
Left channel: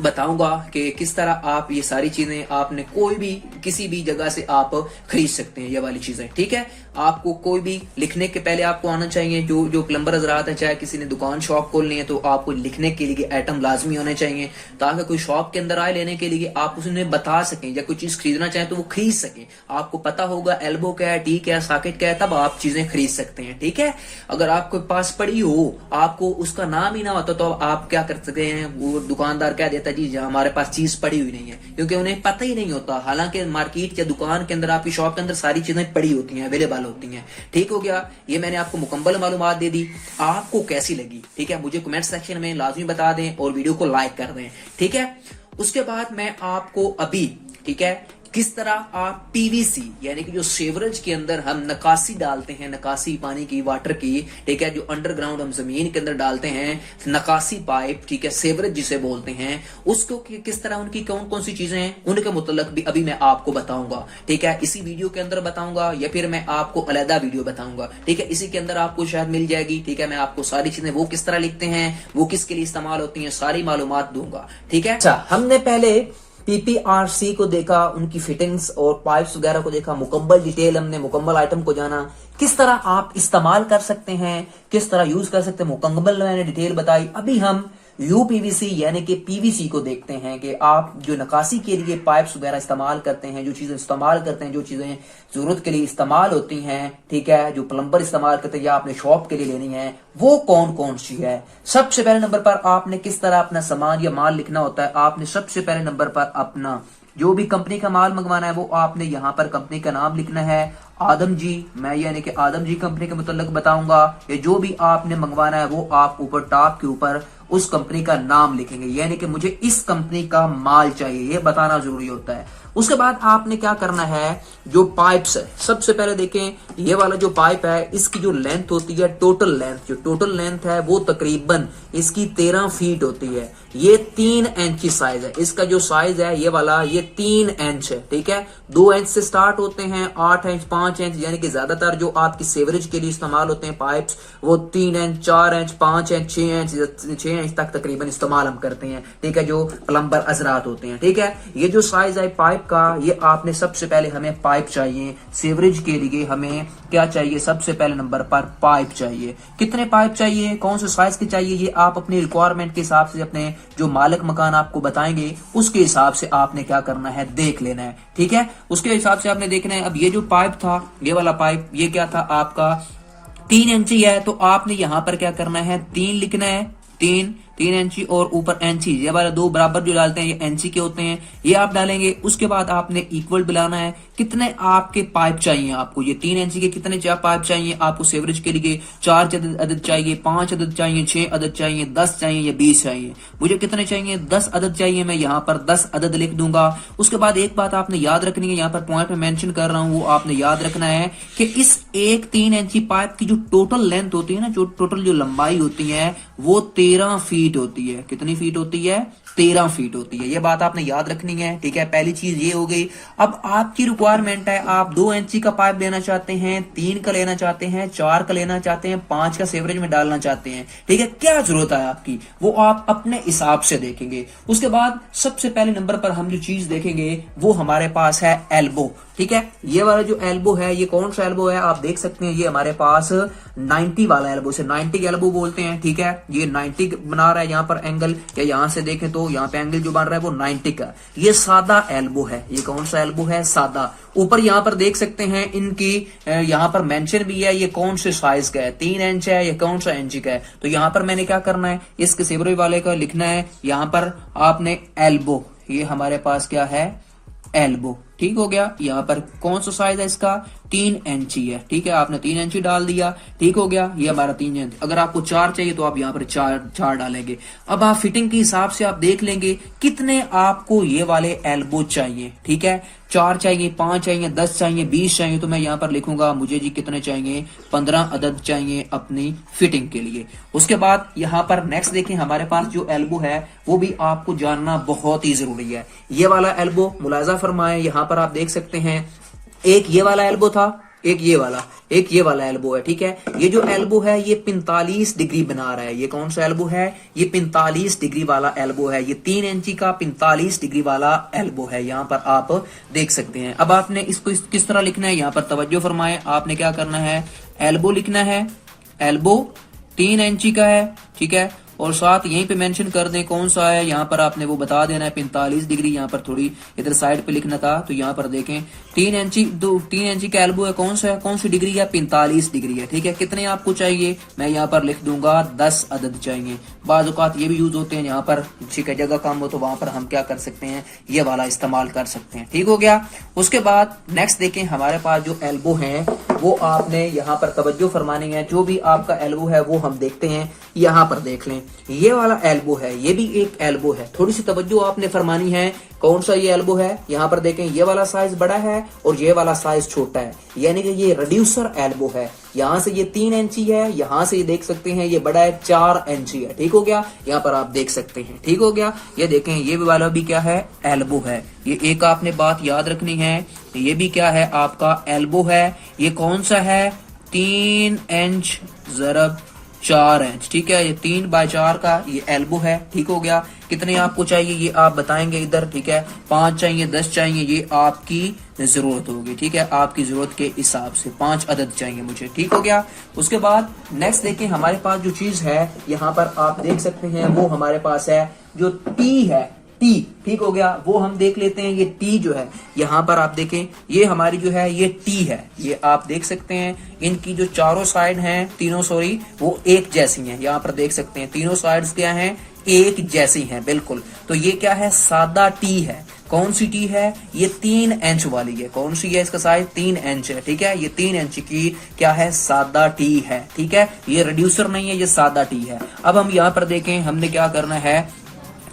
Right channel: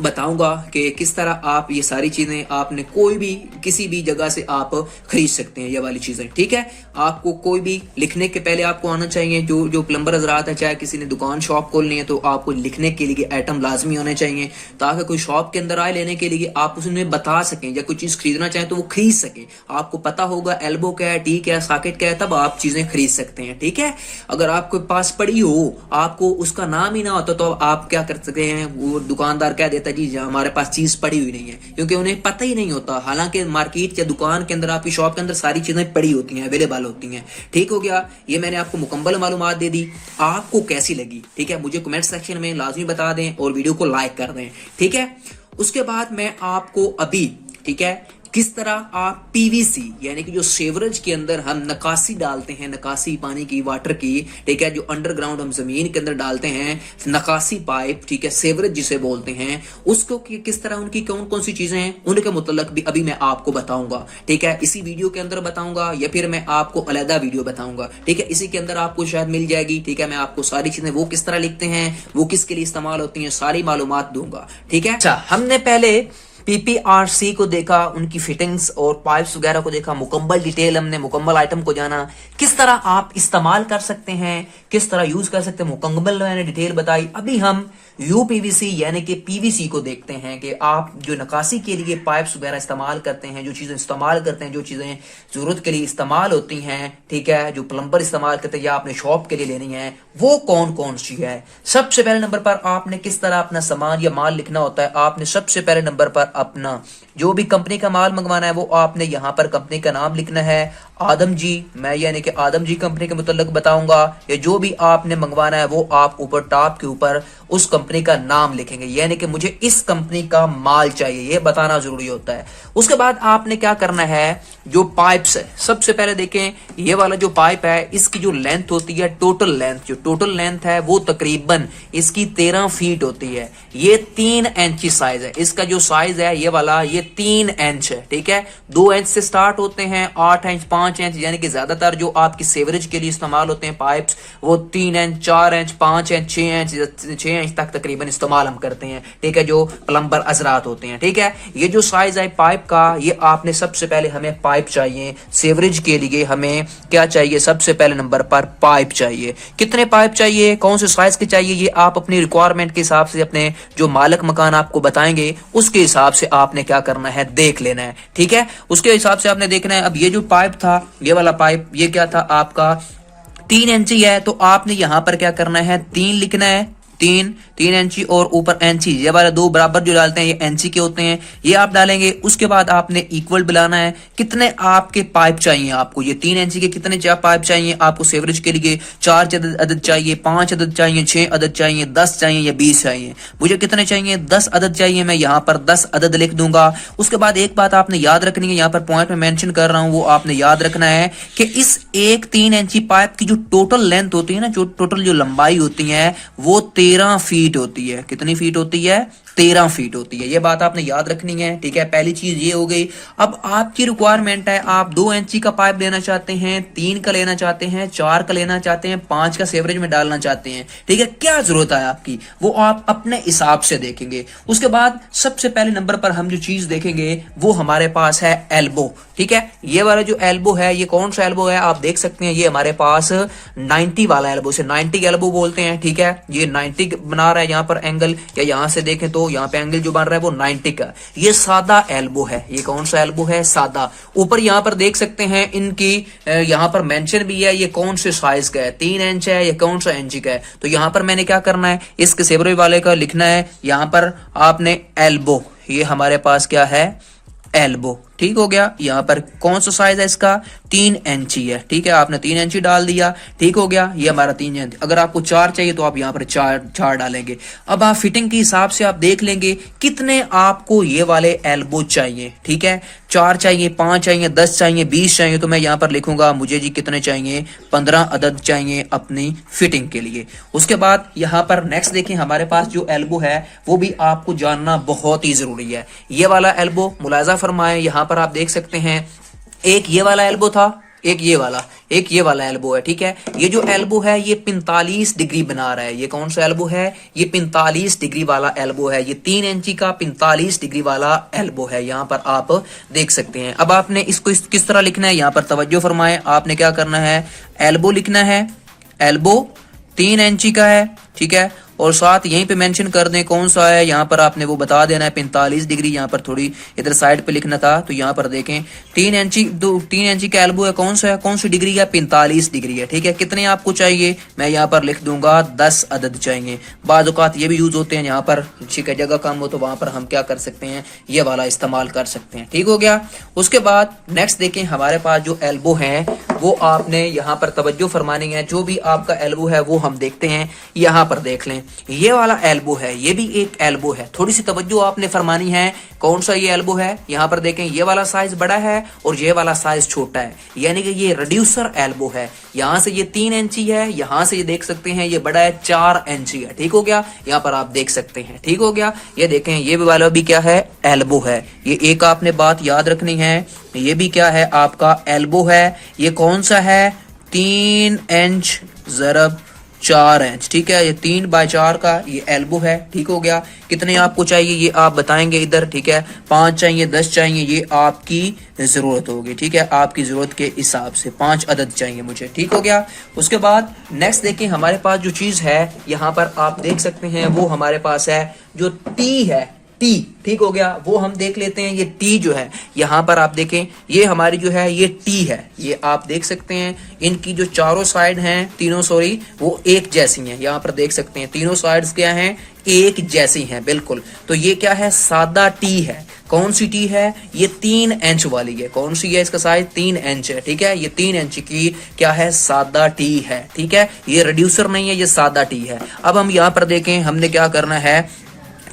बताऊंगा कि किस तरह आप ये सारी चीजें आपने कोई भी किसी भी जगह से आप खरीद सकते हैं, ये वाली चीजें, ठीक है। आपको कोई भी लिखने के पहले आपको आना चाहिए, जो प्लम्बर हजरात है, चाहे किसी ने दुकान शॉप खोलनी है तो आपको लिखने के लिए आइटम लाजमी होने चाहिए, ताकि कोई शॉप के अंदर आए लेने के लिए आप उसने बता सकें, या कोई चीज खरीदना चाहे तो वो खरीद सके। आपको पता होगा एल्बो क्या है, टी क्या है, सॉकेट क्या है, तब आप चीजें खरीद सकते हैं, ठीक है। अगर आपके पास पड़ी हो, आपको उसका नाम ही ना होता तो आप क्या कर सकते हैं, वो दुकानदार कह देता जी हमारे पास चीज पड़ी हुई नहीं है, क्योंकि उन्हें पता ही नहीं होता। हालांकि मार्केट या दुकान के अंदर, आपकी शॉप के अंदर सारी चीजें पड़ी होती हैं, अवेलेबल होती हैं, ठीक हो गया। ये मैंने आपको मुकम्मल मालूमात दे दी, आपको कैसी लगी, ठीक है, मुझे कमेंट सेक्शन में लाजमी बता दें और वीडियो को लाइक कर दें, ठीक है। उसके बाद मैं आपको अभी, ठीक है, किस तरह आप पीवीसी यानी कि जो सेवरेज के अंदर हम नकासी डालते हैं, नकासी पानी की, वाटर की, ठीक है, जो अंडरग्राउंड हम जमीन के अंदर डालते हैं, नकासी पाइप, ठीक है, सेवरेज जिसे बोलते हैं, उसको किस तरह उनकी कौन कौन सी चीजें हैं उनके मुतल्लक भी अभी मैं आपको बताऊंगा, ठीक है। इसी वीडियो के अंदर बताऊंगा या फिर मैं आपको अलहदा वीडियो बताऊंगा, ठीक है, इसी के अंदर आपको शायद मिल जाएगी, ठीक है। मैं आपको सारी चीजें वो किस तरह लिखते हैं, वो किसके लिए इस्तेमाल होती हैं, सारी मालूमात दूंगा, ठीक है। अच्छा, हमने पहले पीपीआरसी को देखा, उनकी फिटिंग्स और पाइप्स वगैरह को देखा, मुकम्मल डिटेल हमने, मुकम्मल आइटम को जाना, किस तरह आप इस्तेमाल कर सकते हैं, किस तरह यूज कर सकते हैं, मुकम्मल मैंने डिटेल बताई। अभी हम यूपीवीसी यानी कि पीवीसी को देखते हैं कि आप जो नकासी के लिए पाइप्स वगैरह इस्तेमाल करते हैं, जो चीजें इस्तेमाल करते हैं, जो चीजें जरूरत के लिए इस्तेमाल होती हैं, ठीक है, जो प्लम्बर इस्तेमाल करते हैं या आपने शॉप के लिए लेनी है, वो कौन कौन सी है। सबसे पहले नंबर पर आपने किस तरह अपना सामान या माल लिखना होता है, आपने सबसे पहले नंबर पर अपना जो भी कंपनी का माल मंगवाना है वो आपने यहाँ पर कंपनी का नाम लिखना है। आदम जी, मैं यानी कि आदम जी कंपनी के मुतल्लिक बताऊंगा, या जो भी आपने मंगवाना है वो आप ऊपर टॉप के ऊपर उस कंपनी का नाम लिखेंगे, यानी कि मुझे इस कंपनी का माल चाहिए, ये बताना जरूरी होता है। उसके बाद आपने क्या करना है, जो पाइप्स है, सबसे पहले देखें ये वाला जो पाइप है, इसकी जो लेंथ होती है, टोटल लेंथ, जो टोटल लेंथ है वो तकरीबन इसकी 13 फीट होती है। ये 3 इंच साइज है, इसका जो साइज है ये वाला, ये 3 इंच है, ठीक है। 2 इंच से स्टार्ट होते हैं, 8 इंच, 5 इंच, यानी कि ज्यादातर जो आपकी सेवरेज के लिए इस्तेमाल होते हैं पाइप्स, वो 3 इंच, 4 इंच, 5 इंच, 6 इंच तक तकरीबन इस्तेमाल हम करते हैं, ठीक है, जो प्लम्बर हजरात होते हैं, ठीक है। ये जो साइज है पाइप का, ये आपने सबसे पहले, हमें पाइप चाहिए सेवरेज के लिए, हमें क्या चाहिए, सबसे पहले नंबर पर पाइप चाहिए। कितने पाइप चाहिए, कौन से साइज के चाहिए, ये आप अपनी रिक्वायरमेंट के हिसाब से, अपने जो मालिक मकान आपको बताएंगे उसके हिसाब से आपने क्या करना है, देख लेना है, ठीक है, उसके हिसाब से आपने देखना है। अब ये जो पाइप था, ये वाला पाइप, ये क्या था आपका 3 इंची है, तो आपने यहां पर क्या करना है, 3 लिखना है, 3 इंची और ऊपर इंची, ये वाला 2 बराबर जो डालते हैं ये इंची के होते हैं, ये आप डालेंगे। उसके बाद आपने इक्वल बुलाना है, कितने आपके पाइप चाहिए आपको, ये 3 इंची के कितने पाइप चाहिए आपको सेवरेज के लिए, 4 अदद चाहिए, 5 अदद चाहिए, 6 अदद चाहिए, 10 चाहिए या 20 चाहिए, मुझे कितने चाहिए, 10 अदद चाहिए, मैं यहाँ पर 10 अदद लिख दूंगा। उसके बाद एक बात आपने याद रखनी है, यहाँ पर पॉइंट में मेंशन कर रहा हूं, वो आपने याद रखना है कि इस एक 3 इंची पाइप की जो टोटल लेंथ होती है ना, जो टोटल जो लंबाई होती है वो 13 फीट होती है। कितनी फीट होती है, 13 फीट होती है, ये बात आपने याद रखनी है, ठीक है। पहली चीज ये हो गई। अब आपकी रिक्वायरमेंट है, आप 2 इंची का पाइप लेना चाहते हैं, 3 का लेना चाहते हैं, 4 का लेना चाहते हैं, 5 का सेवरेज में डालना चाहते हैं, ठीक है, क्या जरूरत है आपकी, वो आप अपने हिसाब से देखेंगे। उसके बाद सबसे पहले नंबर पर हम जो चीज देखेंगे वो हमारे पास है एल्बो, ठीक है। ये वाला जो एल्बो है, ये कौन सा एल्बो है, आप देख सकते हैं, ये हमारे पास 90 वाला एल्बो से 90 एल्बो बोलते हैं, ठीक है, ये 90 90 बना रहा है यहाँ पर एंगल, या यहाँ से देखें तो यहाँ पे एंगल जो बन रहा है वो 90 का। ये सादा एल्बो है। ये कौन सा एल्बो है? सादा। ऊपर यहाँ पर देख सकते हैं इनकी यहाँ पर मेंशन भी है ये कौन से साइज का है, 3 इंच है या कौन सा इंची का है। तो यहाँ पर मैंने क्या करना है, इस सेबरो वाले का लिखना है यहाँ पर आपने एल्बो। ये हमारे पास क्या है? एल्बो। ठीक हो गया। यहाँ पर कौन सा साइज है इसका? 3 इंची है। ठीक है, आपने 3 इंची डाल दिया। ठीक हो गया, ये हमारा 3 इंच। अगर आपको 4 चाहिए तो आप यहाँ पर 4 डालेंगे। अब आप फिटिंग के हिसाब से आप देख लेंगे कितने आपको ये वाले एल्बो चाहिए। ठीक है, 4 चाहिए, 5 चाहिए, 10 चाहिए, 20 चाहिए, तो मैं यहाँ पर लिखूंगा मुझे जी कितने चाहिए, 15 अदद चाहिए अपनी फिटिंग के लिए। उसके बाद यहाँ पर नेक्स्ट देखें, हमारे पास जो एल्बो है वो भी आपको जानना बहुत ही जरूरी है। ये वाला एल्बो मुलाजा फरमाए, यहाँ पर आप देख सकते हैं एक ये वाला एल्बो था, एक ये वाला एल्बो है। ठीक है, ये जो एल्बो है ये 45 डिग्री बना रहा है। ये कौन सा एल्बो है? ये 45 डिग्री वाला एल्बो है। ये 3 इंची का 45 डिग्री वाला एल्बो है। यहाँ पर आप देख सकते हैं। अब आपने इसको किस तरह लिखना है, यहाँ पर तवज्जो फरमाए। आपने क्या करना है, एल्बो लिखना है। एल्बो 3 इंची का है। ठीक है, और साथ यहीं पे मेंशन कर दें कौन सा है। यहाँ पर आपने वो बता देना है 45 डिग्री। यहाँ पर थोड़ी इधर साइड पे लिखना था, तो यहाँ पर देखें 3 इंची का एल्बो है। कौन सा है, कौन सी डिग्री है? 45 डिग्री है। ठीक है, कितने आपको चाहिए? मैं यहाँ पर लिख दूंगा 10 अदद चाहिए। बाज़ औक़ात ये भी यूज होते हैं, यहाँ पर ठीक है जगह कम हो तो वहां पर हम क्या कर सकते हैं, ये वाला इस्तेमाल कर सकते हैं। ठीक हो गया। उसके बाद नेक्स्ट देखें, हमारे पास जो एल्बो है वो आपने यहाँ पर तवज्जो फरमानी है। जो भी आपका एल्बो है वो हम देखते हैं, यहाँ पर देख लें। ये वाला एल्बो है, ये भी एक एल्बो है। थोड़ी सी तवज्जो आपने फरमानी है। कौन सा ये एल्बो है? यहाँ पर देखें ये वाला साइज बड़ा है और ये वाला साइज छोटा है, यानी कि ये रिड्यूसर एल्बो है। यहाँ से ये 3 इंची है, यहाँ से ये देख सकते हैं ये बड़ा है 4 इंची है। ठीक हो गया, यहाँ पर आप देख सकते हैं। ठीक हो गया, ये देखें ये वाला भी क्या है? एल्बो है। ये एक आपने बात याद रखनी है, ये भी क्या है? आपका एल्बो है। ये कौन सा है? 3 इंच ज़रब 4 इंच। ठीक है, ये 3/4 का ये एल्बो है। ठीक हो गया। कितने आपको चाहिए ये आप बताएंगे इधर। ठीक है, 5 चाहिए, 10 चाहिए, ये आपकी जरूरत होगी। ठीक है, आपकी जरूरत के हिसाब से 5 अदद चाहिए मुझे। ठीक हो गया। उसके बाद नेक्स्ट देखें, हमारे पास जो चीज है यहाँ पर आप देख सकते हैं वो हमारे पास है जो टी है, टी। ठीक हो गया, वो हम देख लेते हैं। ये टी जो है यहाँ पर आप देखें, ये हमारी जो है ये टी है। ये आप देख सकते हैं इनकी जो चारों साइड हैं, तीनों सॉरी, वो एक जैसी हैं। यहाँ पर देख सकते हैं तीनों साइड्स क्या हैं? एक जैसी हैं बिल्कुल। तो ये क्या है? सादा टी है। कौन सी टी है? ये 3 इंच वाली है। कौन सी है? इसका साइज 3 इंच है। ठीक है, ये 3 इंच की क्या है? सादा टी है। ठीक है, ये रिड्यूसर नहीं है, ये सादा टी है। अब हम यहाँ पर देखें, हमने क्या करना है,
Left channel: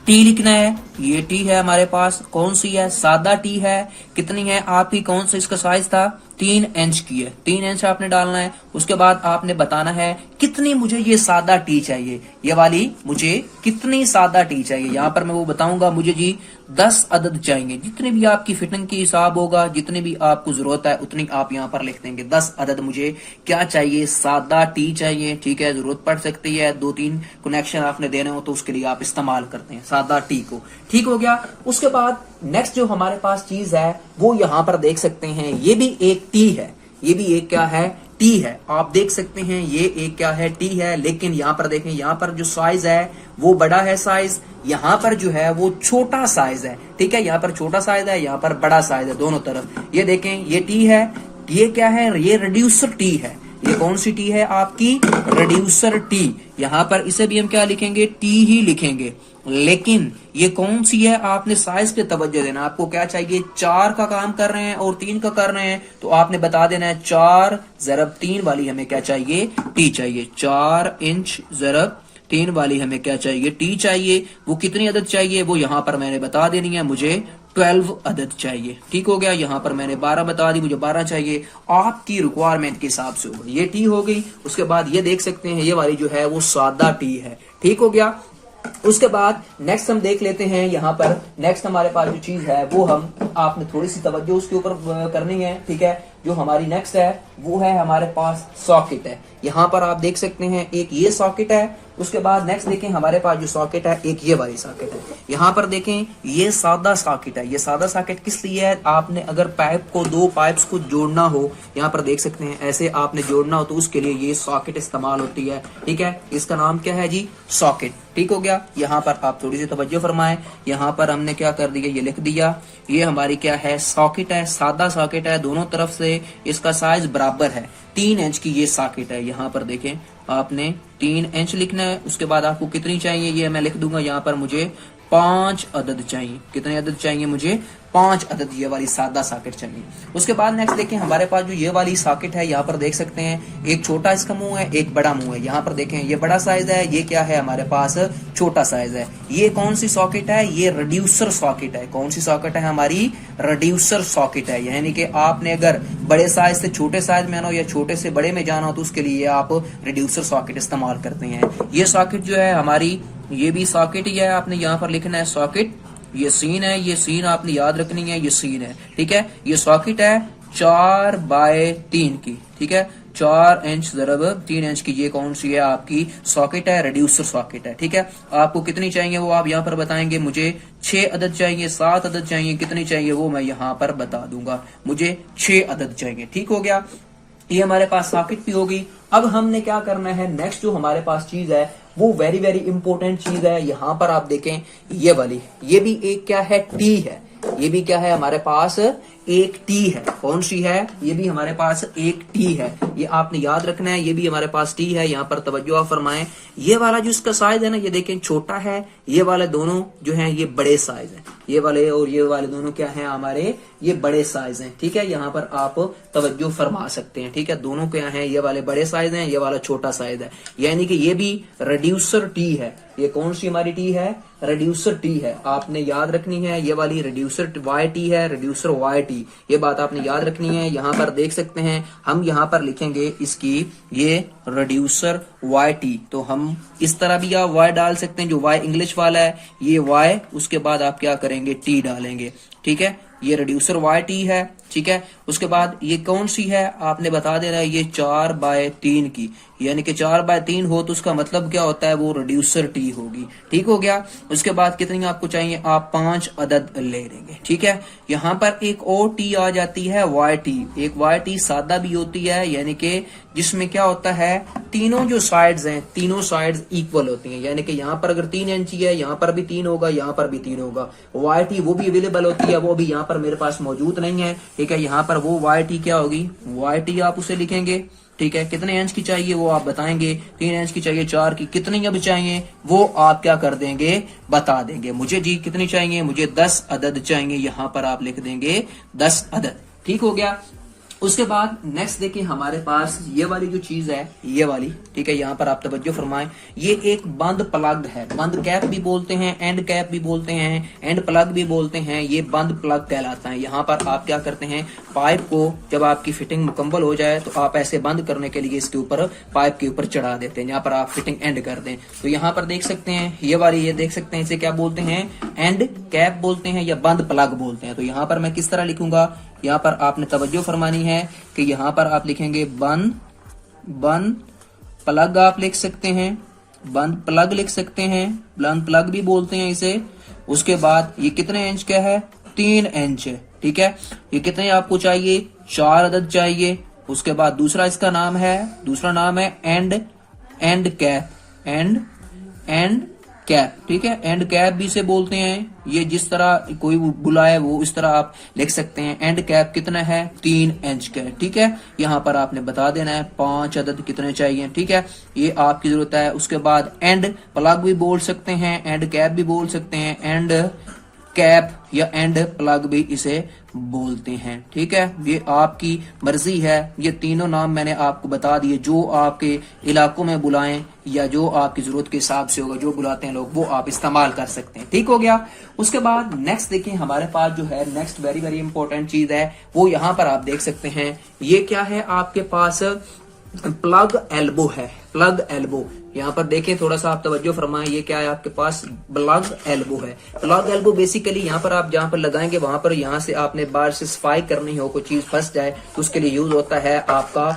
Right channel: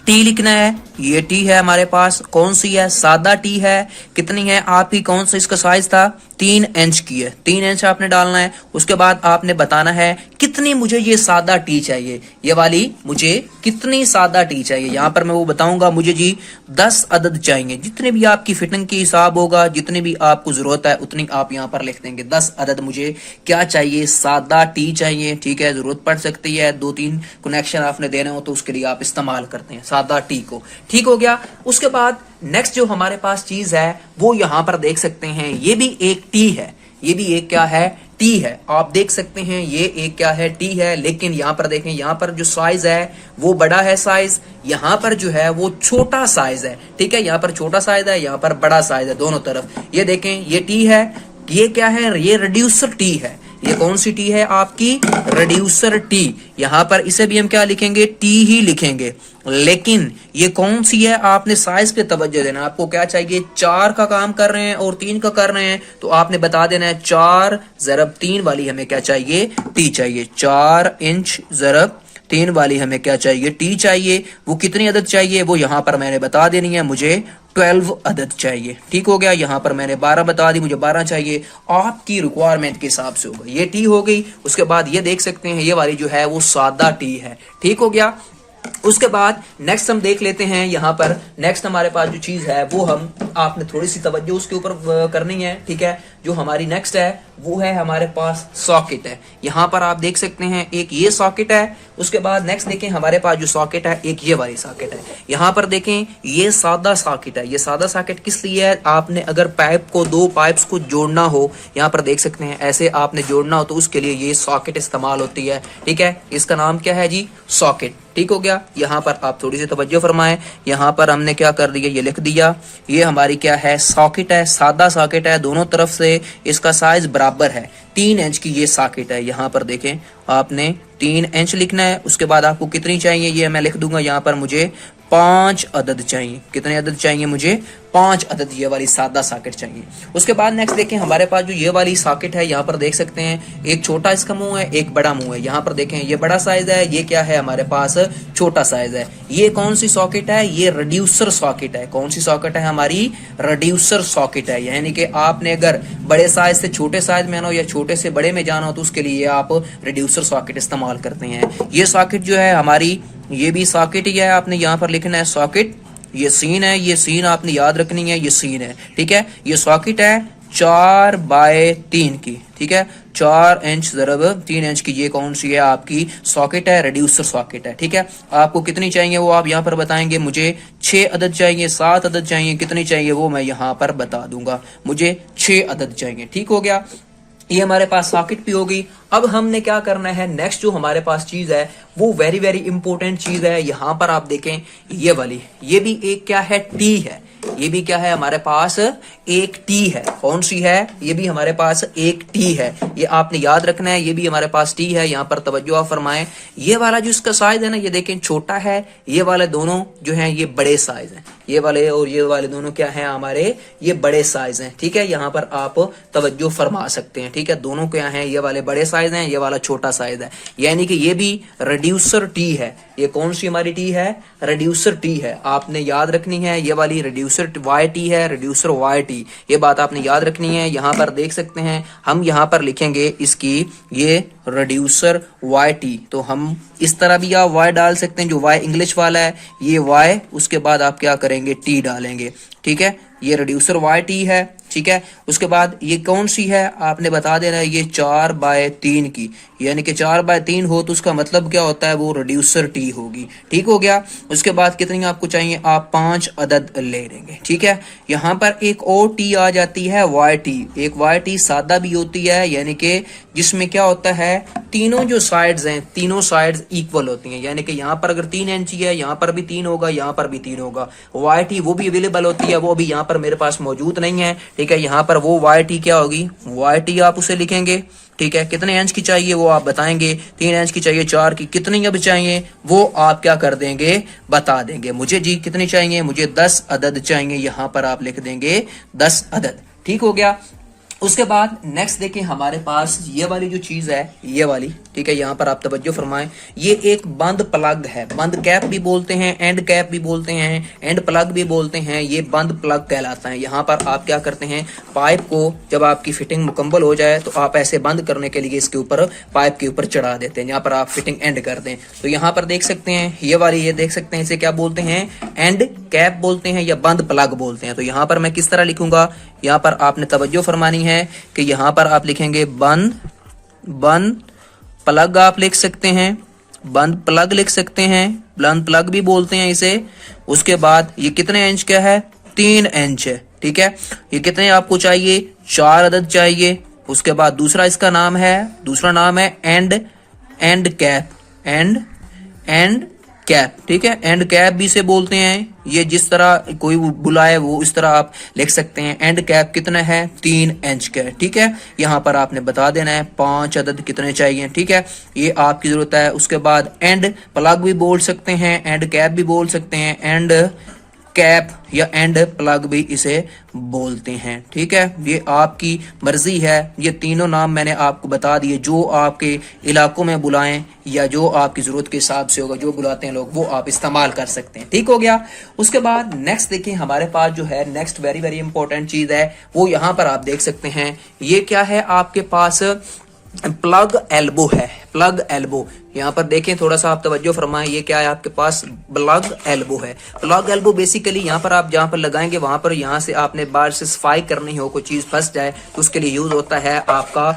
टी लिखना है। ये टी है हमारे पास। कौन सी है? सादा टी है। कितनी है आपकी? कौन सा इसका साइज था? 3 इंच की है। 3 इंच आपने डालना है। उसके बाद आपने बताना है कितनी मुझे ये सादा टी चाहिए, ये वाली मुझे कितनी सादा टी चाहिए। यहाँ पर मैं वो बताऊंगा, मुझे जी 10 अदद चाहिए। जितने भी आपकी फिटिंग की हिसाब होगा, जितने भी आपको जरूरत है उतनी आप यहाँ पर लिख देंगे। 10 अदद मुझे क्या चाहिए? सादा टी चाहिए। ठीक है, जरूरत पड़ सकती है, 2-3 कनेक्शन आपने देना हो तो उसके लिए आप इस्तेमाल करते हैं सादा टी को। ठीक हो गया। उसके बाद नेक्स्ट जो हमारे पास चीज है वो यहाँ पर देख सकते हैं, ये भी एक टी है। ये भी एक क्या है? टी है। आप देख सकते हैं ये एक क्या है? टी है। लेकिन यहाँ पर देखें, यहाँ पर जो साइज है वो बड़ा है साइज, यहाँ पर जो है वो छोटा साइज है। ठीक है, यहाँ पर छोटा साइज है, यहाँ पर बड़ा साइज है, दोनों तरफ। ये देखें ये टी है। ये क्या है? ये रिड्यूसर टी है। ये कौन सी टी है? आपकी रिड्यूसर टी। यहाँ पर इसे भी हम क्या लिखेंगे? टी ही लिखेंगे। लेकिन ये कौन सी है? आपने साइज पे तवज्जो देना। आपको क्या चाहिए? 4 का काम कर रहे हैं और 3 का कर रहे हैं, तो आपने बता देना है 4 ज़रब 3 वाली हमें क्या चाहिए? टी चाहिए। 4 इंच ज़रब 3 वाली हमें क्या चाहिए? टी चाहिए। वो कितनी अदद चाहिए वो यहाँ पर मैंने बता देनी है, मुझे 12 अदद चाहिए। ठीक हो गया, यहाँ पर मैंने 12 बता दी, मुझे 12 चाहिए। आपकी रिक्वायरमेंट के हिसाब से होगा। ये टी हो गई। उसके बाद ये देख सकते हैं ये वाली जो है वो सादा टी है। ठीक हो गया। उसके बाद नेक्स्ट हम देख लेते हैं, यहाँ पर नेक्स्ट हमारे पास जो चीज है वो हम आपने थोड़ी सी तवज्जो उसके ऊपर करनी है। ठीक है, जो हमारी नेक्स्ट है वो है हमारे पास सॉकेट है। यहाँ पर आप देख सकते हैं एक ये सॉकेट है, उसके बाद नेक्स्ट देखें हमारे पास जो सॉकेट है एक ये वाली सॉकेट है। यहाँ पर देखें ये सादा सॉकेट है। ये सादा सॉकेट किस लिए है, आपने अगर पाइप को दो पाइप्स को जोड़ना हो, यहाँ पर देख सकते हैं ऐसे आपने जोड़ना हो तो उसके लिए ये सॉकेट इस्तेमाल होती है। ठीक है, इसका नाम क्या है जी, सॉकेट। ठीक हो गया। यहाँ पर आप थोड़ी सी तवज्जो फरमाएं, यहाँ पर हमने क्या कर दिया, ये लिख दिया, ये हमारी क्या है, सॉकेट है, सादा सॉकेट है, दोनों तरफ से इसका साइज बराबर है, 3 इंच की ये सॉकेट है। यहाँ पर देखें आपने 3 इंच लिखना है, उसके बाद आपको कितनी चाहिए ये मैं लिख दूंगा, यहाँ पर मुझे 5 अदद चाहिए। कितने अदद चाहिए मुझे, 5 अदद ये वाली सादा सॉकेट चाहिए। उसके बाद नेक्स्ट देखें हमारे पास जो ये वाली सॉकेट है, यहाँ पर देख सकते हैं एक छोटा इसका मुंह है, एक बड़ा मुंह है। यहाँ पर देखें ये बड़ा साइज है, ये क्या है हमारे पास छोटा साइज है। ये कौन सी सॉकेट है, ये रिड्यूसर सॉकेट है। कौन सी सॉकेट है हमारी, रिड्यूसर सॉकेट है। यानी कि आपने अगर बड़े साइज से छोटे साइज में आना हो या छोटे से बड़े में जाना हो तो उसके लिए आप रिड्यूसर सॉकेट इस्तेमाल करते हैं। ये सॉकेट जो है हमारी, ये भी सॉकेट ही है, आपने यहाँ पर लिखना है सॉकेट। ये सीन है, ये सीन आपने याद रखनी है, ये सीन है। ठीक है, ये सॉकेट है 4/3 की। ठीक है, 4 इंच ज़रब 3 इंच की ये कौन सी है आपकी सॉकेट है, रिड्यूसर सॉकेट है। ठीक है, आपको कितनी चाहिए वो आप यहाँ पर बताएंगे। मुझे 6 अदद चाहिए, 7 अदद चाहिए, कितनी चाहिए वो मैं यहाँ पर बता दूंगा। मुझे 6 अदद चाहिए। ठीक हो गया, ये हमारे पास सॉकेट भी होगी। अब हमने क्या करना है, नेक्स्ट जो हमारे पास चीज है वो वेरी वेरी इंपॉर्टेंट चीज है। यहाँ पर आप देखें ये वाली, ये भी एक क्या है, टी है। ये भी क्या है हमारे पास, एक टी है। कौन सी है, ये भी हमारे पास एक टी है। ये आपने याद रखना है, ये भी हमारे पास टी है। यहाँ पर तवज्जो आप फरमाएं, ये वाला जो इसका साइज है ना, ये देखें छोटा है, ये वाले दोनों जो है ये बड़े साइज है। ये वाले और ये वाले दोनों क्या है हमारे, ये बड़े साइज हैं। ठीक है, यहाँ पर आप तवज्जो फरमा सकते हैं। ठीक है, दोनों क्या हैं, ये वाले बड़े साइज हैं, ये वाला छोटा साइज है। यानी कि ये भी रिड्यूसर टी है। ये कौन सी हमारी टी है, रिड्यूसर टी है। आपने याद रखनी है, ये वाली रिड्यूसर वाई टी है, रिड्यूसर वाई टी, ये बात आपने याद रखनी है। यहाँ पर देख सकते हैं हम यहाँ पर लिखेंगे इसकी ये रिड्यूसर वाई टी, तो हम इस तरह भी आप वाई डाल सकते हैं, जो वाई इंग्लिश वाला है ये वाई, उसके बाद आप क्या करेंगे, टी डालेंगे। ठीक है, ये रिड्यूसर वाई टी है। ठीक है, उसके बाद ये कौन सी है आपने बता देना है, ये 4/3 की, यानी कि 4/3 हो तो उसका मतलब क्या होता है, वो रिड्यूसर टी होगी। ठीक हो गया। उसके बाद कितनी आपको चाहिए, आप 5 अदद ले लेंगे। ठीक है, यहाँ पर एक और टी आ जाती है, वाई टी। एक वाई टी सादा भी होती है, यानी कि जिसमें क्या होता है, तीनों जो साइड्स हैं, तीनों साइड्स इक्वल होती हैं। यानी कि यहाँ पर अगर 3 इंची है, यहाँ पर भी 3 होगा, यहाँ पर भी 3 होगा। वाई टी वो भी अवेलेबल होती है, वो भी यहाँ पर मेरे पास मौजूद नहीं है। ठीक है, यहाँ पर वो वाई टी क्या होगी, वाई टी आप उसे लिखेंगे। ठीक है, कितने इंच की चाहिए वो आप बताएंगे, 3 इंच की चाहिए, 4 की, कितनी अब चाहिए वो आप क्या कर देंगे, बता देंगे। मुझे जी कितनी चाहिए, मुझे 10 अदद चाहिए, यहाँ पर आप लिख देंगे 10 अदद। ठीक हो गया। उसके बाद नेक्स्ट देखिए हमारे पास ये वाली जो चीज है, ये वाली। ठीक है, यहाँ पर आप तवज्जो फरमाएं, ये एक बंद प्लग है। बंद कैप भी बोलते हैं, एंड कैप भी बोलते हैं, एंड प्लग भी बोलते हैं। ये बंद प्लग कहलाता है। यहाँ पर आप क्या करते हैं, पाइप को जब आपकी फिटिंग मुकम्मल हो जाए तो आप ऐसे बंद करने के लिए इसके ऊपर पाइप के ऊपर चढ़ा देते हैं, यहाँ पर आप फिटिंग एंड कर दें। तो यहाँ पर देख सकते हैं ये वाली, ये देख सकते हैं, इसे क्या बोलते हैं, एंड कैप बोलते हैं या बंद प्लग बोलते हैं। तो यहाँ पर मैं किस तरह लिखूंगा, यहाँ पर आपने तवज्जो फरमानी है कि यहाँ पर आप लिखेंगे बंद प्लग, आप लिख सकते हैं, बंद प्लग लिख सकते हैं, बंद प्लग भी बोलते हैं इसे। उसके बाद ये कितने इंच का है, 3 इंच है। ठीक है, ये कितने आपको चाहिए, 4 अदद चाहिए। उसके बाद दूसरा इसका नाम है, दूसरा नाम है एंड कैप, एंड कैप। ठीक है, एंड कैप भी से बोलते हैं। ये जिस तरह कोई बुलाए वो इस तरह आप लिख सकते हैं। एंड कैप कितना है, 3 इंच का। ठीक है, यहाँ पर आपने बता देना है 5 अदद कितने चाहिए। ठीक है, ये आपकी जरूरत है। उसके बाद एंड प्लग भी बोल सकते हैं, एंड कैप भी बोल सकते हैं, एंड कैप या एंड प्लग भी इसे बोलते हैं। ठीक है, ये आपकी मर्जी है। ये तीनों नाम मैंने आपको बता दिए, जो आपके इलाकों में बुलाएं या जो आपकी जरूरत के हिसाब से होगा, जो बुलाते हैं लोग वो आप इस्तेमाल कर सकते हैं। ठीक हो गया। उसके बाद नेक्स्ट देखिए हमारे पास जो है नेक्स्ट वेरी वेरी इंपॉर्टेंट चीज है, वो यहाँ पर आप देख सकते हैं। ये क्या है आपके पास, प्लग एल्बो है। Plug elbow. यहाँ पर देखें, थोड़ा सा आप तवज्जो फरमाएं, ये क्या है आपके पास प्लग एल्बो है। प्लग एल्बो बेसिकली यहाँ पर आप जहाँ पर लगाएंगे वहां पर यहाँ से आपने बार से सफाई करनी हो, कोई चीज फंस जाए तो उसके लिए यूज होता है आपका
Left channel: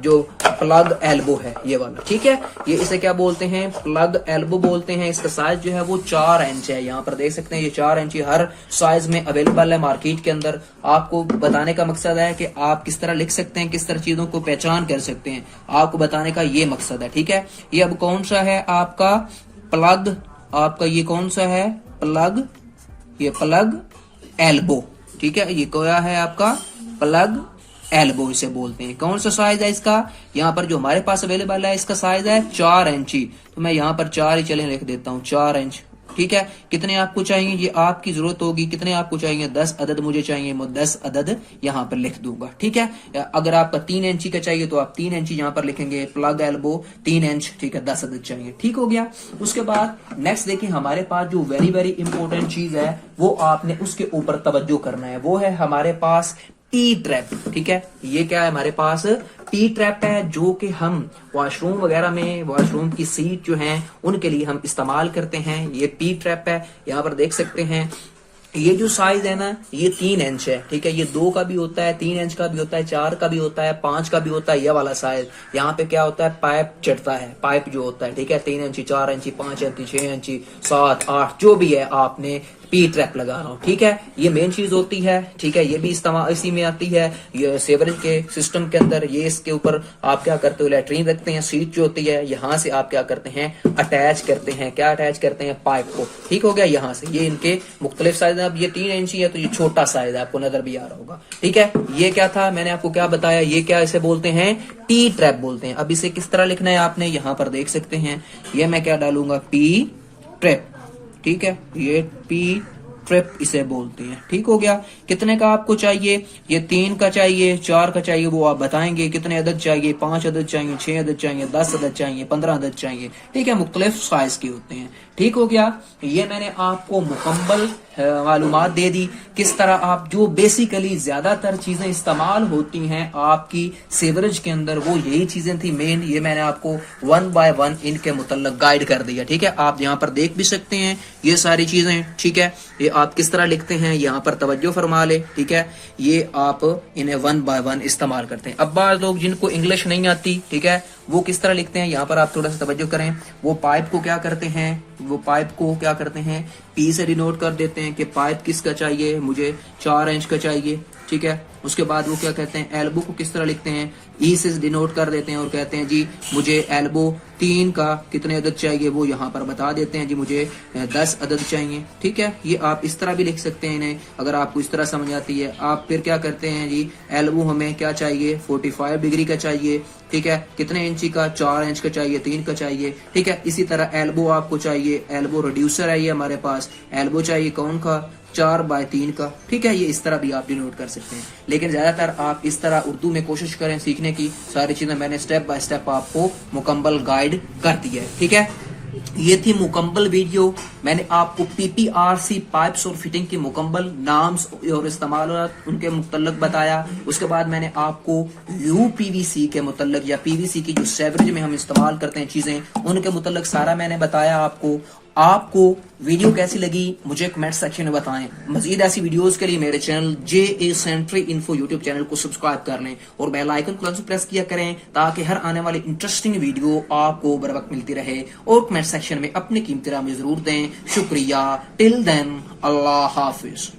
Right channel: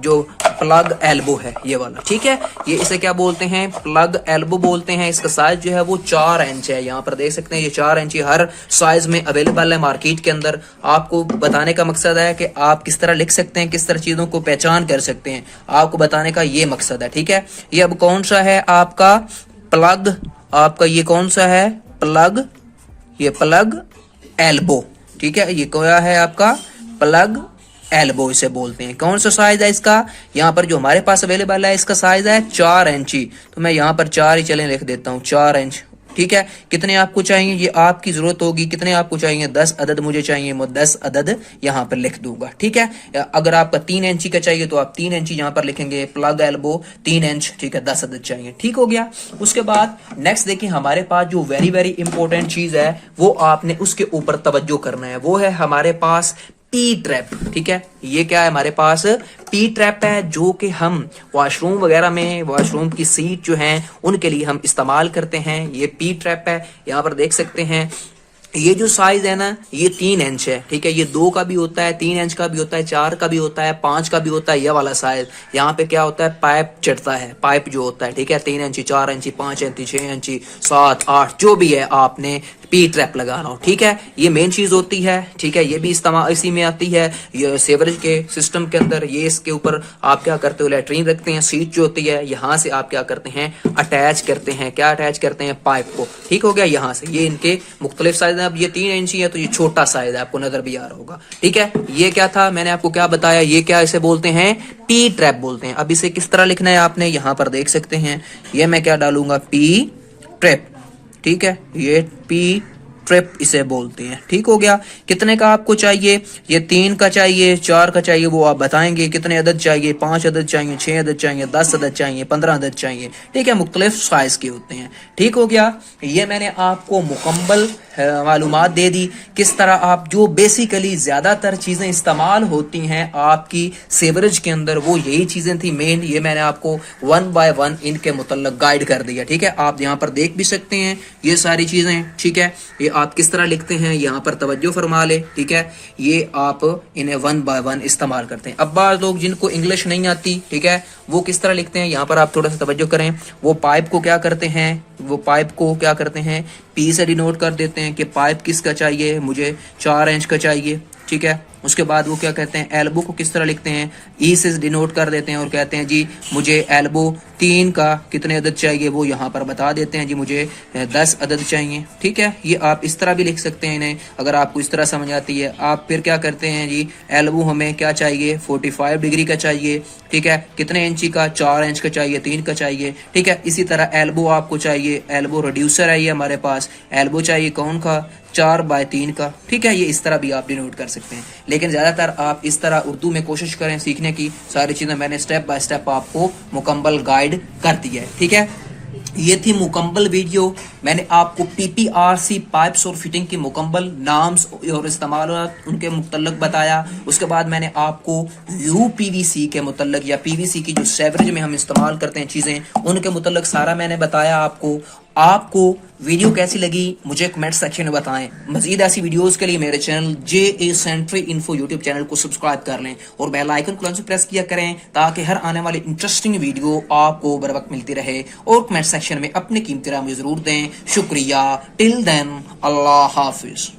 जो प्लग एल्बो है ये वाला, ठीक है। ये इसे क्या बोलते हैं, प्लग एल्बो बोलते हैं। इसका साइज जो है वो 4 इंच है। यहाँ पर देख सकते हैं ये 4 इंच हर साइज में अवेलेबल है मार्केट के अंदर। आपको बताने का मकसद है कि आप किस तरह लिख सकते हैं, किस तरह चीजों को पहचान कर सकते हैं, आपको बताने का ये मकसद है, ठीक है। ये अब कौन सा है आपका प्लग, आपका ये कौन सा है प्लग, ये प्लग एल्बो, ठीक है। ये क्या है आपका प्लग एल्बो इसे बोलते हैं। कौन सा साइज है इसका, यहाँ पर जो हमारे पास अवेलेबल है इसका साइज है 4 इंची। तो मैं यहाँ पर 4 ही चले लिख देता हूँ, 4 इंच, ठीक है। कितने आपको चाहिए ये आपकी जरूरत होगी, कितने आपको चाहिए 10 अदद मुझे चाहिए, मैं 10 अदद यहाँ पर लिख दूंगा, ठीक है। अगर आपका 3 इंची का चाहिए तो आप 3 इंची यहाँ पर लिखेंगे, प्लग एल्बो 3 इंच, ठीक है, 10 अदद चाहिए, ठीक हो गया। उसके बाद नेक्स्ट देखिए हमारे पास जो वेरी वेरी इंपॉर्टेंट चीज है वो आपने उसके ऊपर तवज्जो करना है, वो है हमारे पास पी ट्रैप, ठीक है। ये क्या है हमारे पास पी ट्रैप है, जो कि हम वॉशरूम वगैरह में, वॉशरूम की सीट जो है उनके लिए हम इस्तेमाल करते हैं। ये पी ट्रैप है। यहाँ पर देख सकते हैं ये जो साइज है ना ये 3 इंच है, ठीक है। ये 2 का भी होता है, 3 इंच का भी होता है, 4 का भी होता है, 5 का भी होता है। ये वाला साइज यहाँ पे क्या होता है, पाइप चढ़ता है, पाइप जो होता है, ठीक है। 3 इंची, 4 इंची, 5 इंची, 6 इंची, 7, 8 जो भी है आपने पी ट्रैप लगाना हो, ठीक है। ये मेन चीज होती है, ठीक है। ये भी इस्तेमाल इसी में आती है, ये सेवरेज के सिस्टम के अंदर। ये इसके ऊपर आप क्या करते हो, लैट्रीन रखते हैं, सीट जो होती है यहाँ से आप क्या करते हैं अटैच करते हैं, क्या अटैच करते हैं, पाइप को, ठीक हो गया। यहाँ से ये इनके मुख्तलिफ साइज है। अब ये 3 इंची है तो ये छोटा साइज है, आपको नजर भी आ रहा होगा, ठीक है। ये क्या था, मैंने आपको क्या बताया, ये क्या इसे बोलते हैं पी ट्रैप बोलते हैं। अब इसे किस तरह लिखना है आपने यहाँ पर देख सकते हैं, ये मैं क्या डालूंगा पी ट्रैप, ठीक है। ये पी ट्रैप इसे बोलते हैं, ठीक हो गया। कितने का आपको चाहिए, ये 3 का चाहिए, 4 का चाहिए, वो आप बताएंगे। कितने अदद चाहिए, 5 अदद चाहिए, 6 अदद चाहिए, 10 अदद चाहिए, 15 अदद चाहिए, ठीक है। मुख्तलिफ साइज के होते हैं, ठीक हो गया। ये मैंने आपको मुकम्मल मालूमात दे दी किस तरह आप जो बेसिकली ज्यादातर चीजें इस्तेमाल होती हैं आपकी सेवरेज के अंदर वो यही चीजें थी मेन। ये मैंने आपको 1 बाय 1 इनके मुतल्लक गाइड कर दिया, ठीक है। आप यहाँ पर देख भी सकते हैं ये सारी चीजें, ठीक है। ये आप किस तरह लिखते हैं यहाँ पर तवज्जो फरमा ले, ठीक है। ये आप इन्हें 1 बाय 1 इस्तेमाल करते हैं। अब बात लोग जिनको इंग्लिश नहीं आती, ठीक है, वो किस तरह लिखते हैं, यहाँ पर आप थोड़ा सा तवज्जो करें। वो पाइप को क्या करते हैं, वो पाइप को क्या करते हैं पी से डिनोट कर देते हैं कि पाइप किसका चाहिए, मुझे 4 इंच का चाहिए, ठीक है। उसके बाद वो क्या कहते हैं एल्बो को किस तरह लिखते हैं, ई से डिनोट कर देते हैं और कहते हैं जी मुझे एल्बो 3 का कितने अदद चाहिए वो यहाँ पर बता देते हैं, जी मुझे 10 अदद चाहिए, ठीक है। ये आप इस तरह भी लिख सकते हैं इन्हें, अगर आपको इस तरह समझ आती है। आप फिर क्या करते हैं जी एल्बो हमें क्या चाहिए 45 डिग्री का चाहिए, ठीक है। कितने इंची का, 4 इंच का चाहिए, 3 का चाहिए, ठीक है। इसी तरह एल्बो आपको चाहिए, एल्बो रिड्यूसर है ये हमारे पास, एल्बो चाहिए कौन का 4 बाय 3 का, ठीक है। ये इस तरह भी आप डिनोट कर सकते हैं, लेकिन ज्यादातर आप इस तरह उर्दू में कोशिश करें सीखने की। सारी चीजें मैंने स्टेप बाय स्टेप आपको मुकम्मल गाइड कर दी है, ठीक है। ये थी मुकम्मल वीडियो। मैंने आपको पीपीआरसी पाइप्स और फिटिंग की मुकम्मल नाम्स और इस्तेमाल उनके मुतल्लक बताया। उसके बाद मैंने आपको यूपीवीसी के मुतल्लक या पीवीसी की जो सेवरेज में हम इस्तेमाल करते हैं चीजें उनके मुतल्लक सारा मैंने बताया आपको। आपको वीडियो कैसी लगी मुझे कमेंट सेक्शन में बताएं। मजीद ऐसी वीडियोस के लिए मेरे चैनल JA सेंट्री इन्फो यूट्यूब चैनल को सब्सक्राइब कर लें और बेल आइकन को प्रेस किया करें ताकि हर आने वाली इंटरेस्टिंग वीडियो आपको बर वक्त मिलती रहे। और कमेंट सेक्शन में अपने कीमती राय जरूर दें। शुक्रिया। टिल देन अल्लाह हाफिज।